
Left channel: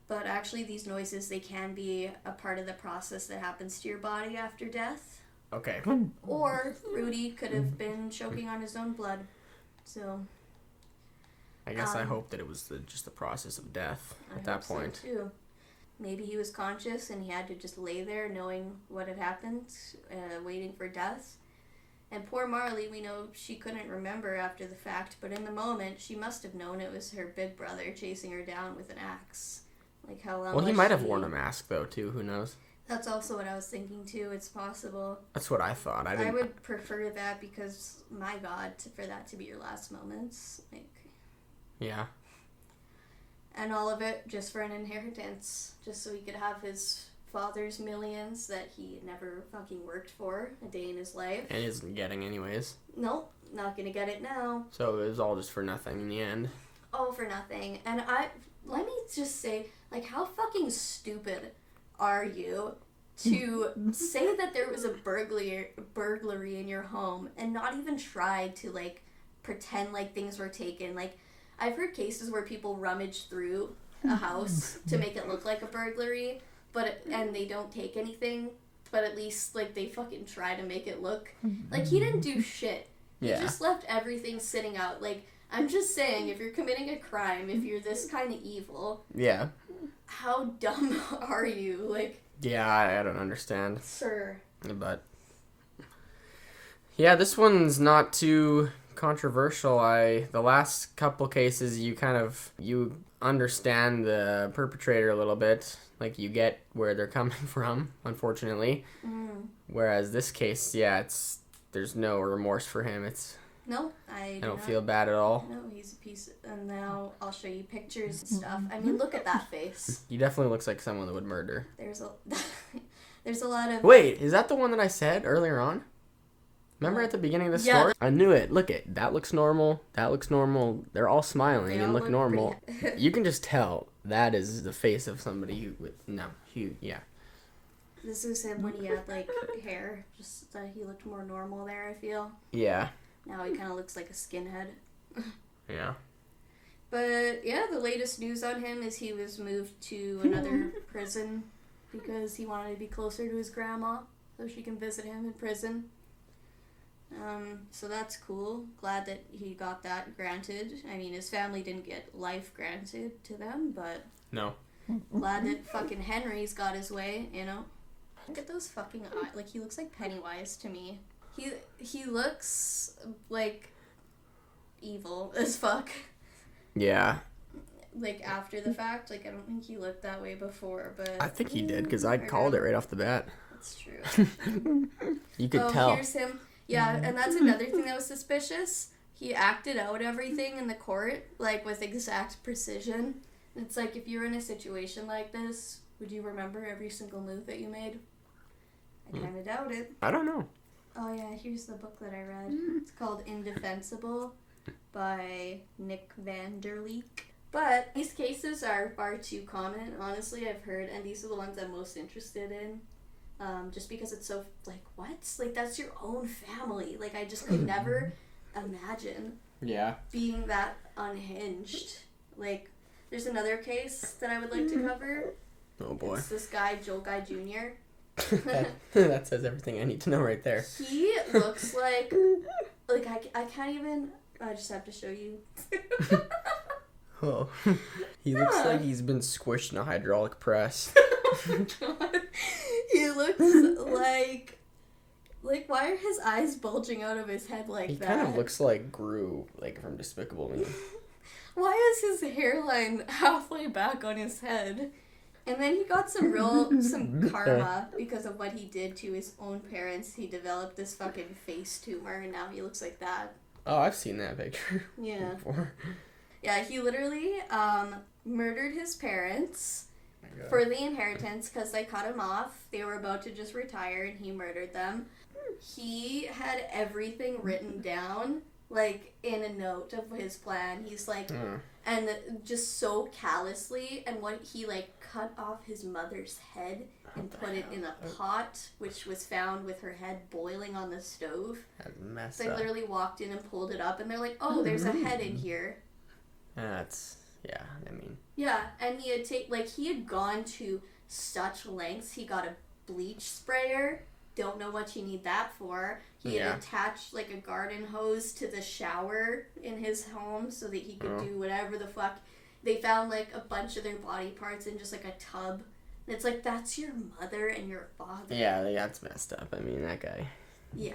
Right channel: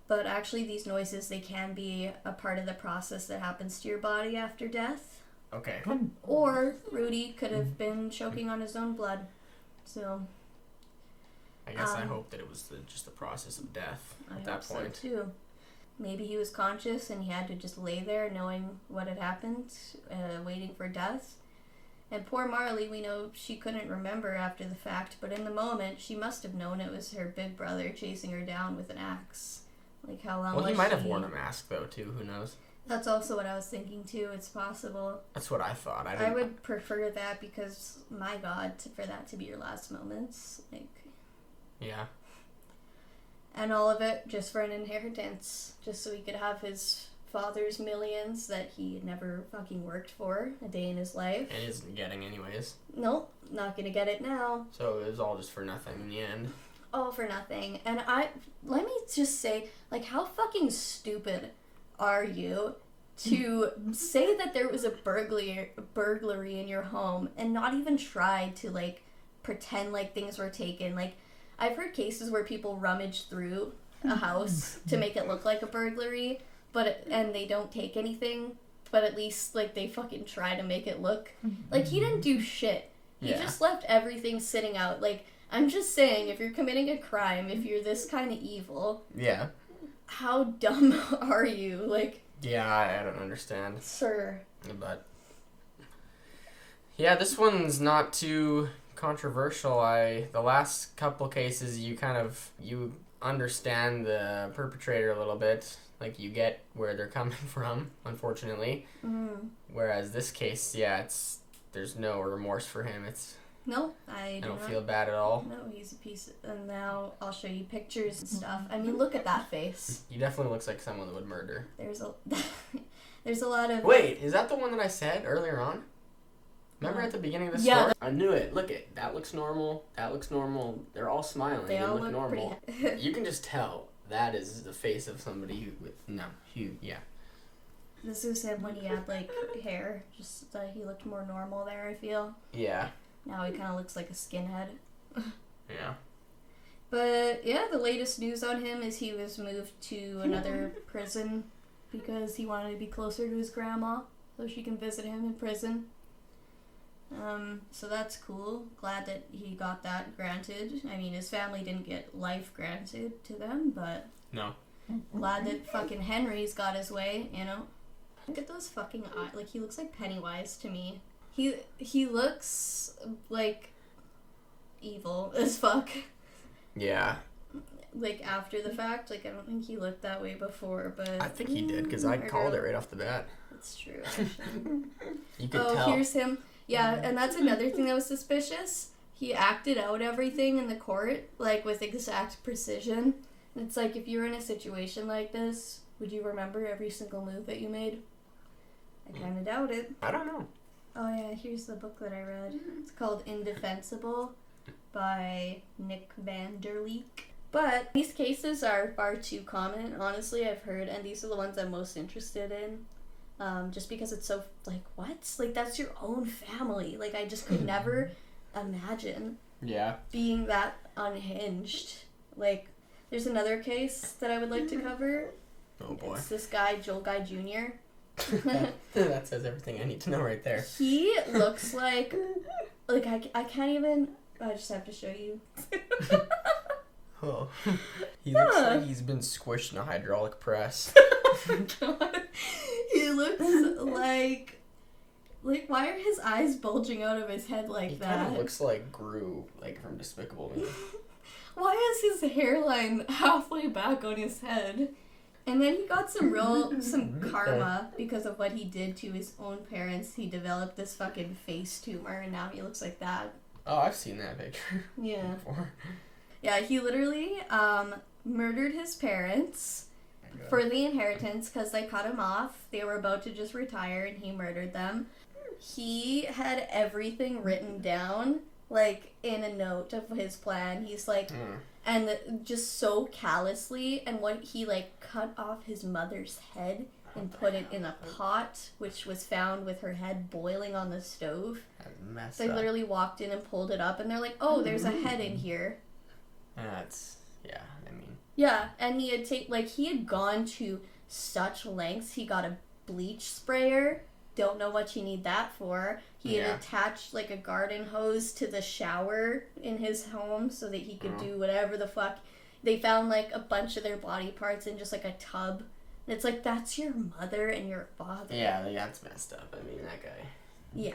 But actually, these noises, they can be a part of the process that happens to your body after death. Okay. Or Rudy could have been choking on his own blood. So... I guess I hope that it was just the process of death at that point. So too. Maybe he was conscious and he had to just lay there knowing what had happened, waiting for death. And poor Marley, we know she couldn't remember after the fact, but in the moment, she must have known it was her big brother chasing her down with an axe. Like, how long Well, he might have worn a mask, though, too. Who knows? That's also what I was thinking, too. It's possible. That's what I thought. I would prefer that because, my God, for that to be your last moments. Yeah. And all of it just for an inheritance. Just so he could have his father's millions that he had never fucking worked for a day in his life. And isn't getting anyways. Nope, not gonna get it now. So it was all just for nothing in the end. All for nothing. And let me just say, how fucking stupid are you to say that there was a burglary in your home and not even try to, pretend like things were taken? I've heard cases where people rummage through a house to make it look like a burglary, and they don't take anything, but at least, they fucking try to make it look. He didn't do shit. He just left everything sitting out. I'm just saying, if you're committing a crime, if you're this kind of evil... Yeah. How dumb are you? Yeah, I don't understand. Sir. But... Yeah, this one's not too... controversial. The last couple cases you understand the perpetrator a little bit. Like, you get where they're coming from, unfortunately. Whereas this case, there's no remorse for him. No, I don't feel bad at all. No, he's a piece. And now I'll show you pictures and stuff. I mean, look at that face. He definitely looks like someone that would murder. There's a lot of... Wait, is that the one that I said earlier on? Remember at the beginning of the story? I knew it. Look it. That looks normal. That looks normal. They're all smiling and look normal. You can just tell that is the face of somebody yeah. This is him when he had, like, hair. Just that he looked more normal there, I feel. Yeah. Now he kind of looks like a skinhead. Yeah. But, yeah, the latest news on him is he was moved to another prison because he wanted to be closer to his grandma so she can visit him in prison. So that's cool. Glad that he got that granted. I mean, his family didn't get life granted to them, but... No. Glad that fucking Henry's got his way, you know? Look at those fucking eyes. Like, he looks like Pennywise to me. He looks like evil as fuck. Yeah. Like, after the fact. Like, I don't think he looked that way before, but... I think he did, because I called it right off the bat. That's true. You could tell. Here's him. Yeah, and that's another thing that was suspicious. He acted out everything in the court, like, with exact precision. It's like, if you were in a situation like this, would you remember every single move that you made? I kind of doubt it. I don't know. Oh, yeah, here's the book that I read. It's called Indefensible by Nick Van Der Leek. But these cases are far too common, honestly, I've heard, and these are the ones I'm most interested in. Just because it's so, like, what? Like, that's your own family. Like, I just could never imagine being that unhinged. Like, there's another case that I would like to cover. Oh, boy. It's this guy, Joel Guy Jr. That says everything I need to know right there. He looks like I can't even, I just have to show you. Oh. He looks like he's been squished in a hydraulic press. Oh, God. He looks like why are his eyes bulging out of his head like that? He kind of looks like Gru, like from Despicable Me. Why is his hairline halfway back on his head? And then he got some karma because of what he did to his own parents. He developed this fucking face tumor, and now he looks like that. Oh, I've seen that picture. Yeah. Before. Yeah, he literally murdered his parents for the inheritance because they cut him off. They were about to just retire, and he murdered them. He had everything written down, like, in a note of his plan. He's like, and just so callously, and what he, like, cut off his mother's head and put it in a pot, which was found with her head boiling on the stove. That's messed up. They literally walked in and pulled it up, and they're like, oh, there's a head in here. That's, yeah, I mean. Yeah, and he had gone to such lengths. He got a bleach sprayer. Don't know what you need that for. He had attached, like, a garden hose to the shower in his home so that he could do whatever the fuck. They found, like, a bunch of their body parts in just, like, a tub. And it's like, that's your mother and your father. Yeah, that's messed up. I mean, that guy. Yeah.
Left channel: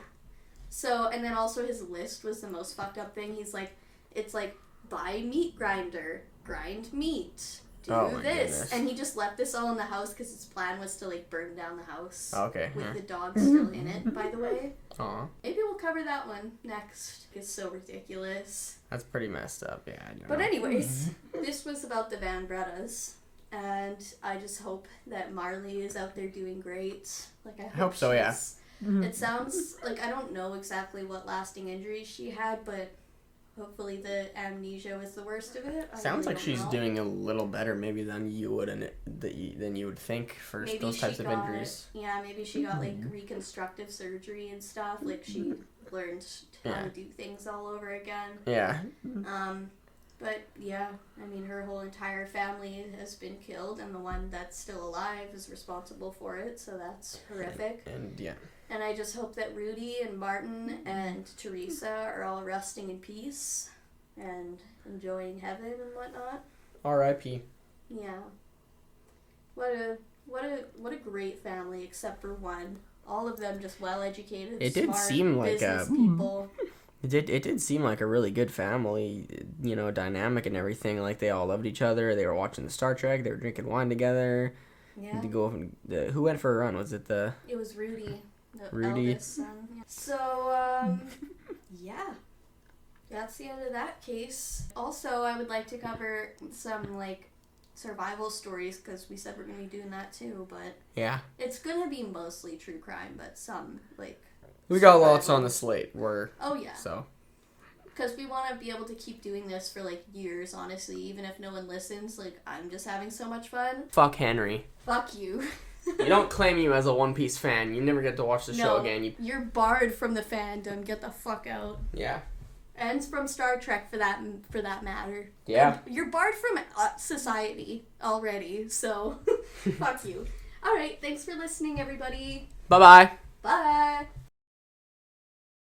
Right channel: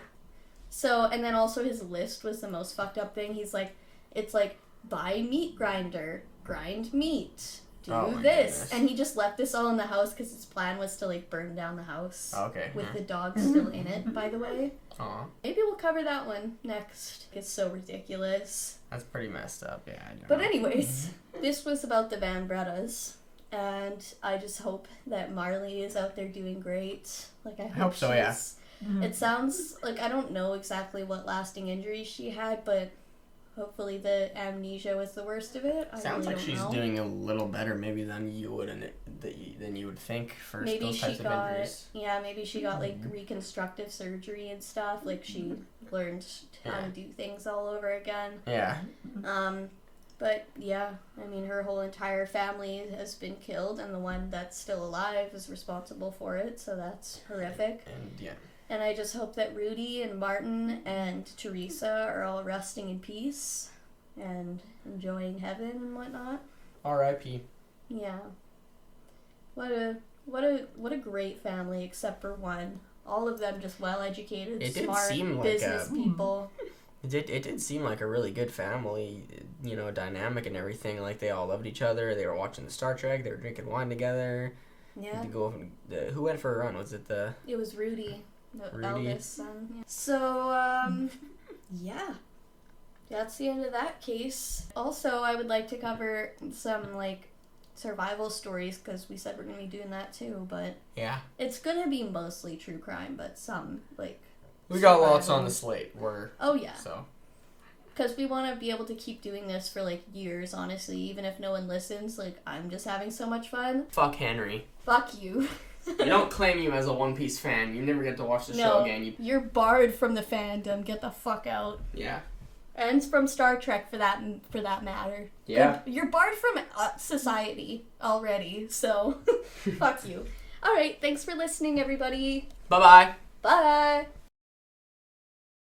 So, and then also his list was the most fucked up thing. He's like, it's like, buy meat grinder, grind meat, do this. Goodness. And he just left this all in the house because his plan was to, like, burn down the house. Okay. With the dog still in it, by the way. Aw. Maybe we'll cover that one next. It's so ridiculous. That's pretty messed up, yeah. But anyways, this was about the Van Bredas. And I just hope that Marley is out there doing great. Like, I hope so, yeah. It sounds like, I don't know exactly what lasting injuries she had, but hopefully the amnesia was the worst of it. Sounds like she's doing a little better maybe than you would than you would think for maybe those types of injuries. Yeah, maybe she got, like, reconstructive surgery and stuff. Like, she learned how to do things all over again. Yeah. But yeah, I mean, her whole entire family has been killed, and the one that's still alive is responsible for it, so that's horrific. And I just hope that Rudy and Martin and Teresa are all resting in peace and enjoying heaven and whatnot. R.I.P. Yeah. What a great family, except for one. All of them just well educated. It did smart, seem like business people. It did seem like a really good family, dynamic and everything. Like, they all loved each other. They were watching the Star Trek. They were drinking wine together. Yeah. To go who went for a run? Was it the... It was Rudy. Rudy. Elvis' son. Yeah. So, yeah. That's the end of that case. Also, I would like to cover some, survival stories, because we said we're going to be doing that too, but... Yeah. It's going to be mostly true crime, but some, We got lots on the slate. Oh, yeah. So... Because we want to be able to keep doing this for, years, honestly. Even if no one listens, I'm just having so much fun. Fuck Henry. Fuck you. You don't claim you as a One Piece fan. You never get to watch the show again. You're barred from the fandom. Get the fuck out. Yeah. And from Star Trek, for that matter. Yeah. You're barred from society already, so fuck you. All right, thanks for listening, everybody. Bye-bye. Bye.